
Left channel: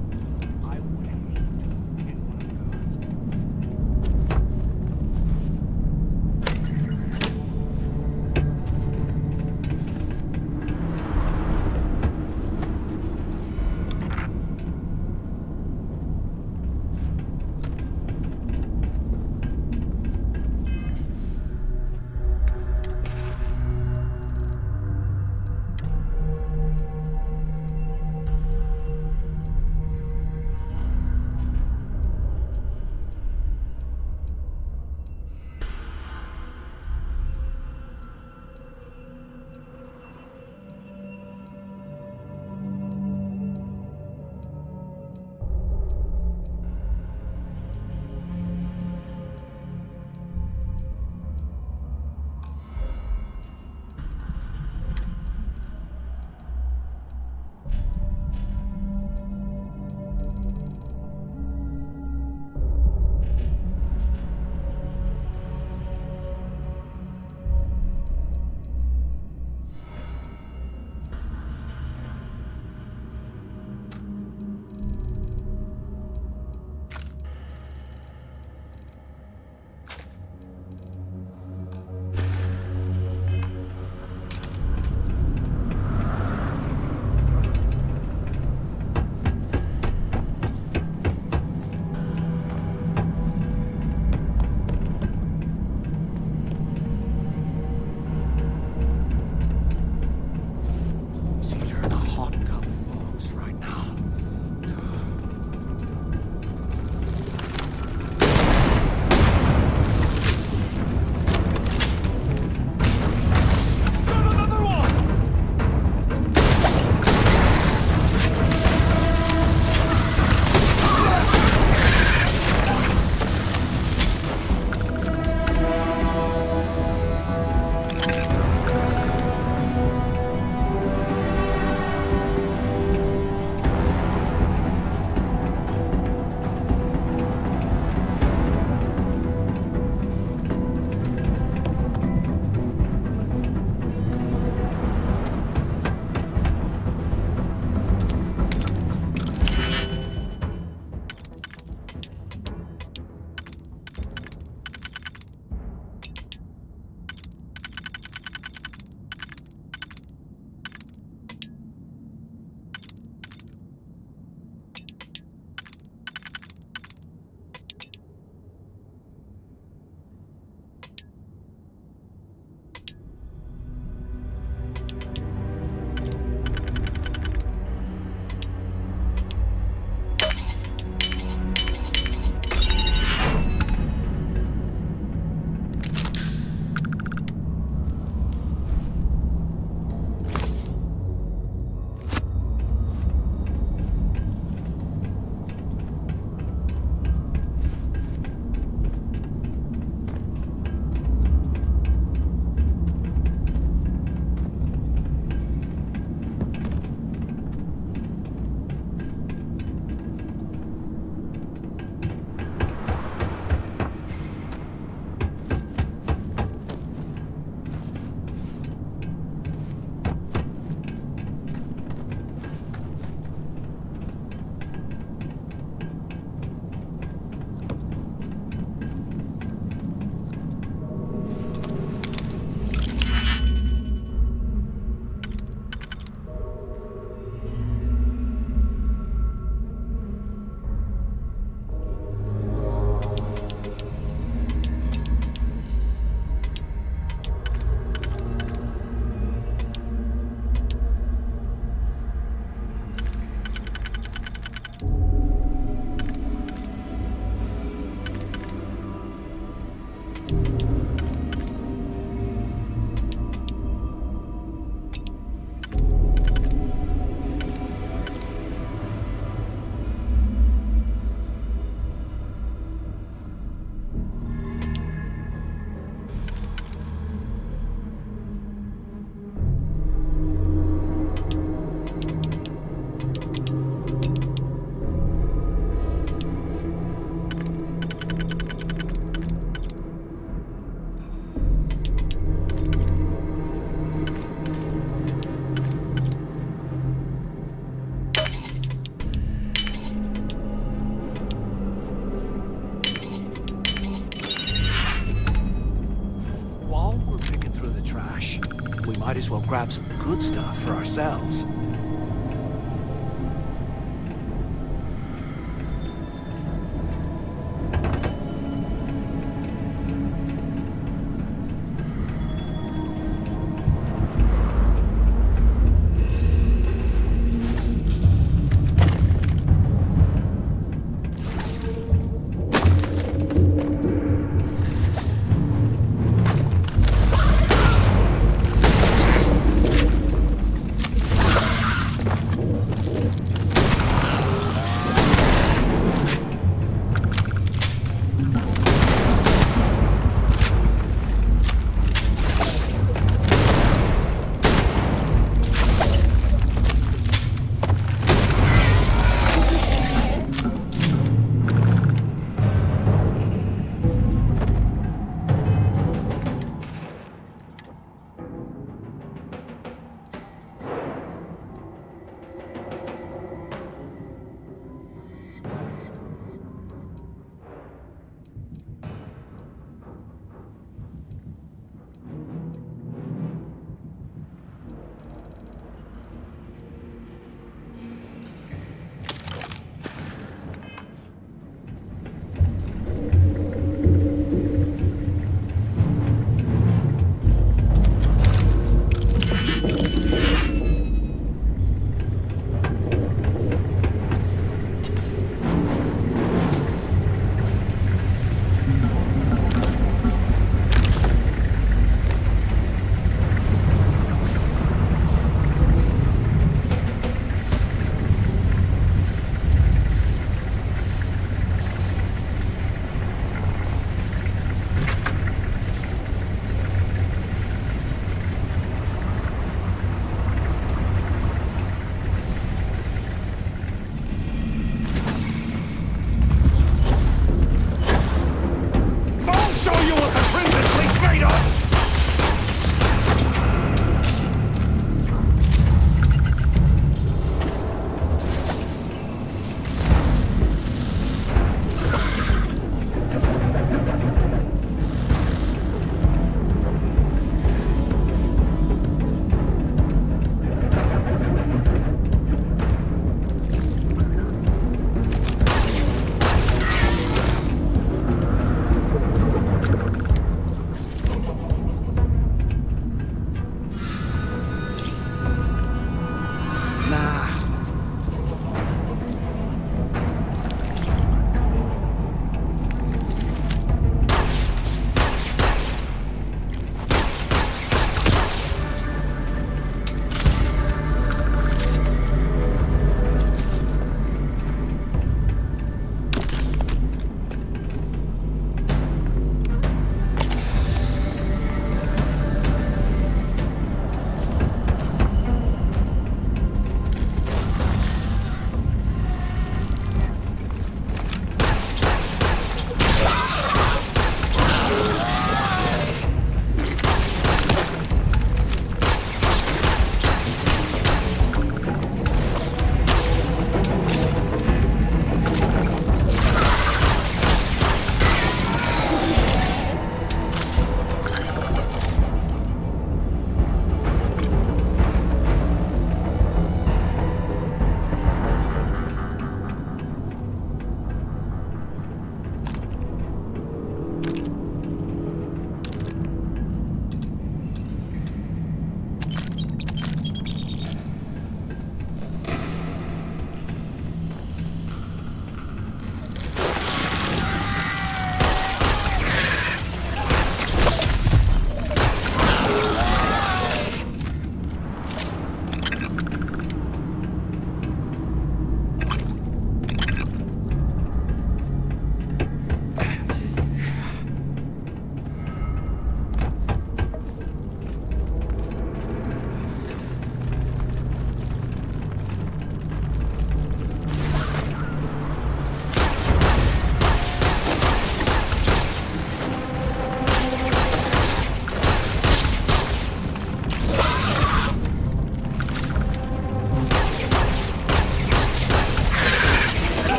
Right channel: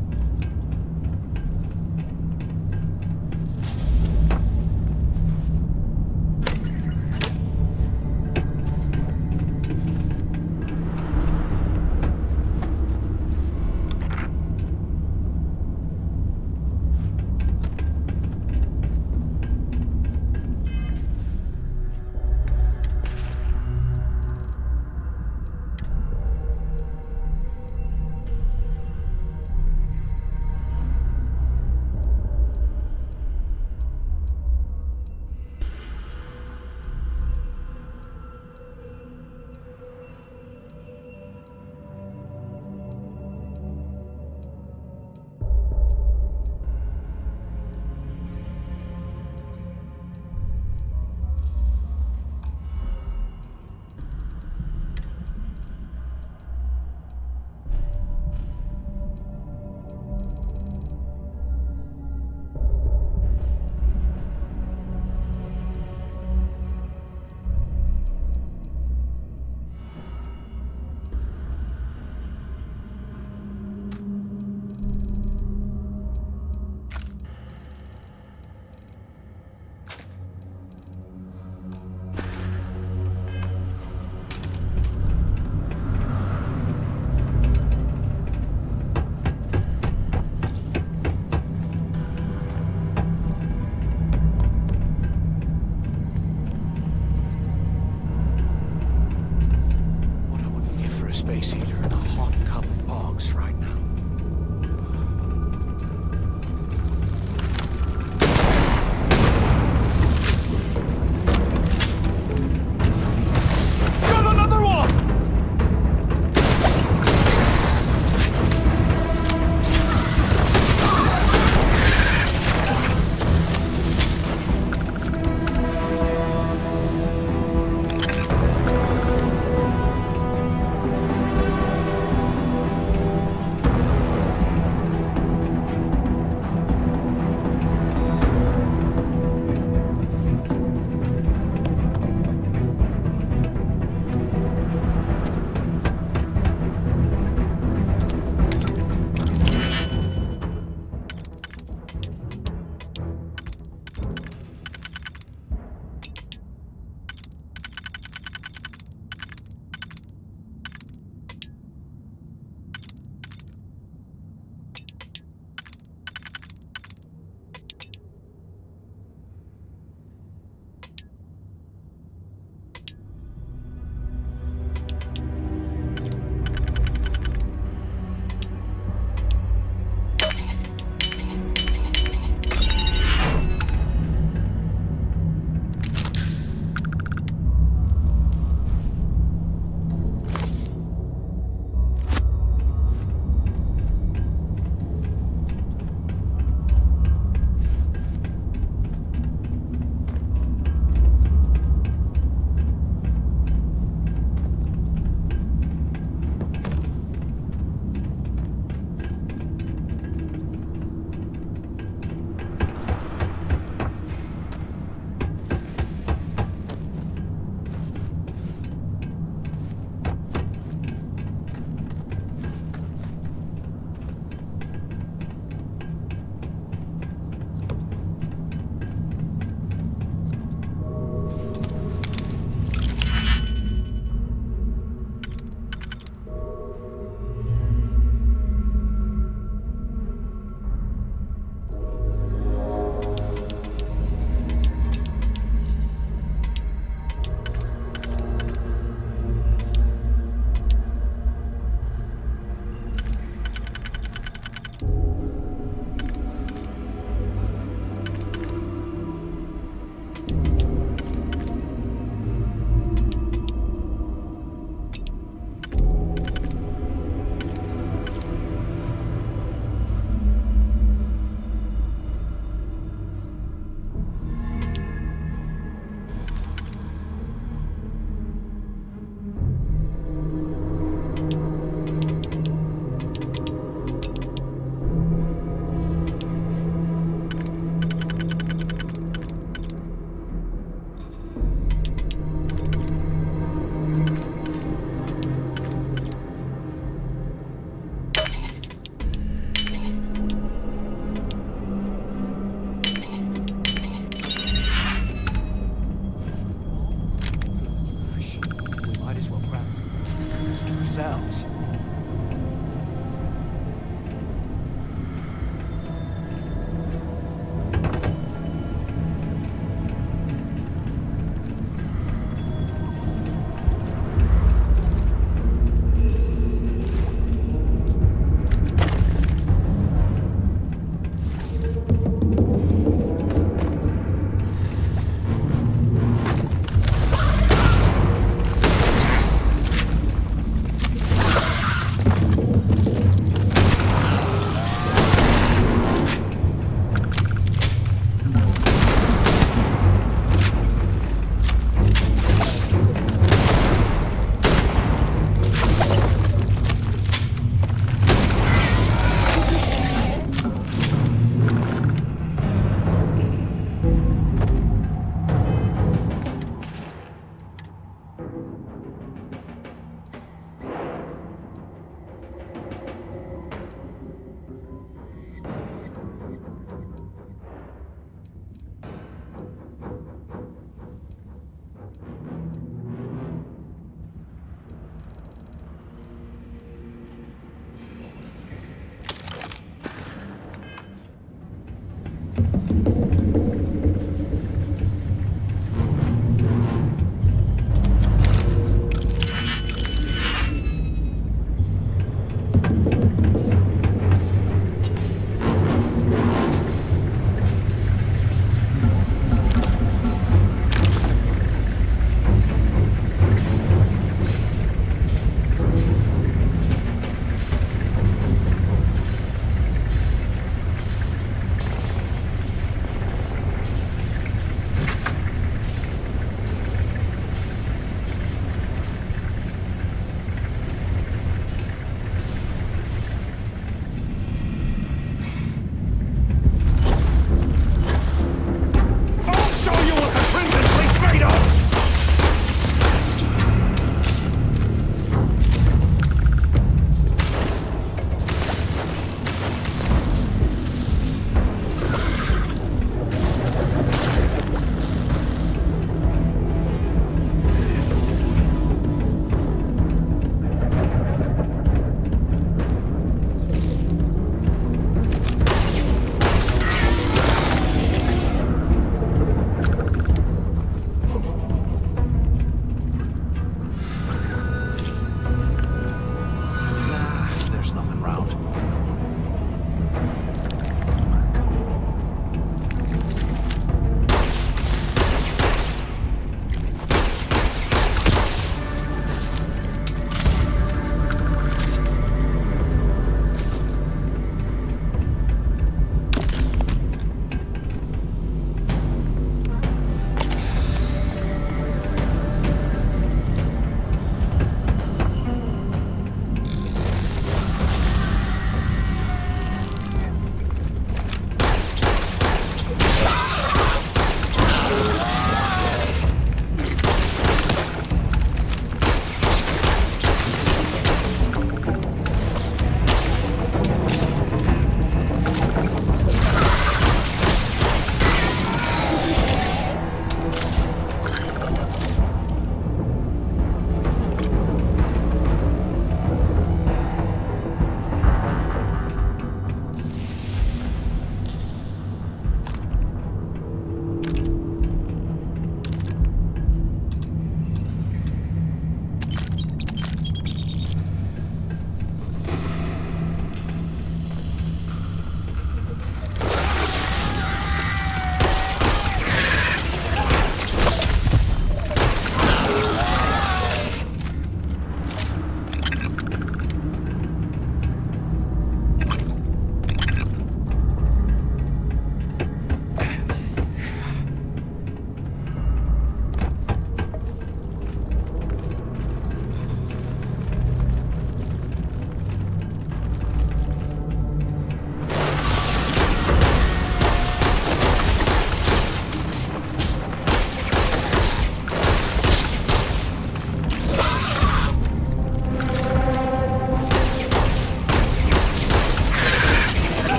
Might as well grab some good stuff for ourselves.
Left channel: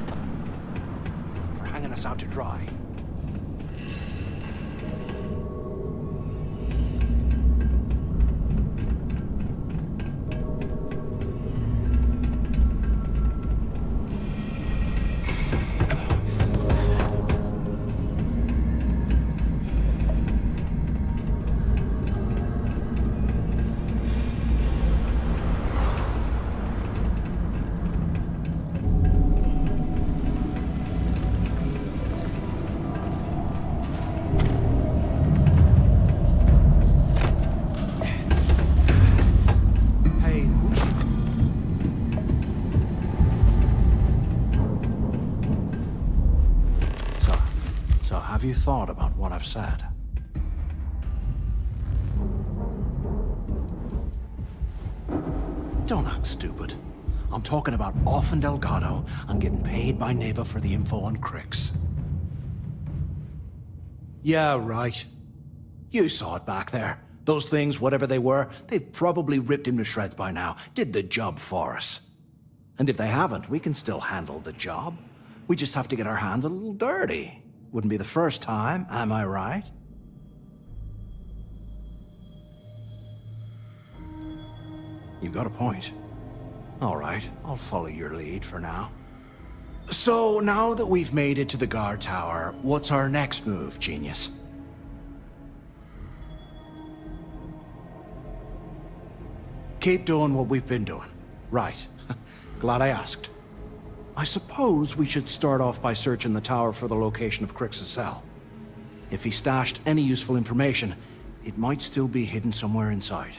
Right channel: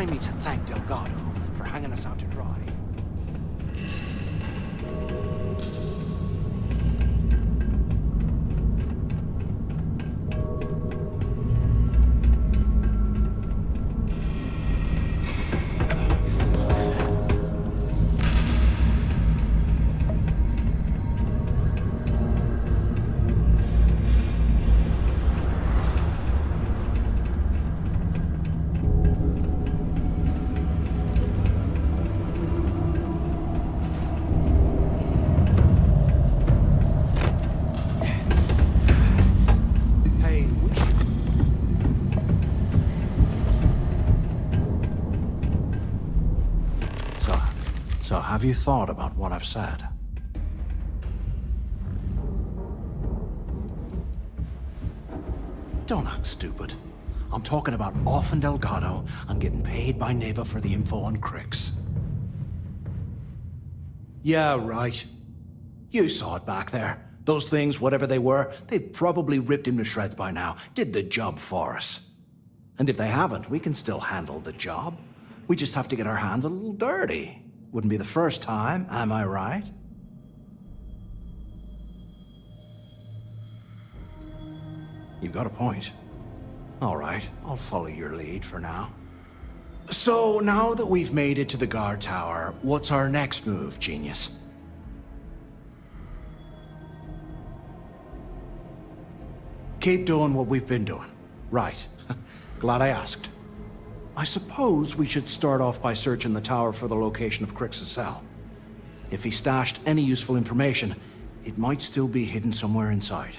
remind me to thank Delgado for hanging us out to dry. So have you thought about what I've said? Don't act stupid. I'm talking about off in Delgado. I'm getting paid by Neva for the info on Crix. Yeah, right. You saw it back there. Those things, whatever they were, they've probably ripped him to shreds by now. Did the job for us. And if they haven't, we can still handle the job. We just have to get our hands a little dirty. Wouldn't be the first time, am I right? You've got a point. All right, I'll follow your lead for now. So, now that we've made it to the guard tower, what's our next move, genius? Keep doing what we've been doing. Right. Glad I asked. I suppose we should start off by searching the tower for the location of Crix's cell. If he stashed any useful information, it might still be hidden somewhere inside.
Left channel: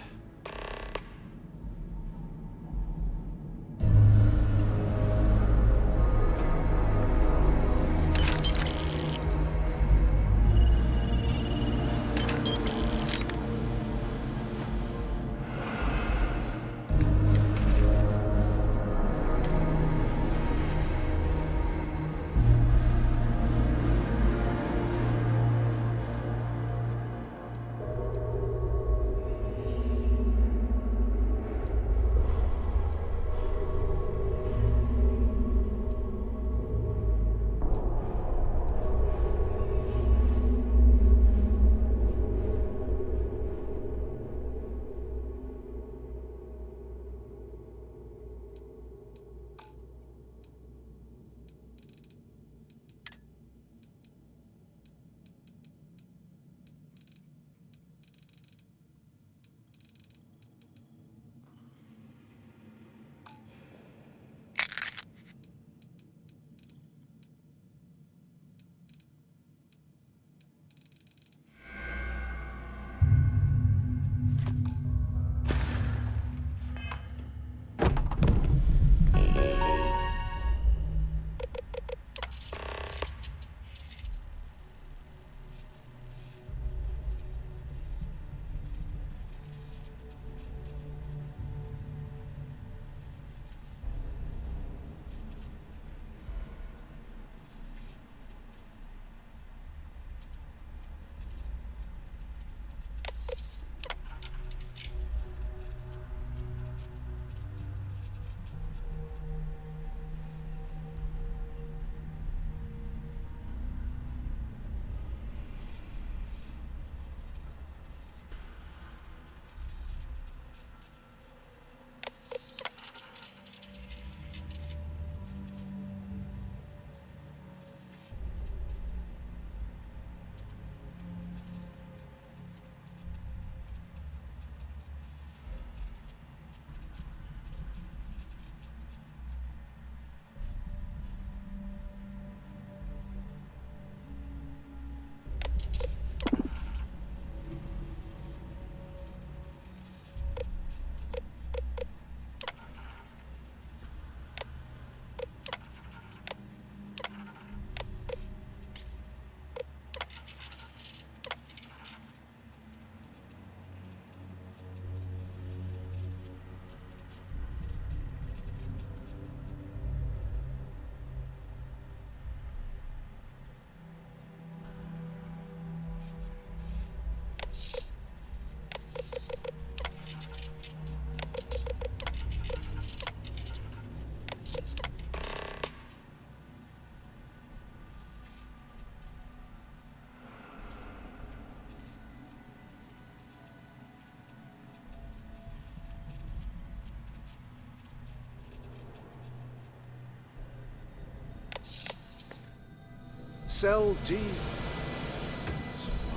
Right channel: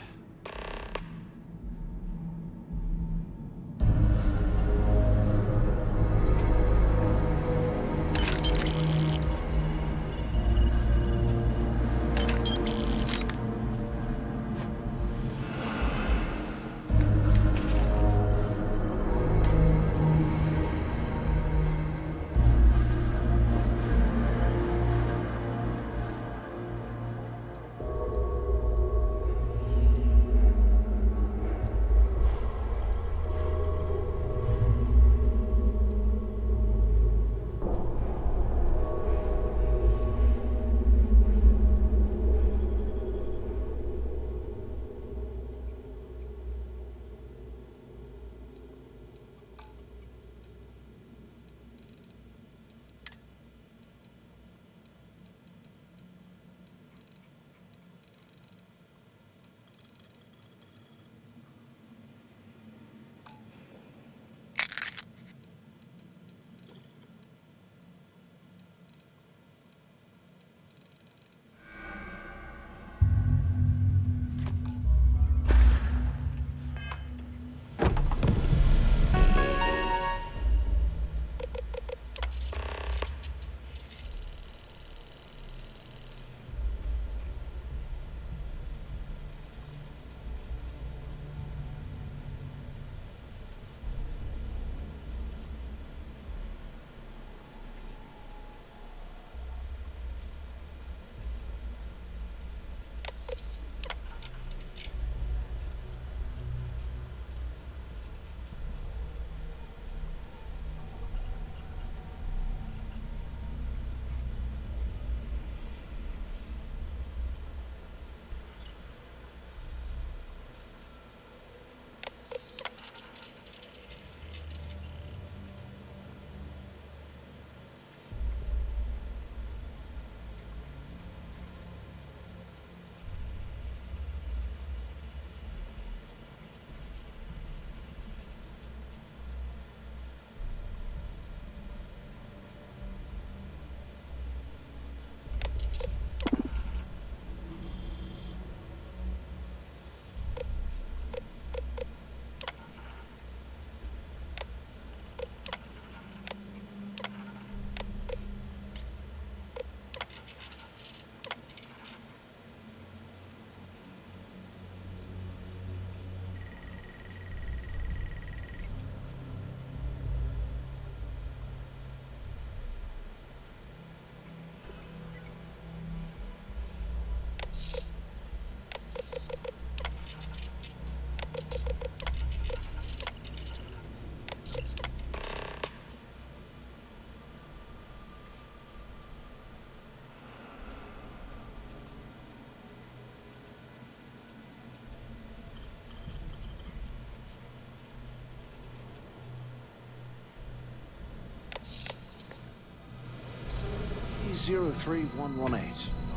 Cell D03118.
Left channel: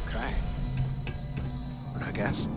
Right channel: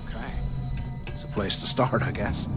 Okay. It's a place to start, I guess.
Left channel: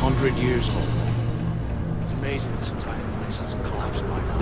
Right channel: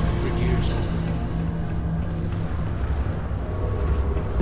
100 years old. It's amazing this entire place hasn't collapsed by now.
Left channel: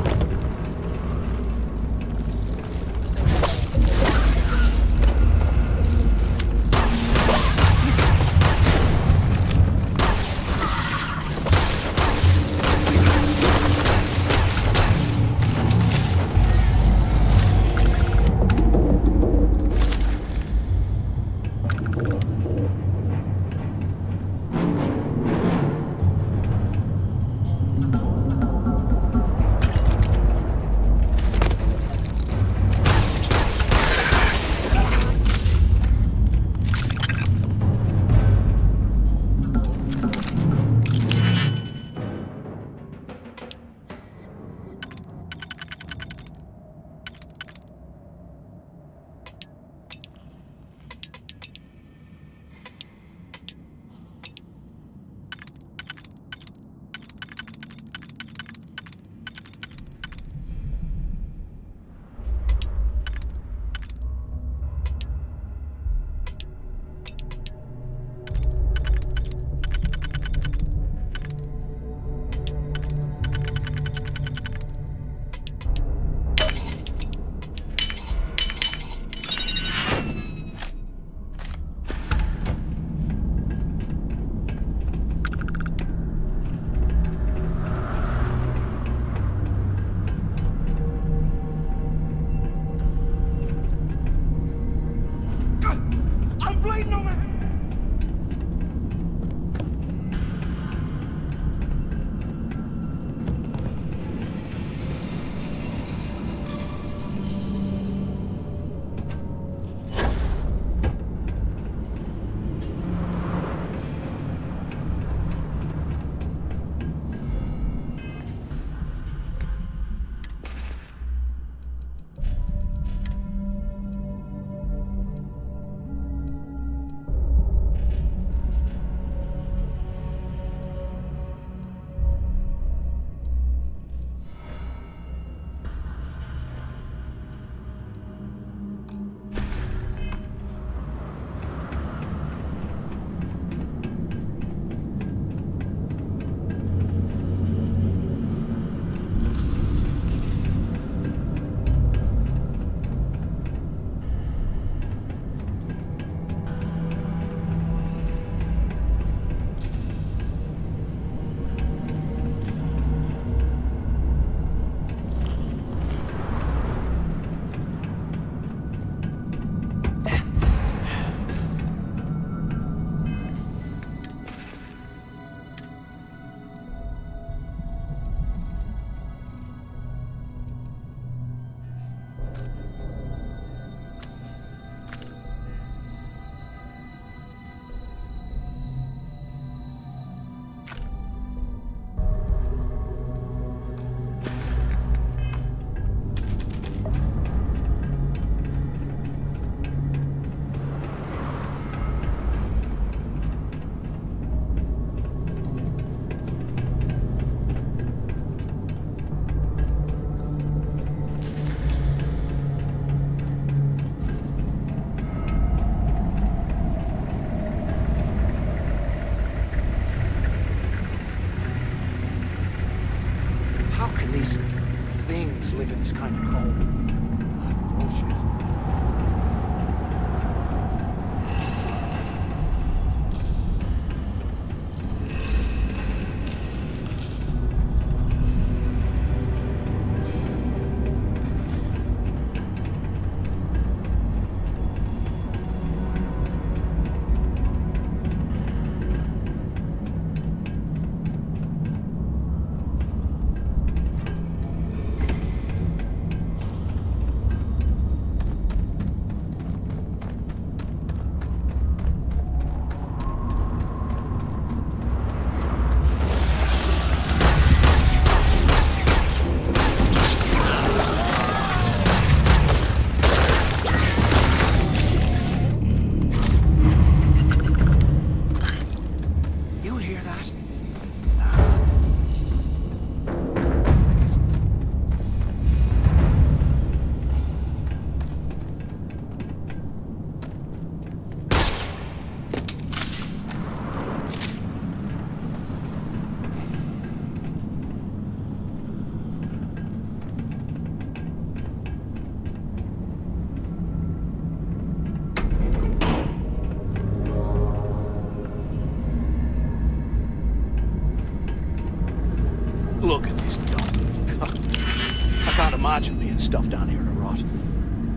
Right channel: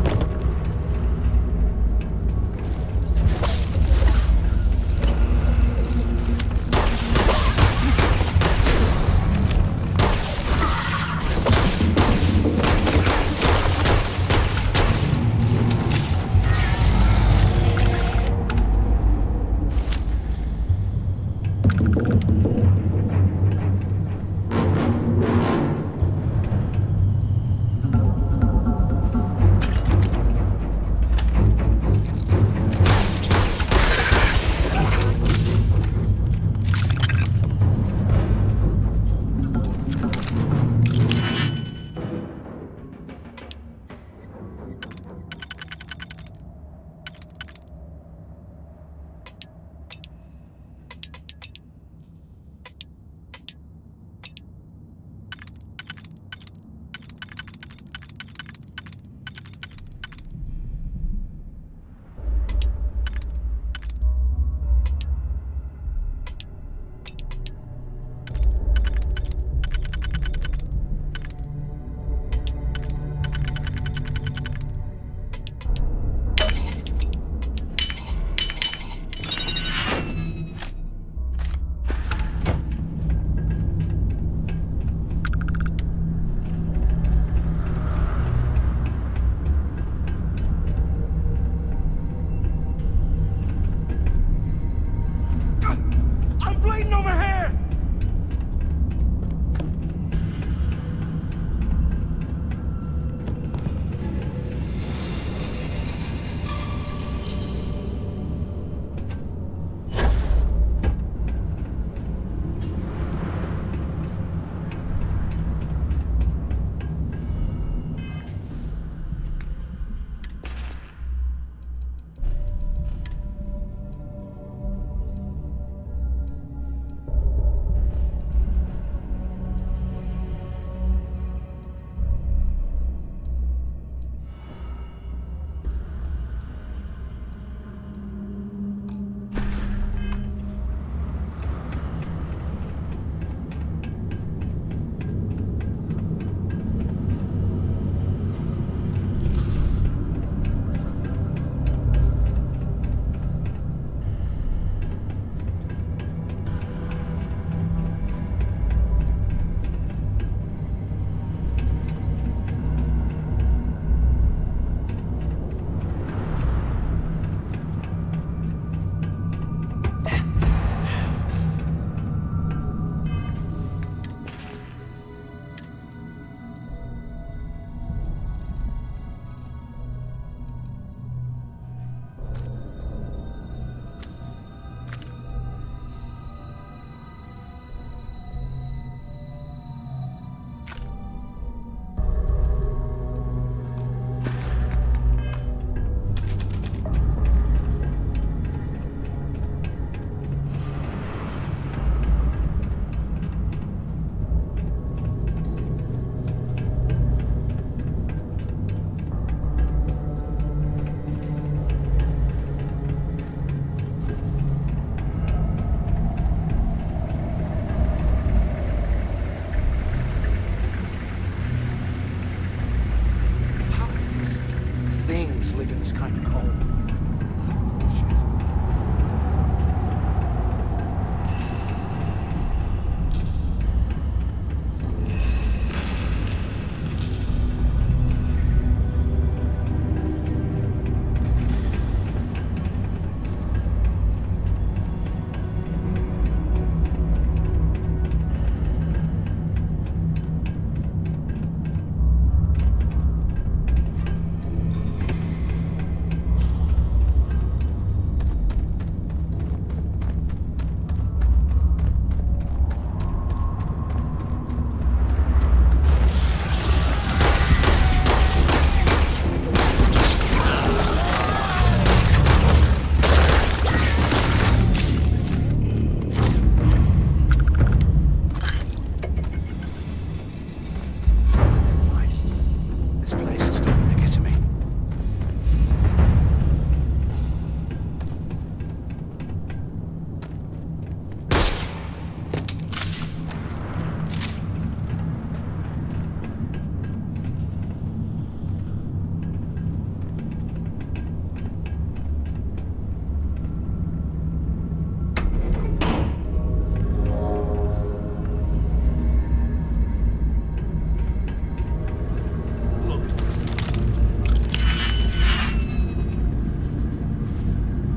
Look at this guy. I can't imagine being stuffed down here to rot.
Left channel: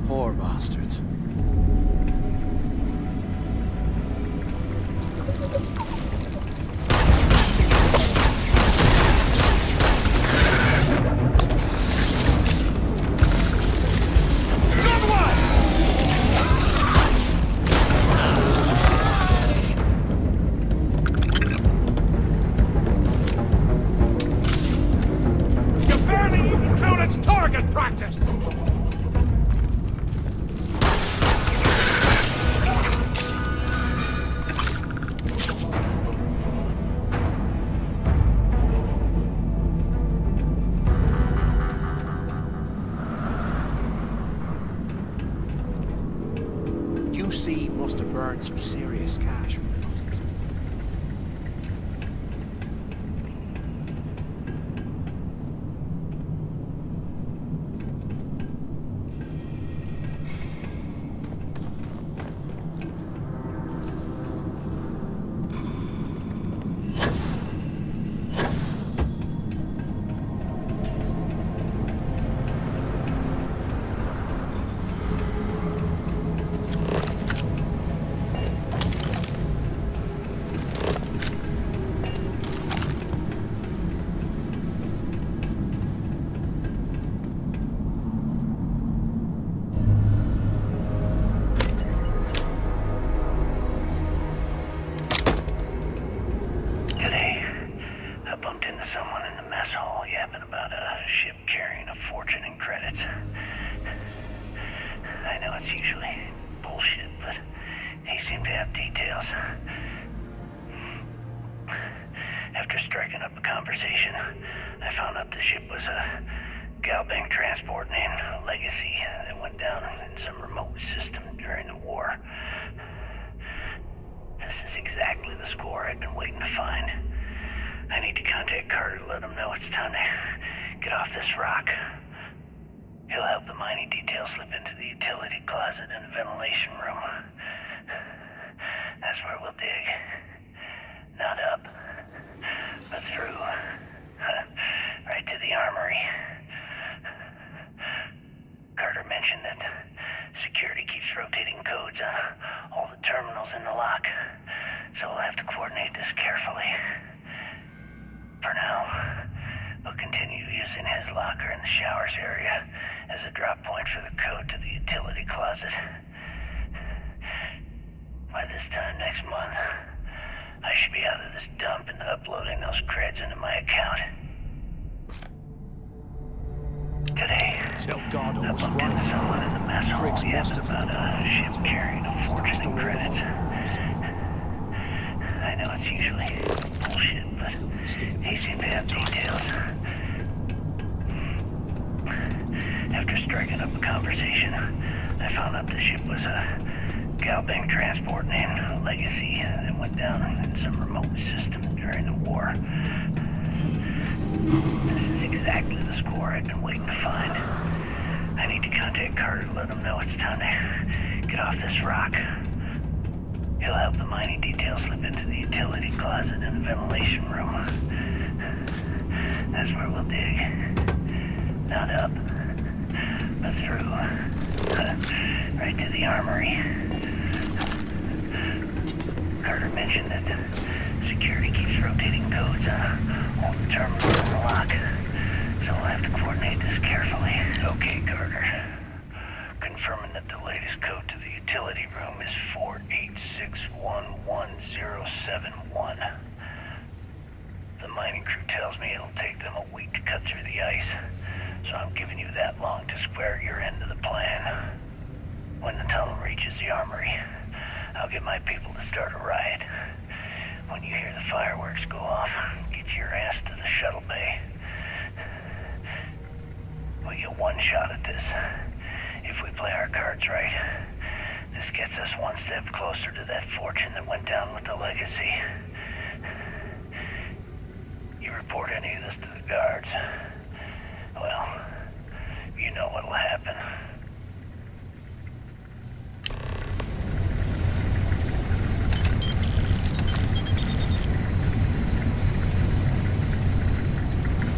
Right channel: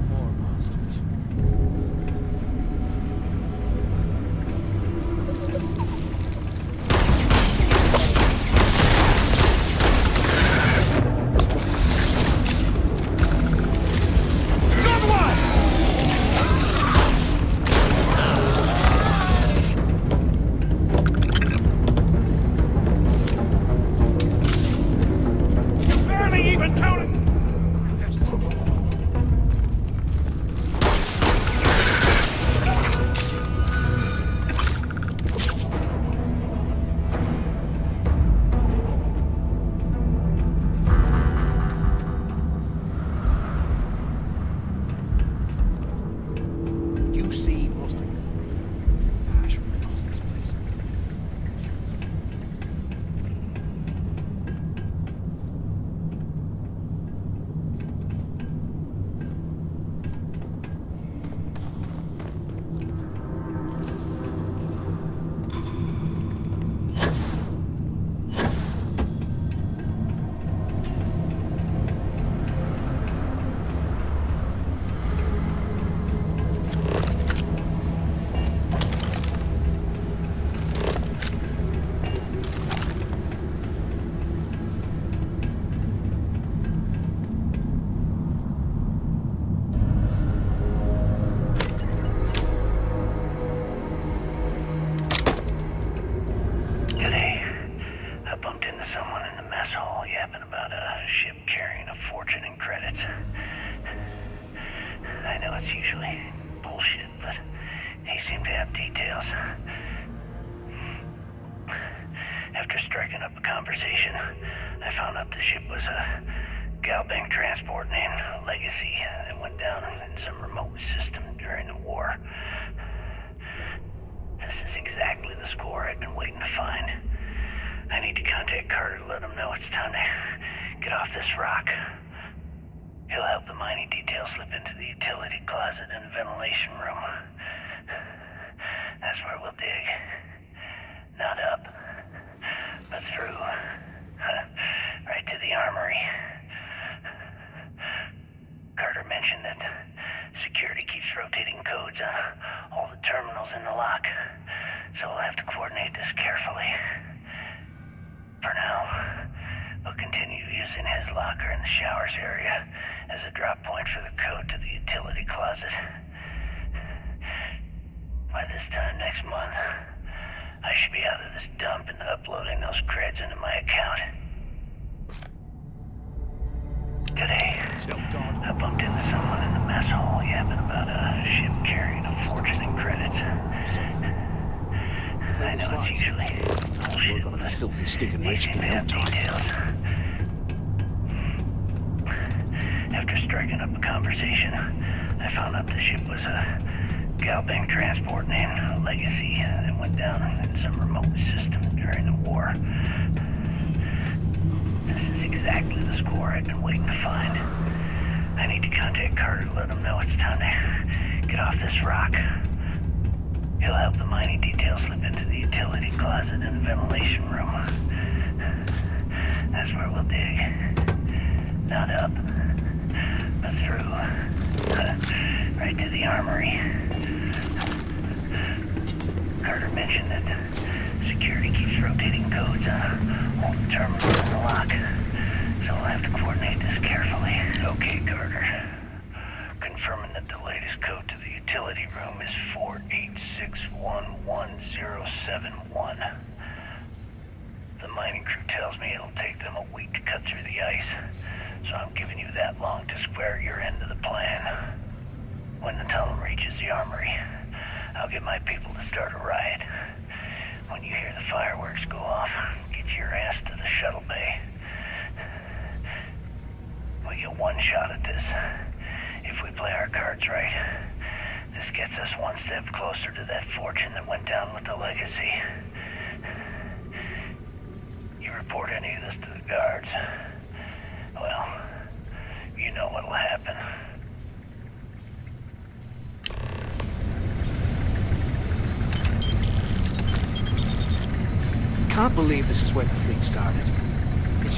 Poor bastards. QC must have burned some serious cash from the hospice place.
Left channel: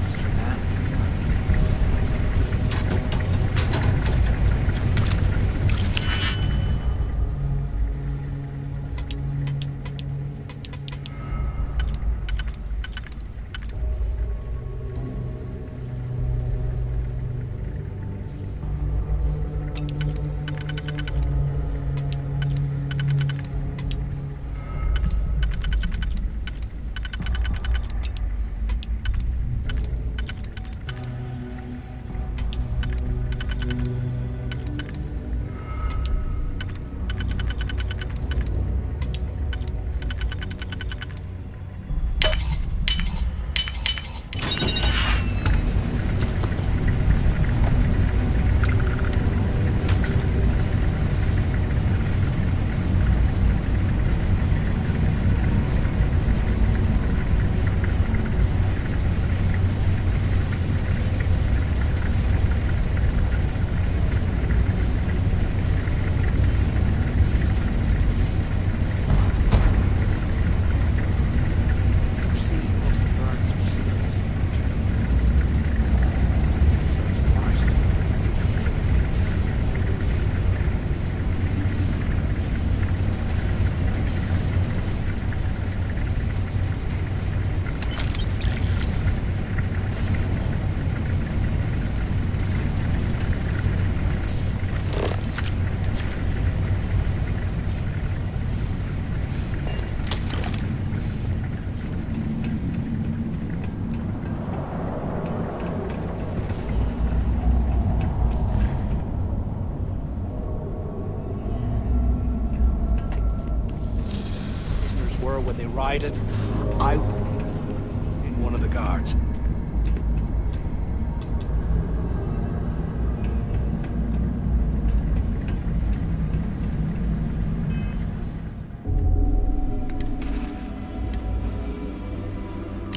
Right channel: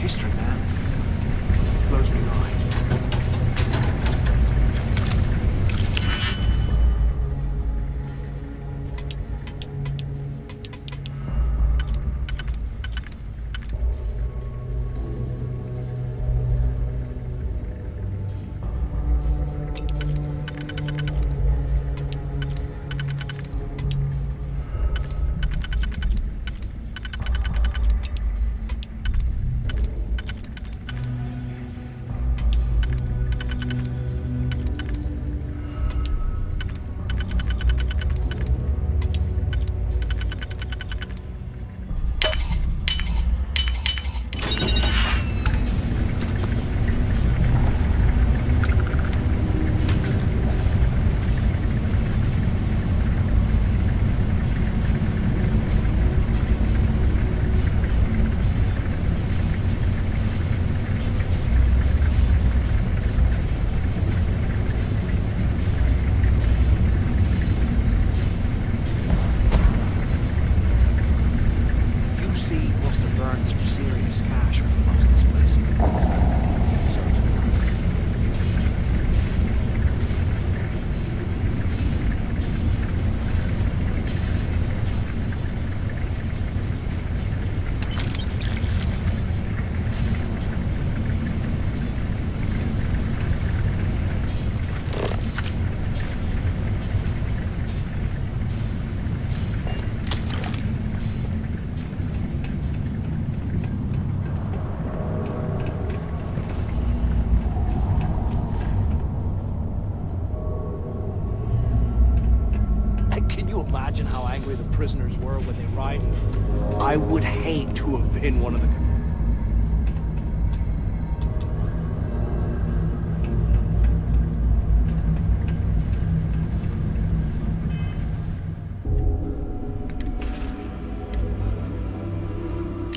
history, man. Blows my mind. Were when they rioted, I would hate to have been one of the guards.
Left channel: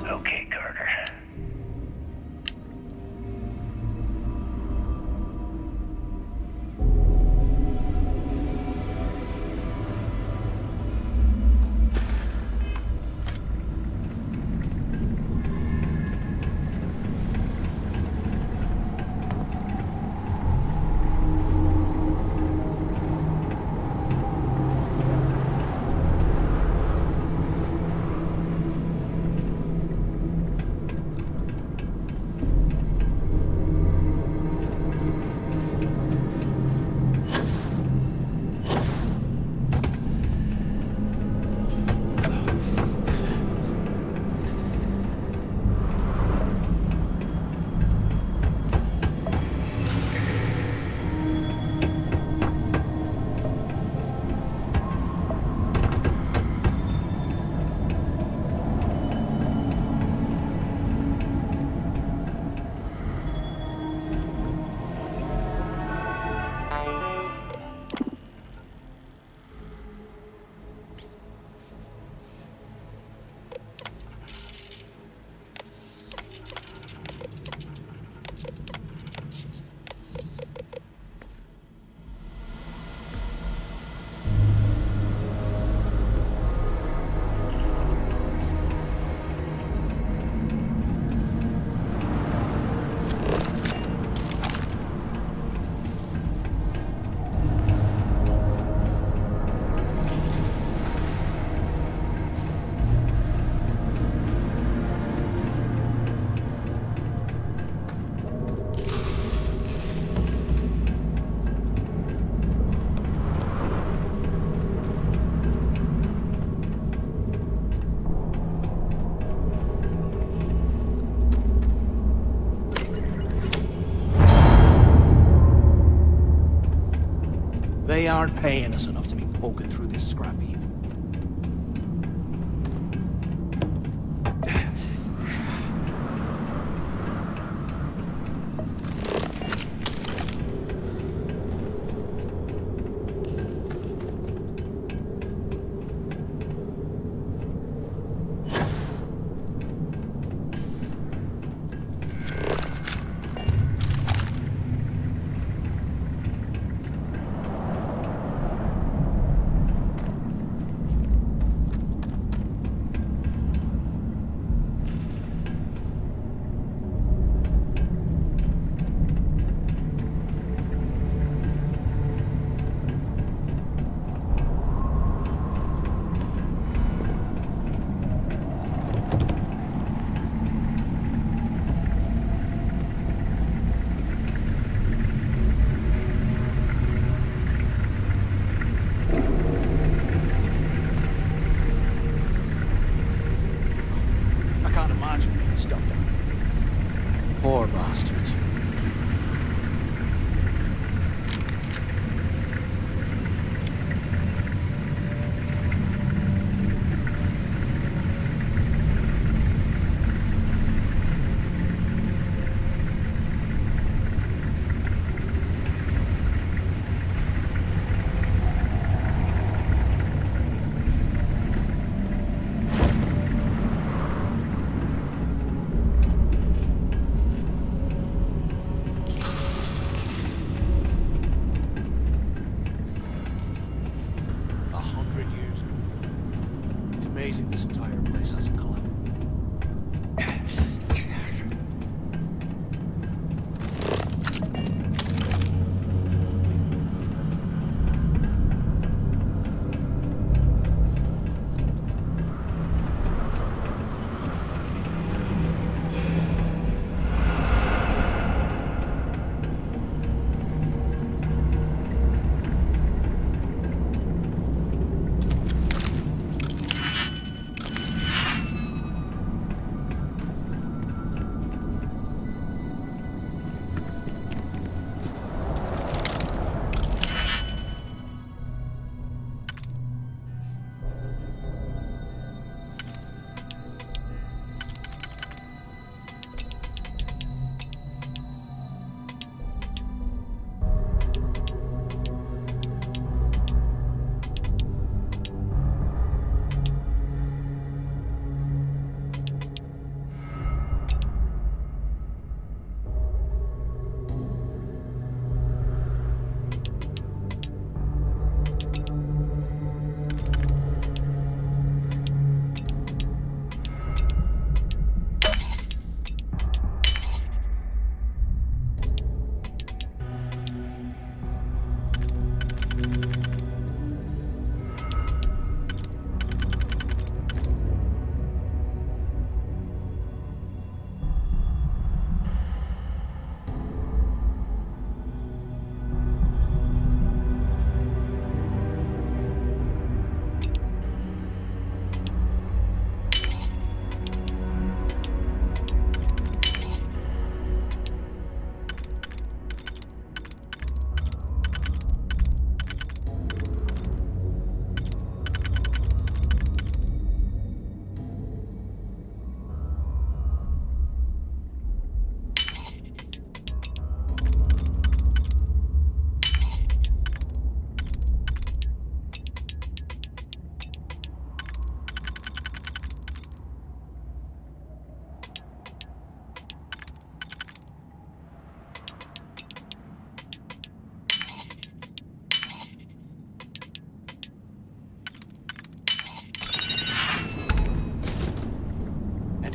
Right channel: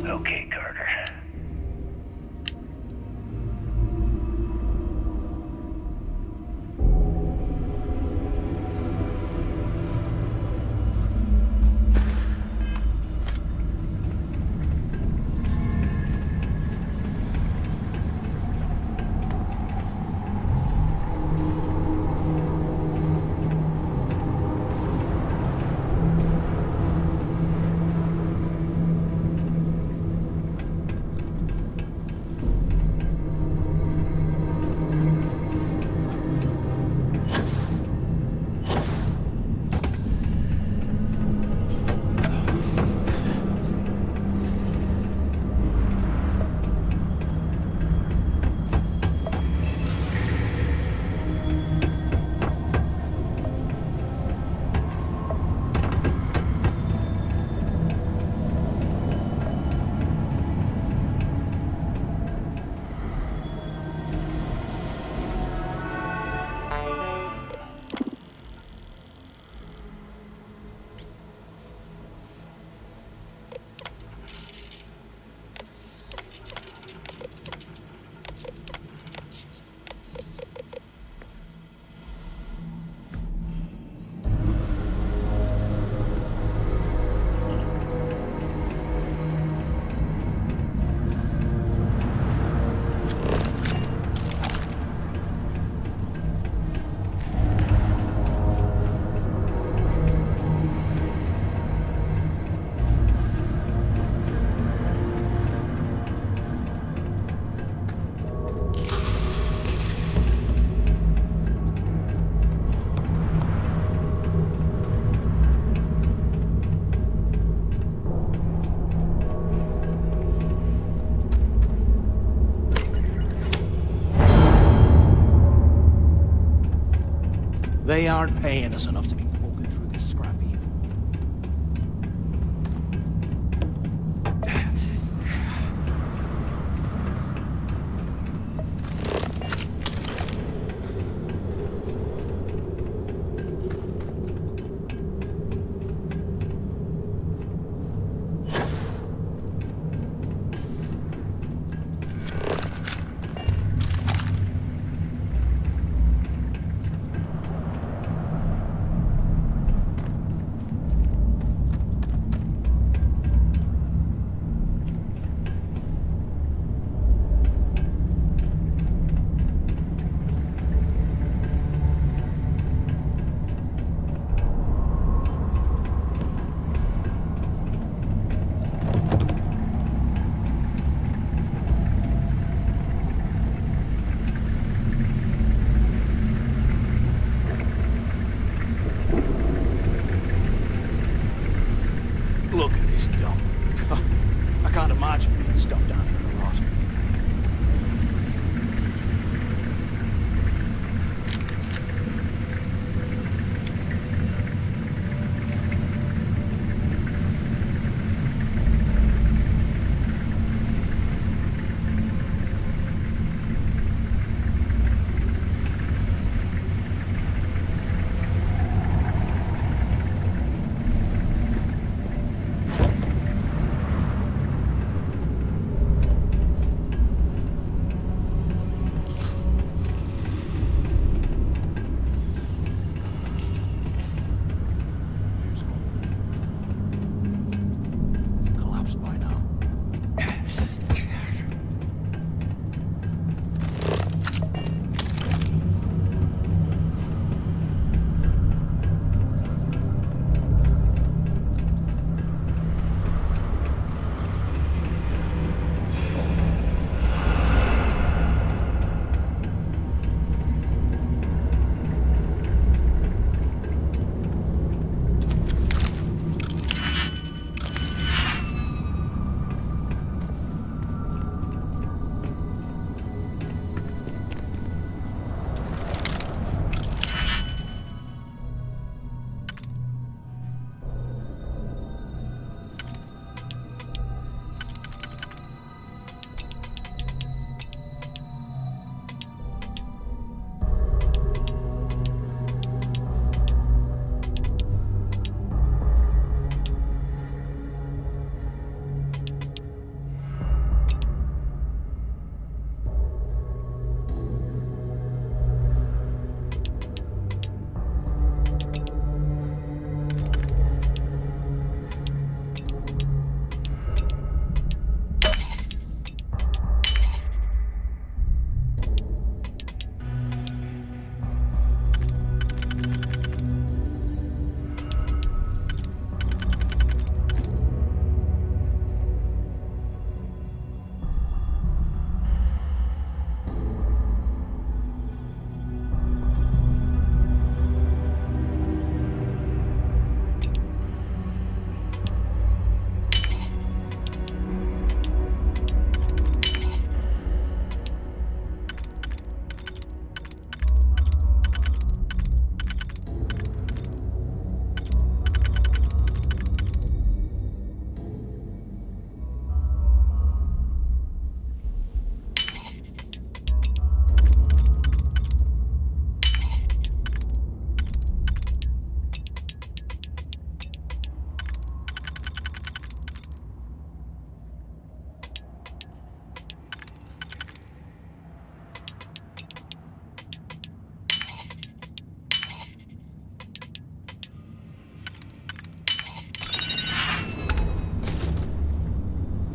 Okay, Carter. They aren't paying us enough to be poking through this scrap heap.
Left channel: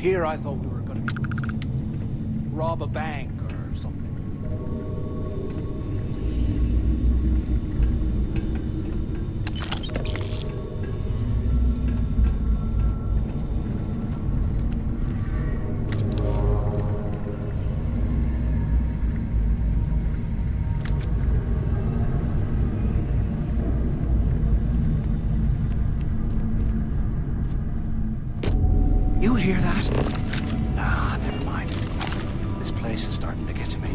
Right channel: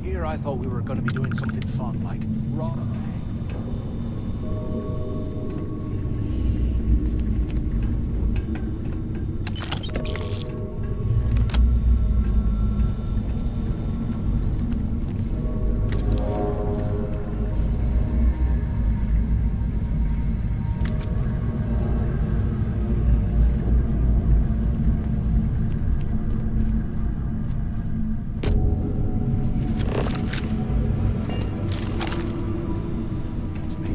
Here I thought we were gonna be doing something fun, like rob a bank or something. You hear that? Nah, never mind. This place is starting to get to me.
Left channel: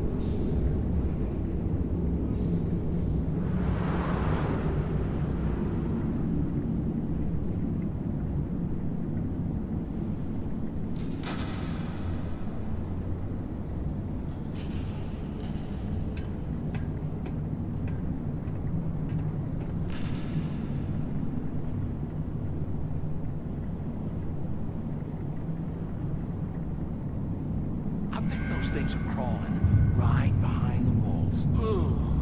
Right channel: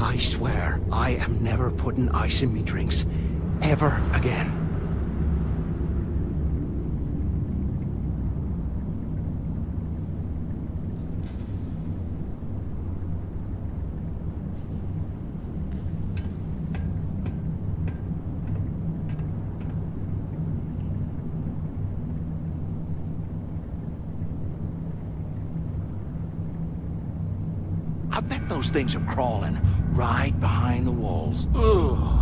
I swear, I am never putting ice in me drinks. Ever again. I bet those things are crawling right behind the walls. Ugh.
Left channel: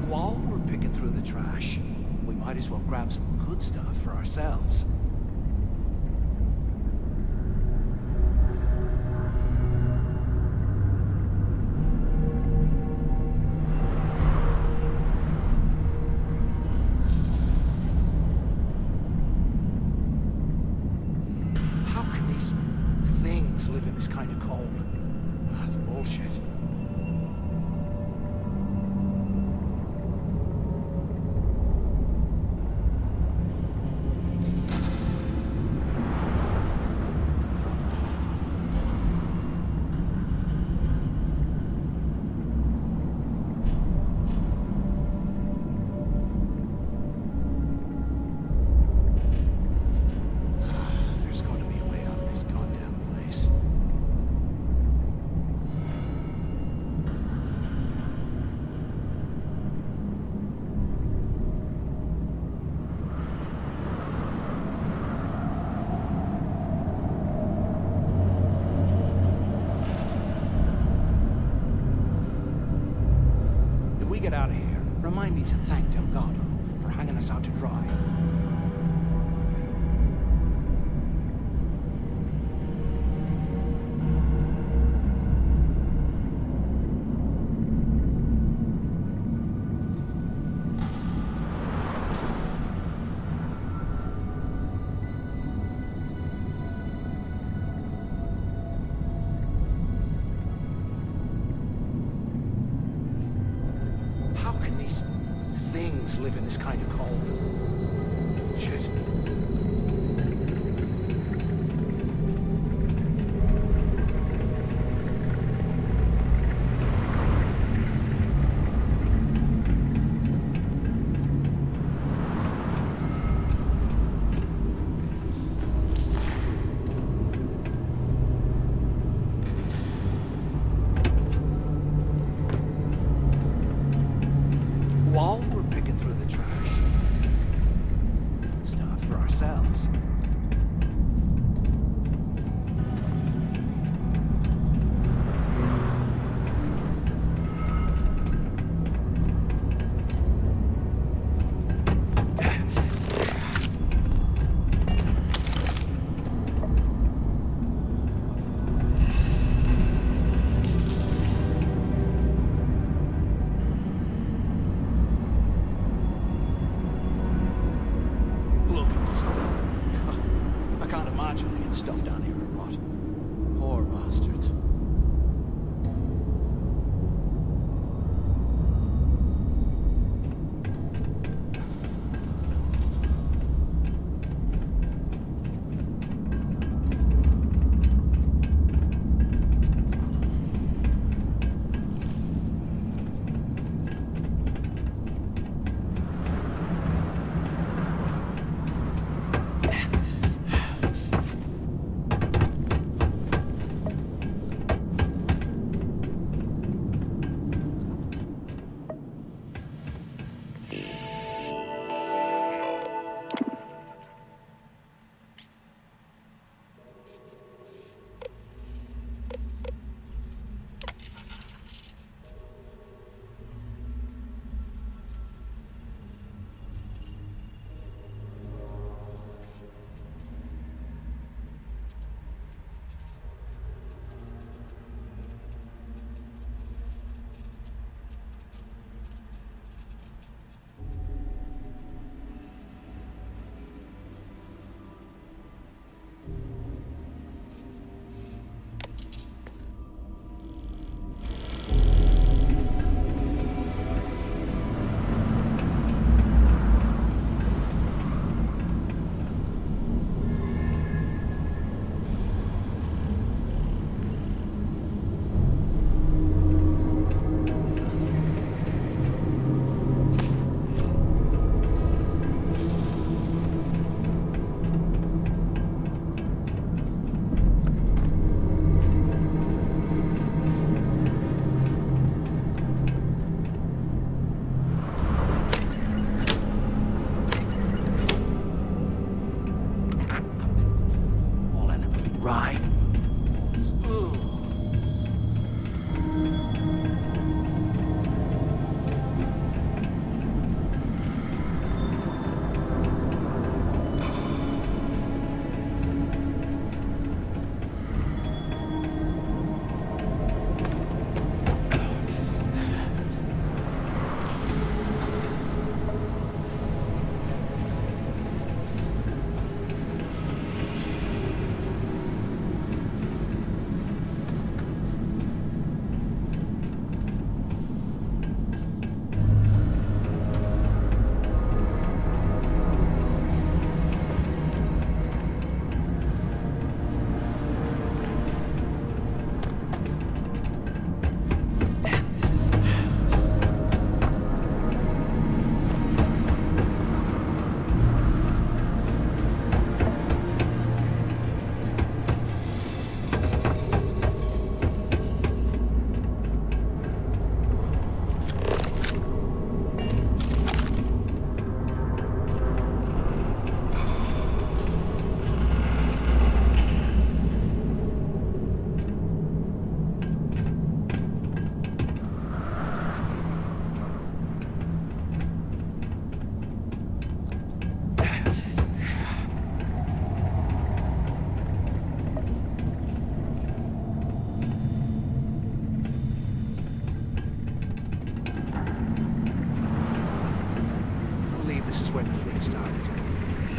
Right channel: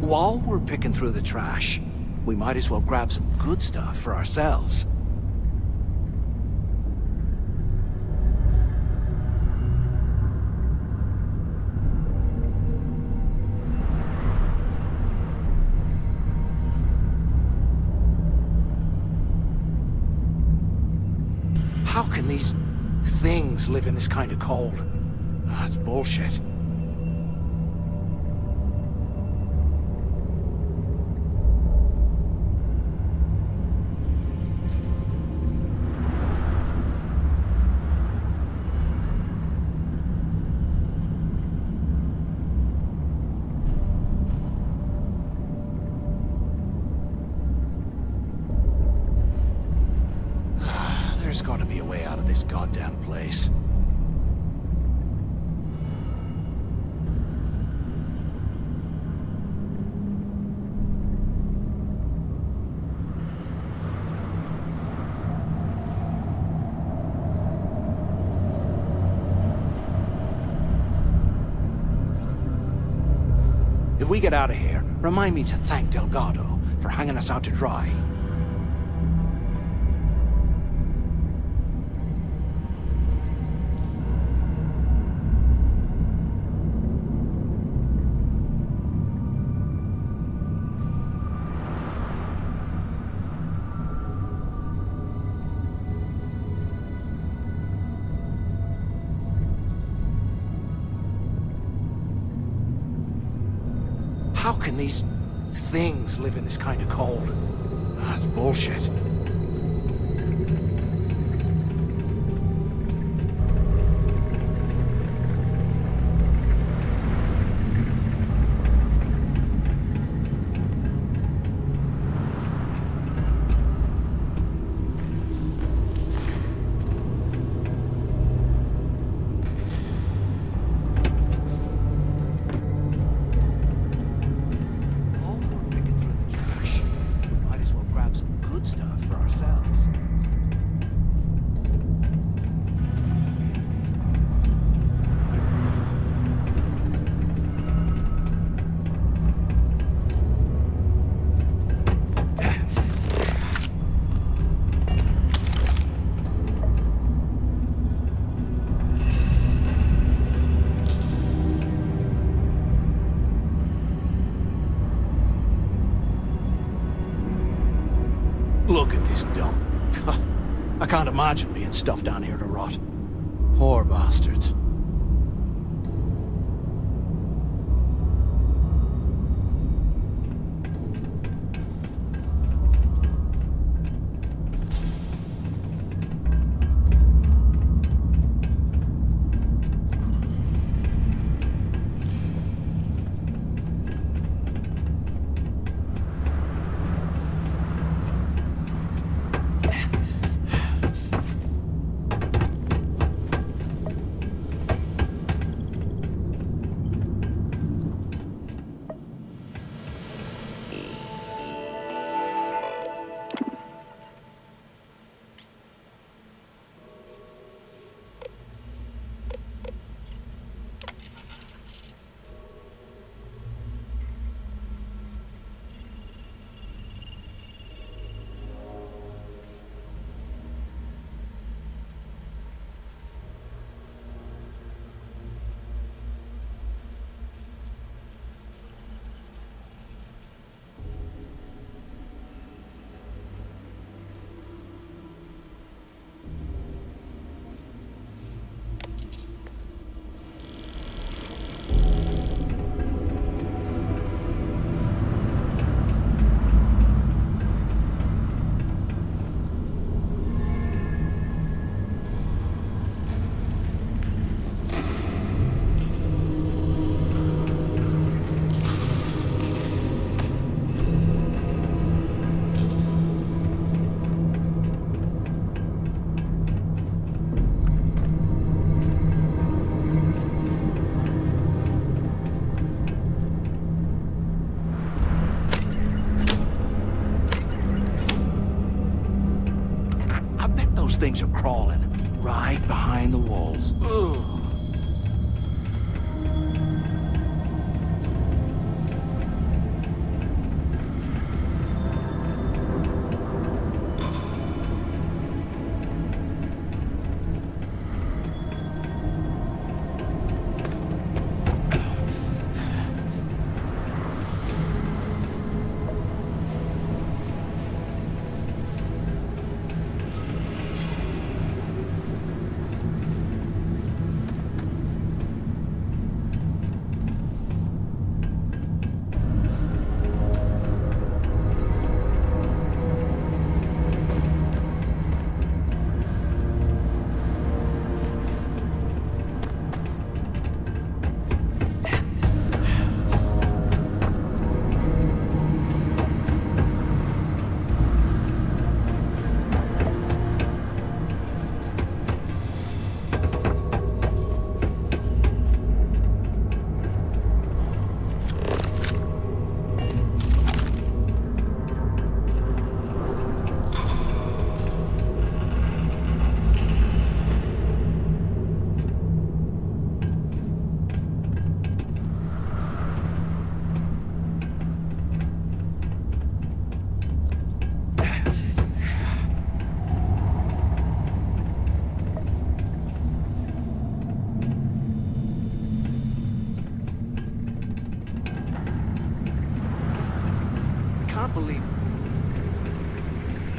While we're picking through the trash, we might as well grab some good stuff for ourselves. How can these things live in this kind of cold? That's bullshit. There's got to be a way out of this goddamn place. If we get out of here, remind me to thank Delgado for hanging us out to dry. How can these things live in this kind of cold? That's bullshit. While we're picking through the trash, might as well grab some good stuff for ourselves. Look at this dump. I can't imagine being stuffed down here to rot. Poor bastards. Things are crawling right behind the walls. Ugh. Believe this is where the fleet started.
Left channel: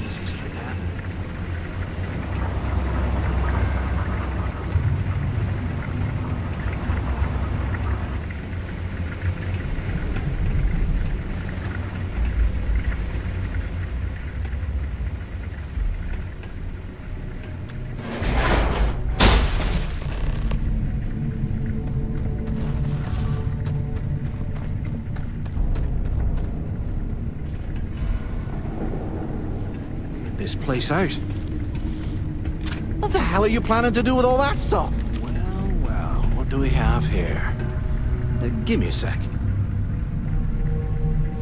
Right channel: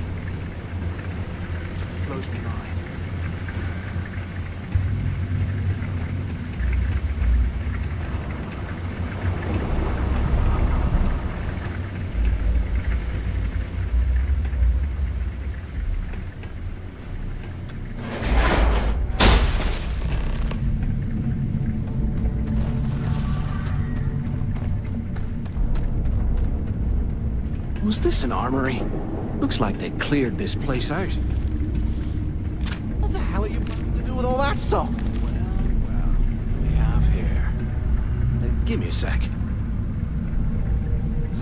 It's history now. Blows me away. Was this an armory? Looks like they cleared this place out. What the hell are you planning to do with all that stuff? Well, what do we have here? Give me a sec.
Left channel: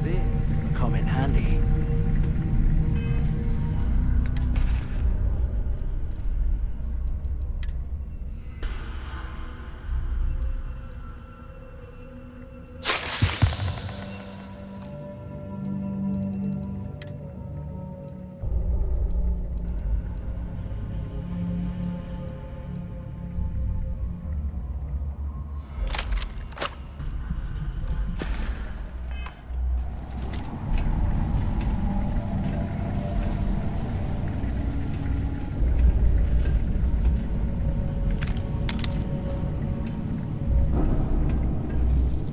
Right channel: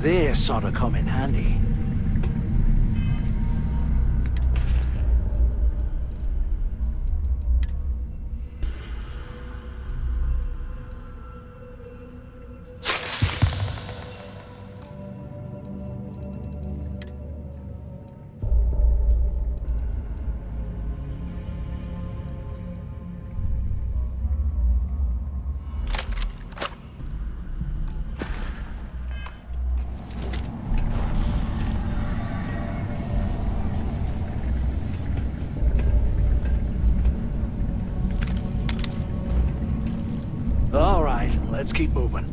This ought to come in handy. All right, let's keep moving.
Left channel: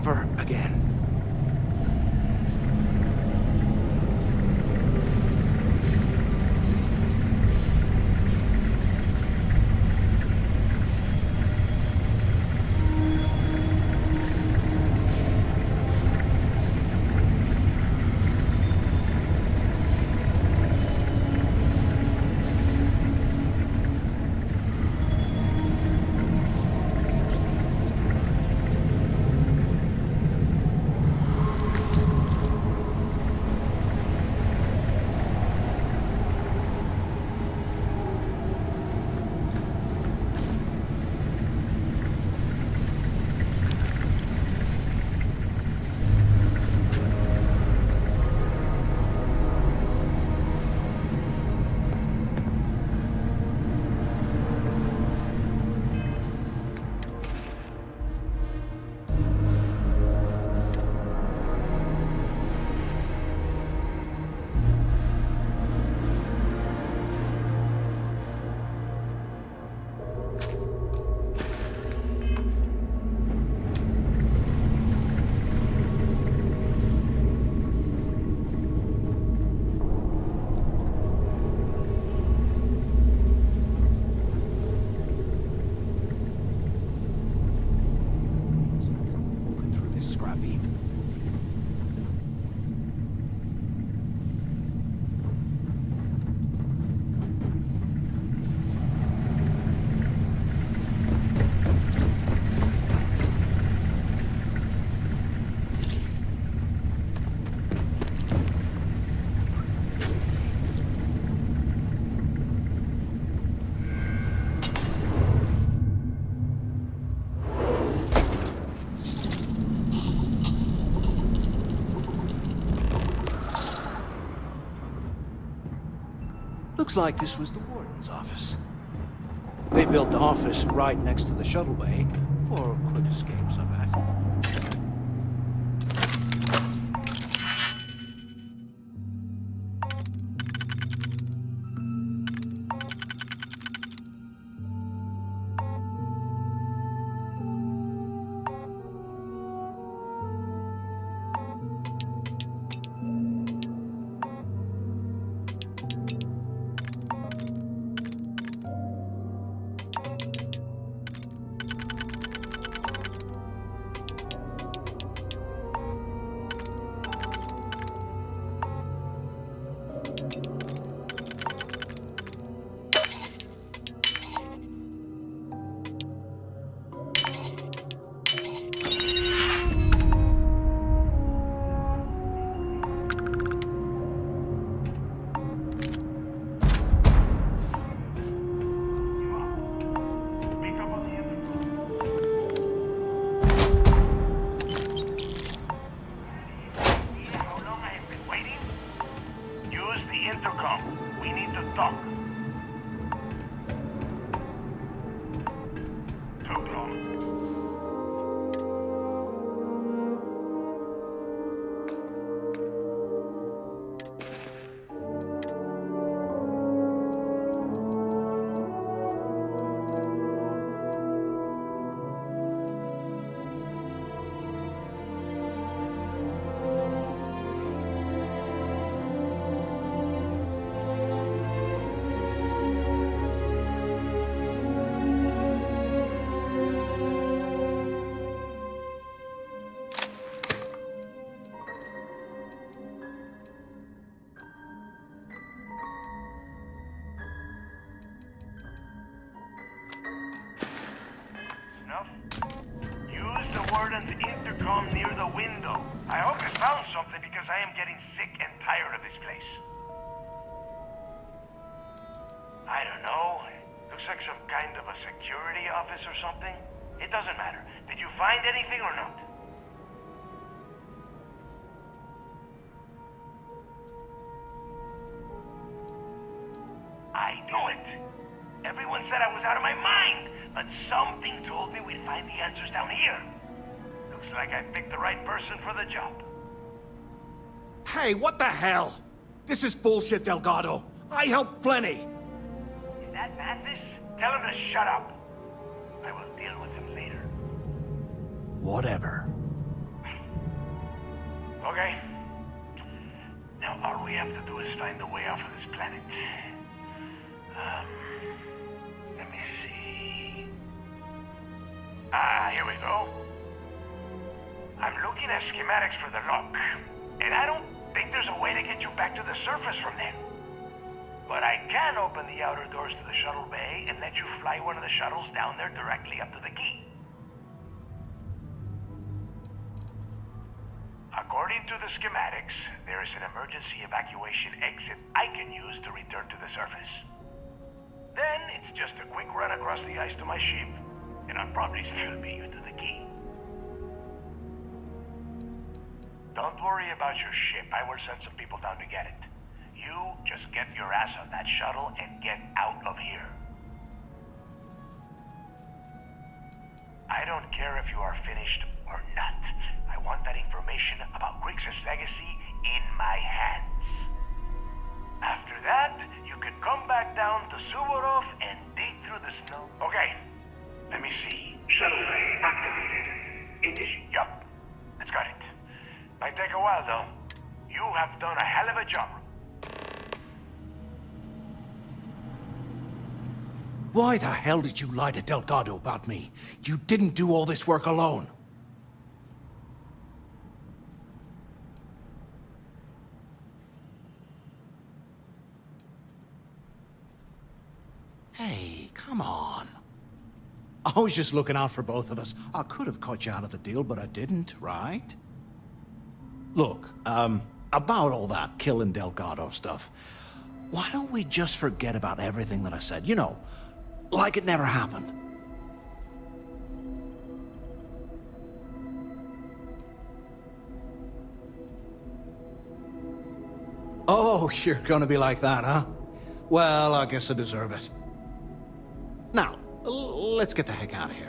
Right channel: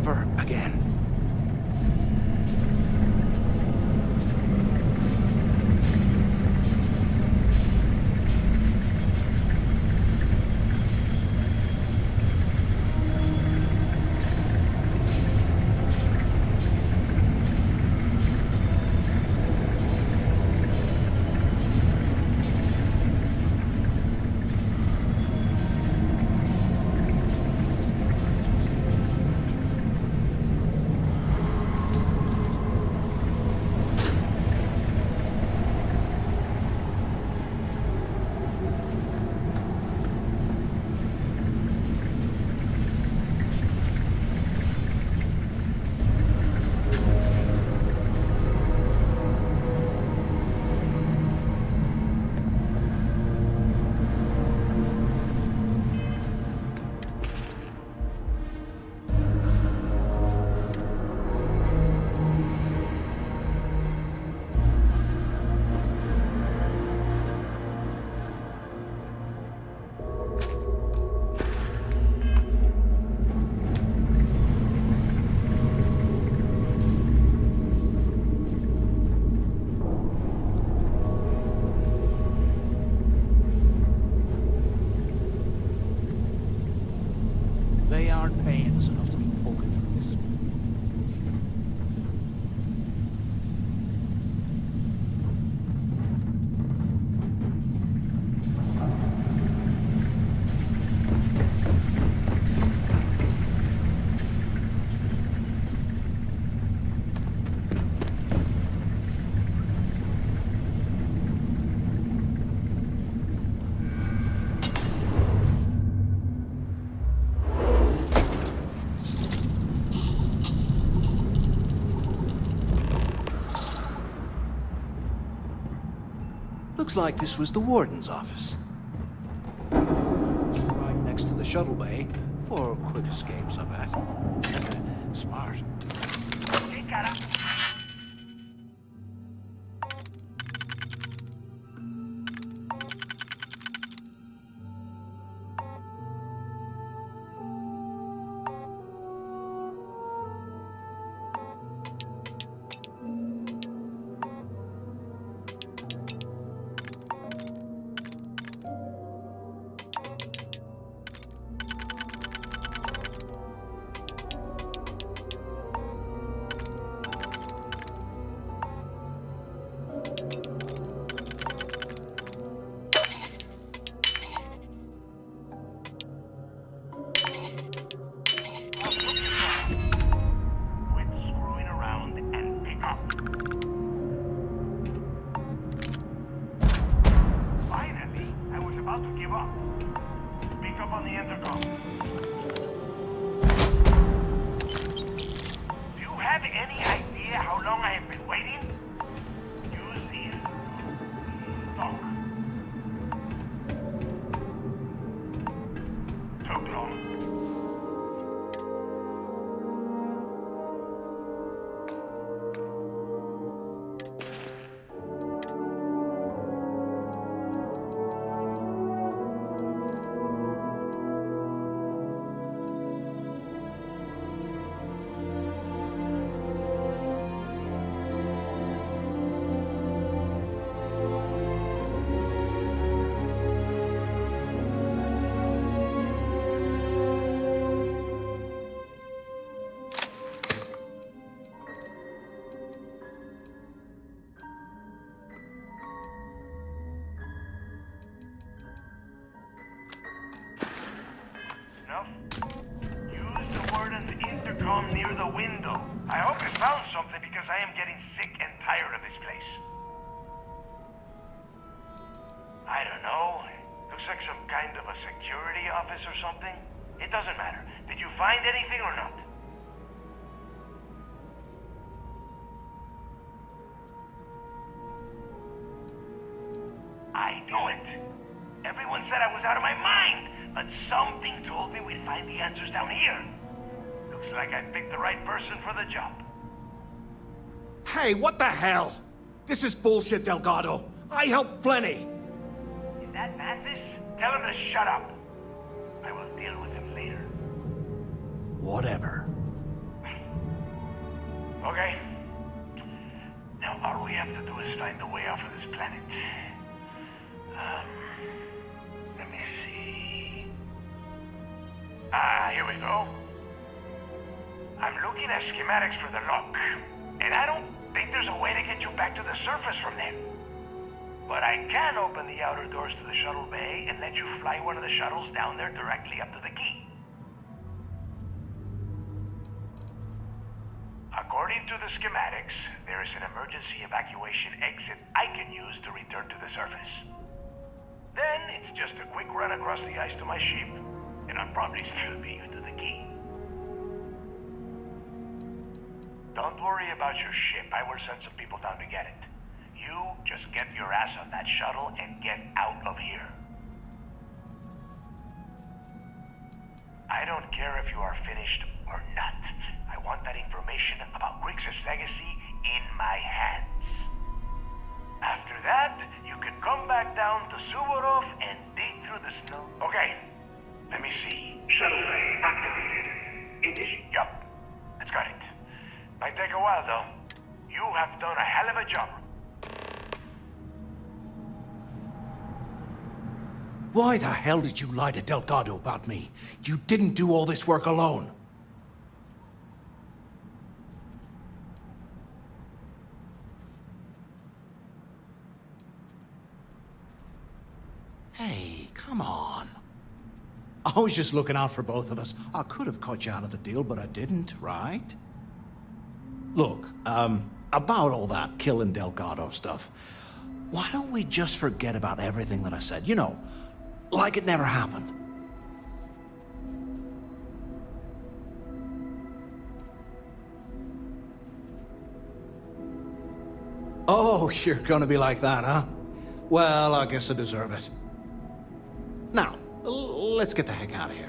ever again. Looks like this was the warden's office. They built the office right next to the shuttle bay for quick escapes, I bet. Smart. Intercom near the window. I hope you found something because I am getting sick and tired of this place. I don't know. Looks like some kind of a security office or something. It doesn't matter. Did you find anything or not? I knew it! Everyone said I was out of my mind, but something told me we'd find the answers down here. Looks like I picked the right person for the job. Hey, what the hell? This is bullshit, Delgado. I helped plenty. Is that Mathis? Tell him to shut up. I will deal with him later. Whatever. Okay. Now all we have to do is find a way off of this planet. Let me see. Here we go. I'm looking at schematics for the lock, and I don't think there's a way to get you back to the surface from there. But I can open the outer doors to the shuttle bay and let you fly one of the shuttles down there directly up to the key. According to the schematics, there is an emergency evacuation exit I can use to return to the surface. Then it's just a quick run across the ice to my ship, and I'll probably still beat you to the key. Don't worry about your ship. I will send some people down to get it. You just get your ass on that shuttle and get out of here. I don't care if you are finished or not. I want that information about Grixis' legacy in my hands. After that, you can come back down to Suvorov and dig through the snow. Okay, let me see. Shuttle bay activated. Yup, that's got it. Might take a while, though. You have done a hell of a job. Why the hell did you lie to Delgado about me? You didn't do all this work alone. Hey, come on. I was just looking out for both of us. I could have cut you out of the deal, but I didn't, right? Look, about all that killing Delgado stuff, why don't we just forget about everything that I said? You know, like it never happened. Oh, you're gonna be like that, huh? Well, I guess I deserve it. Now, let's get the heck out of here.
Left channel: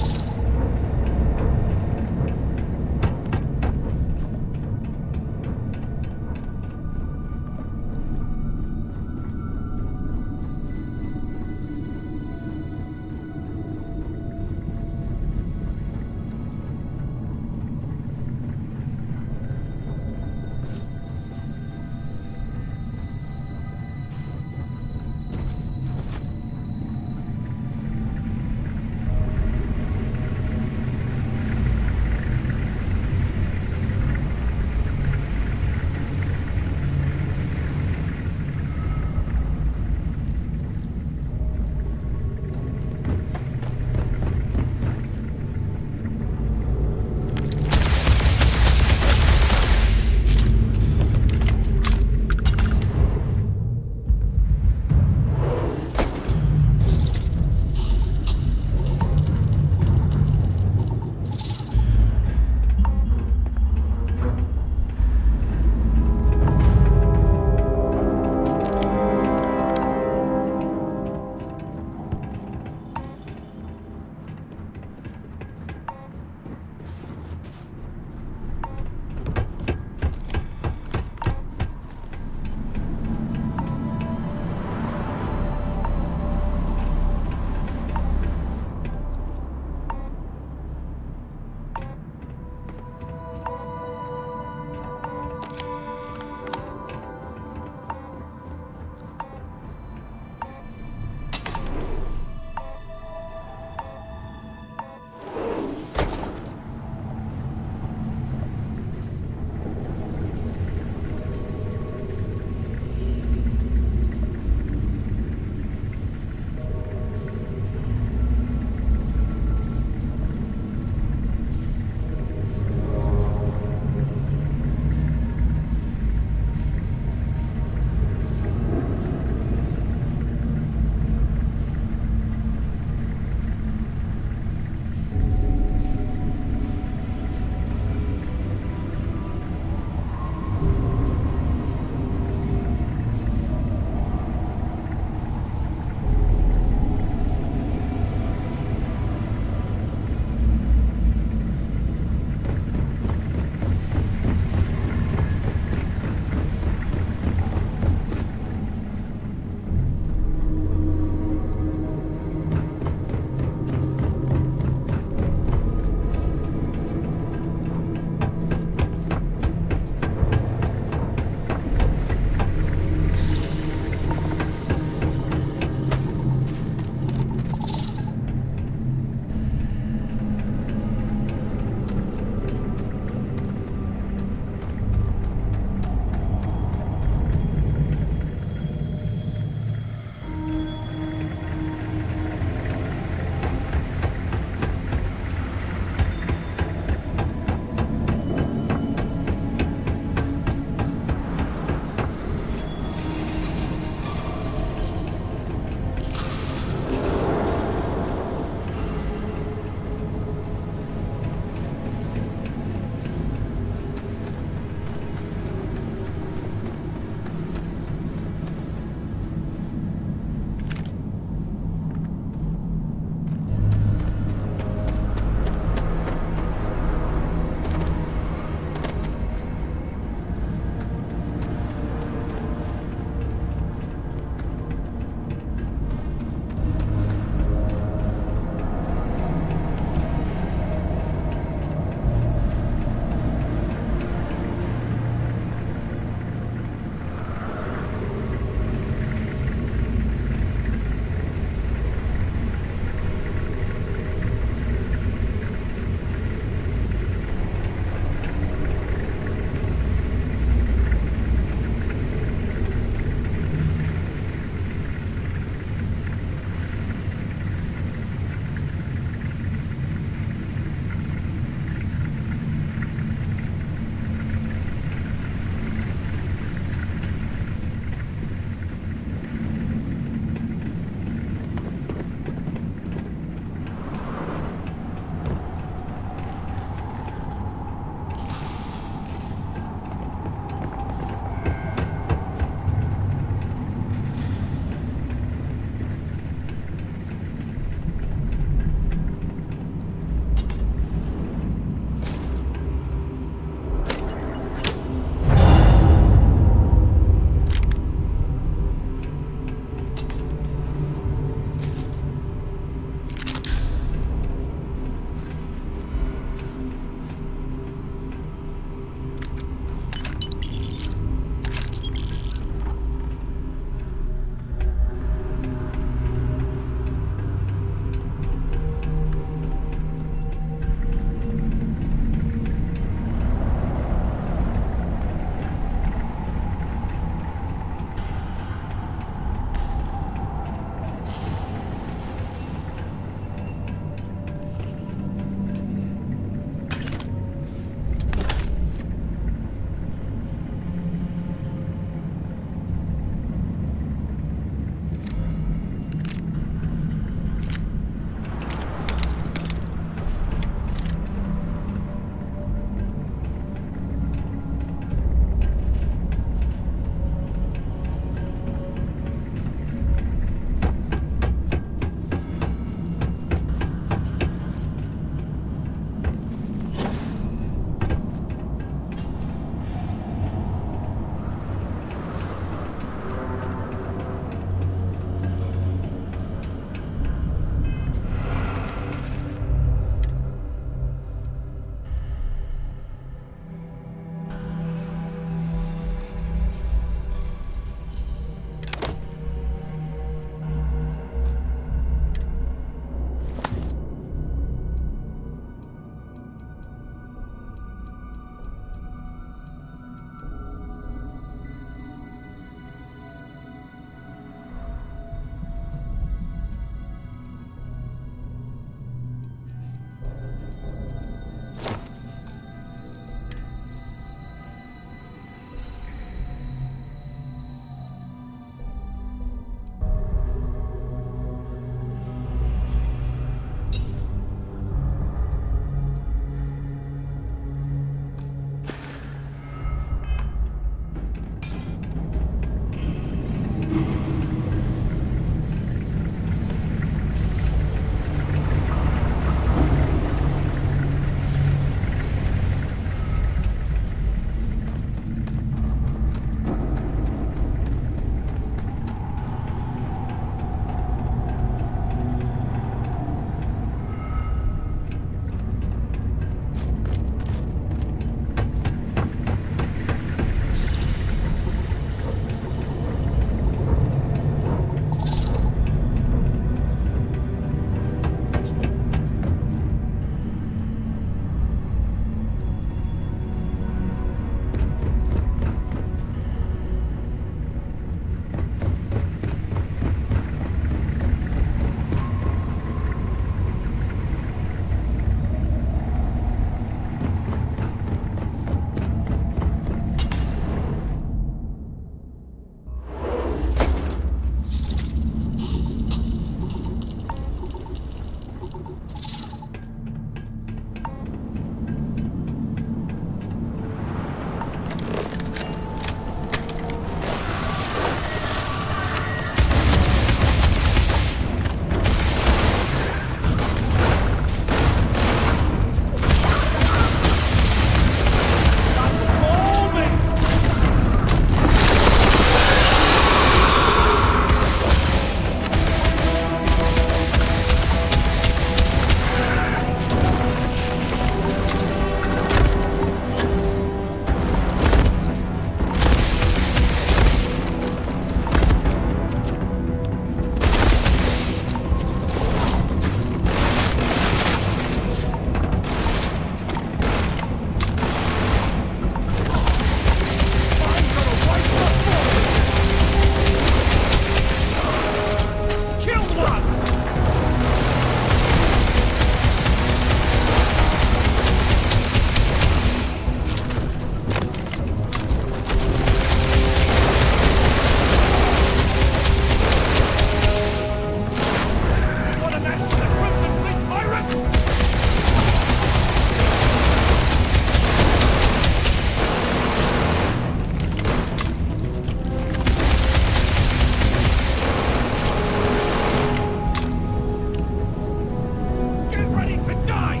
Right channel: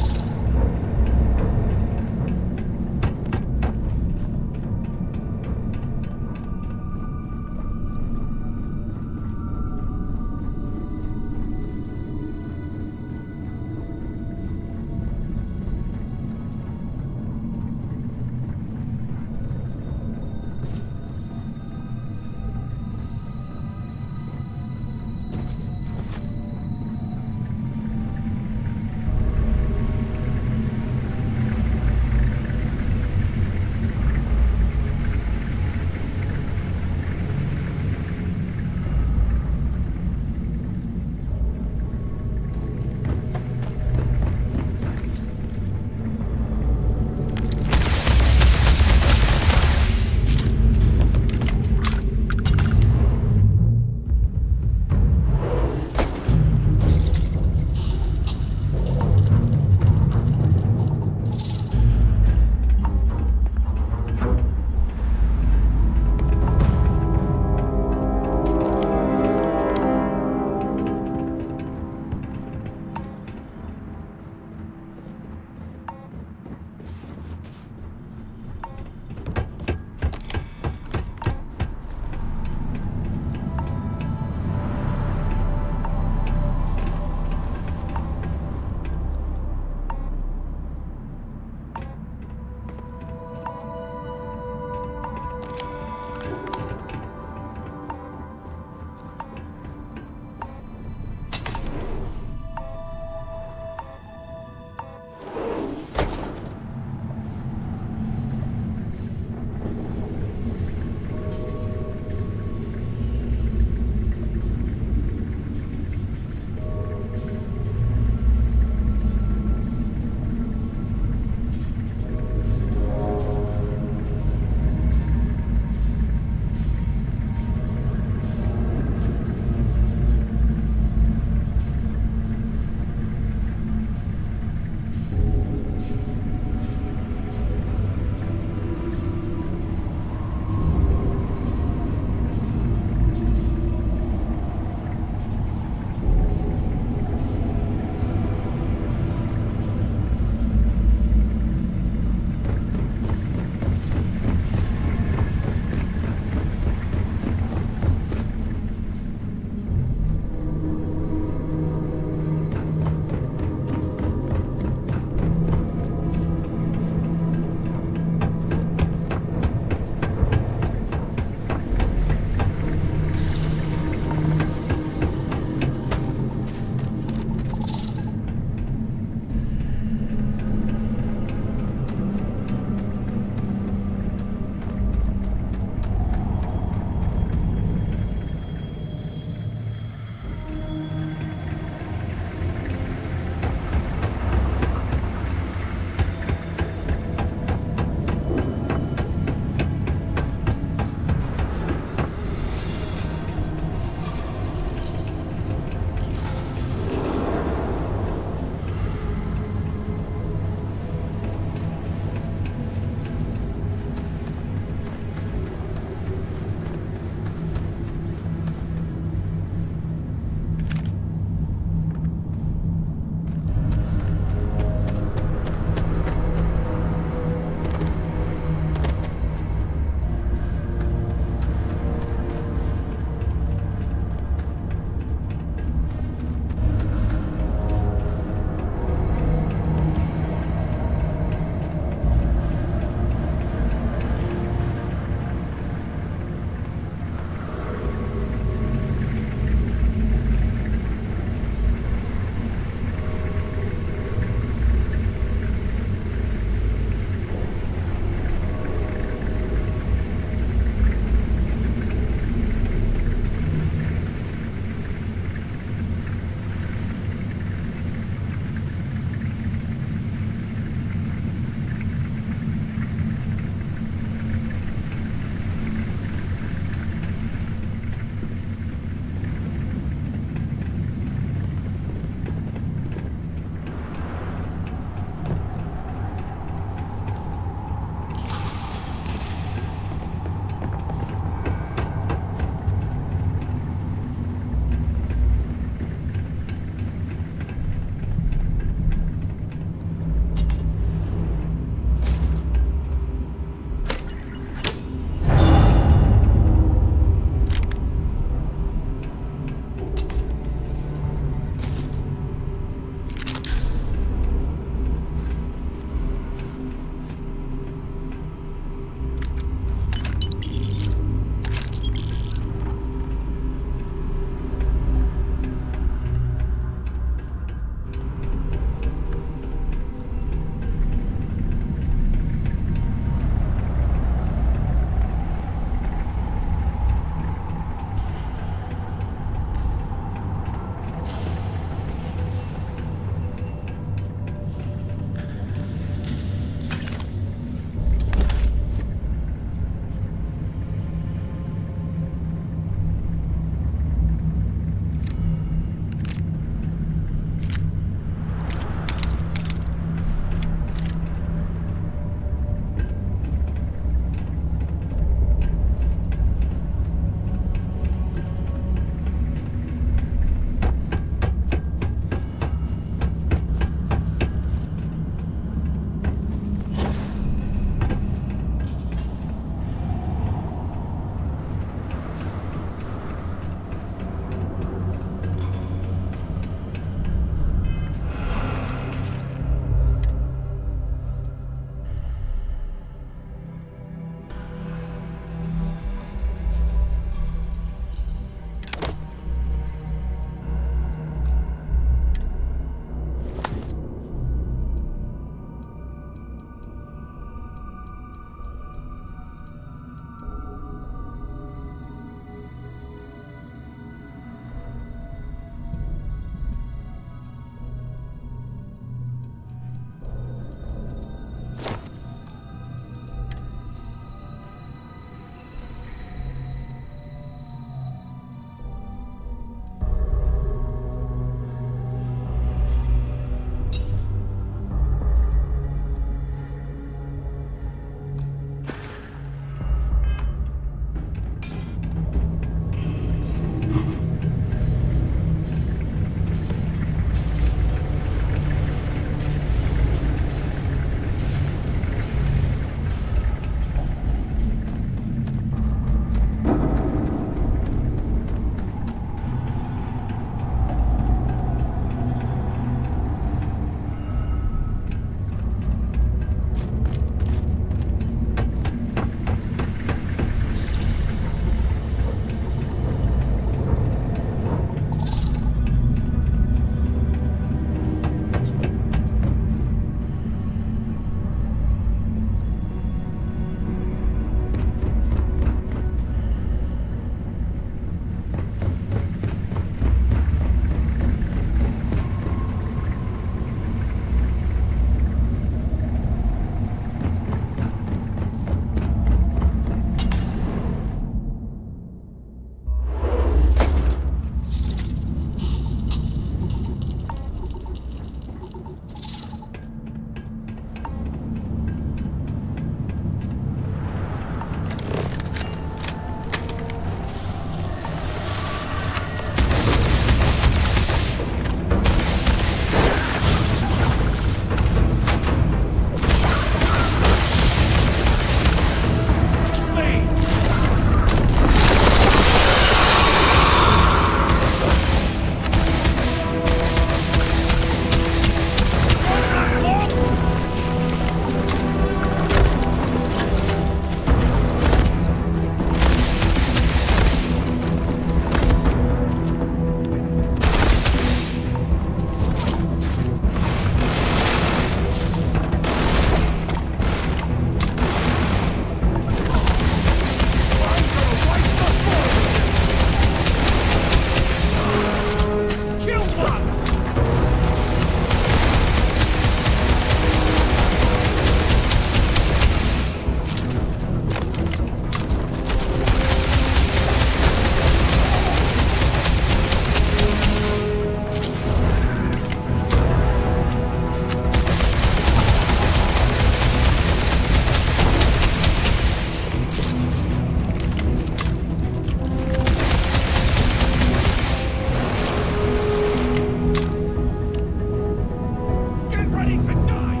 ready to die!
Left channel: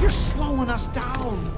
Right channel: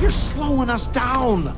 You're slowing us down!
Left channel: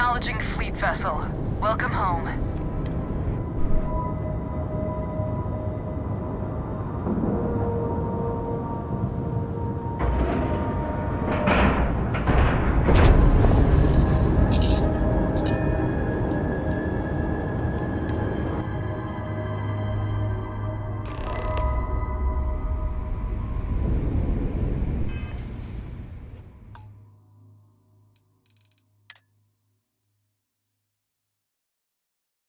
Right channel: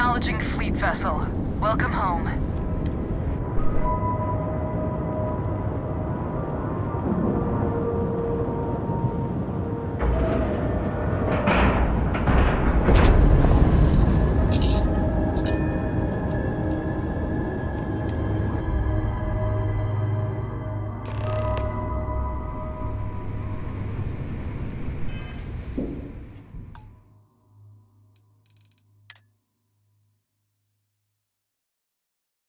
Acknowledging fleet vessel. Welcome home.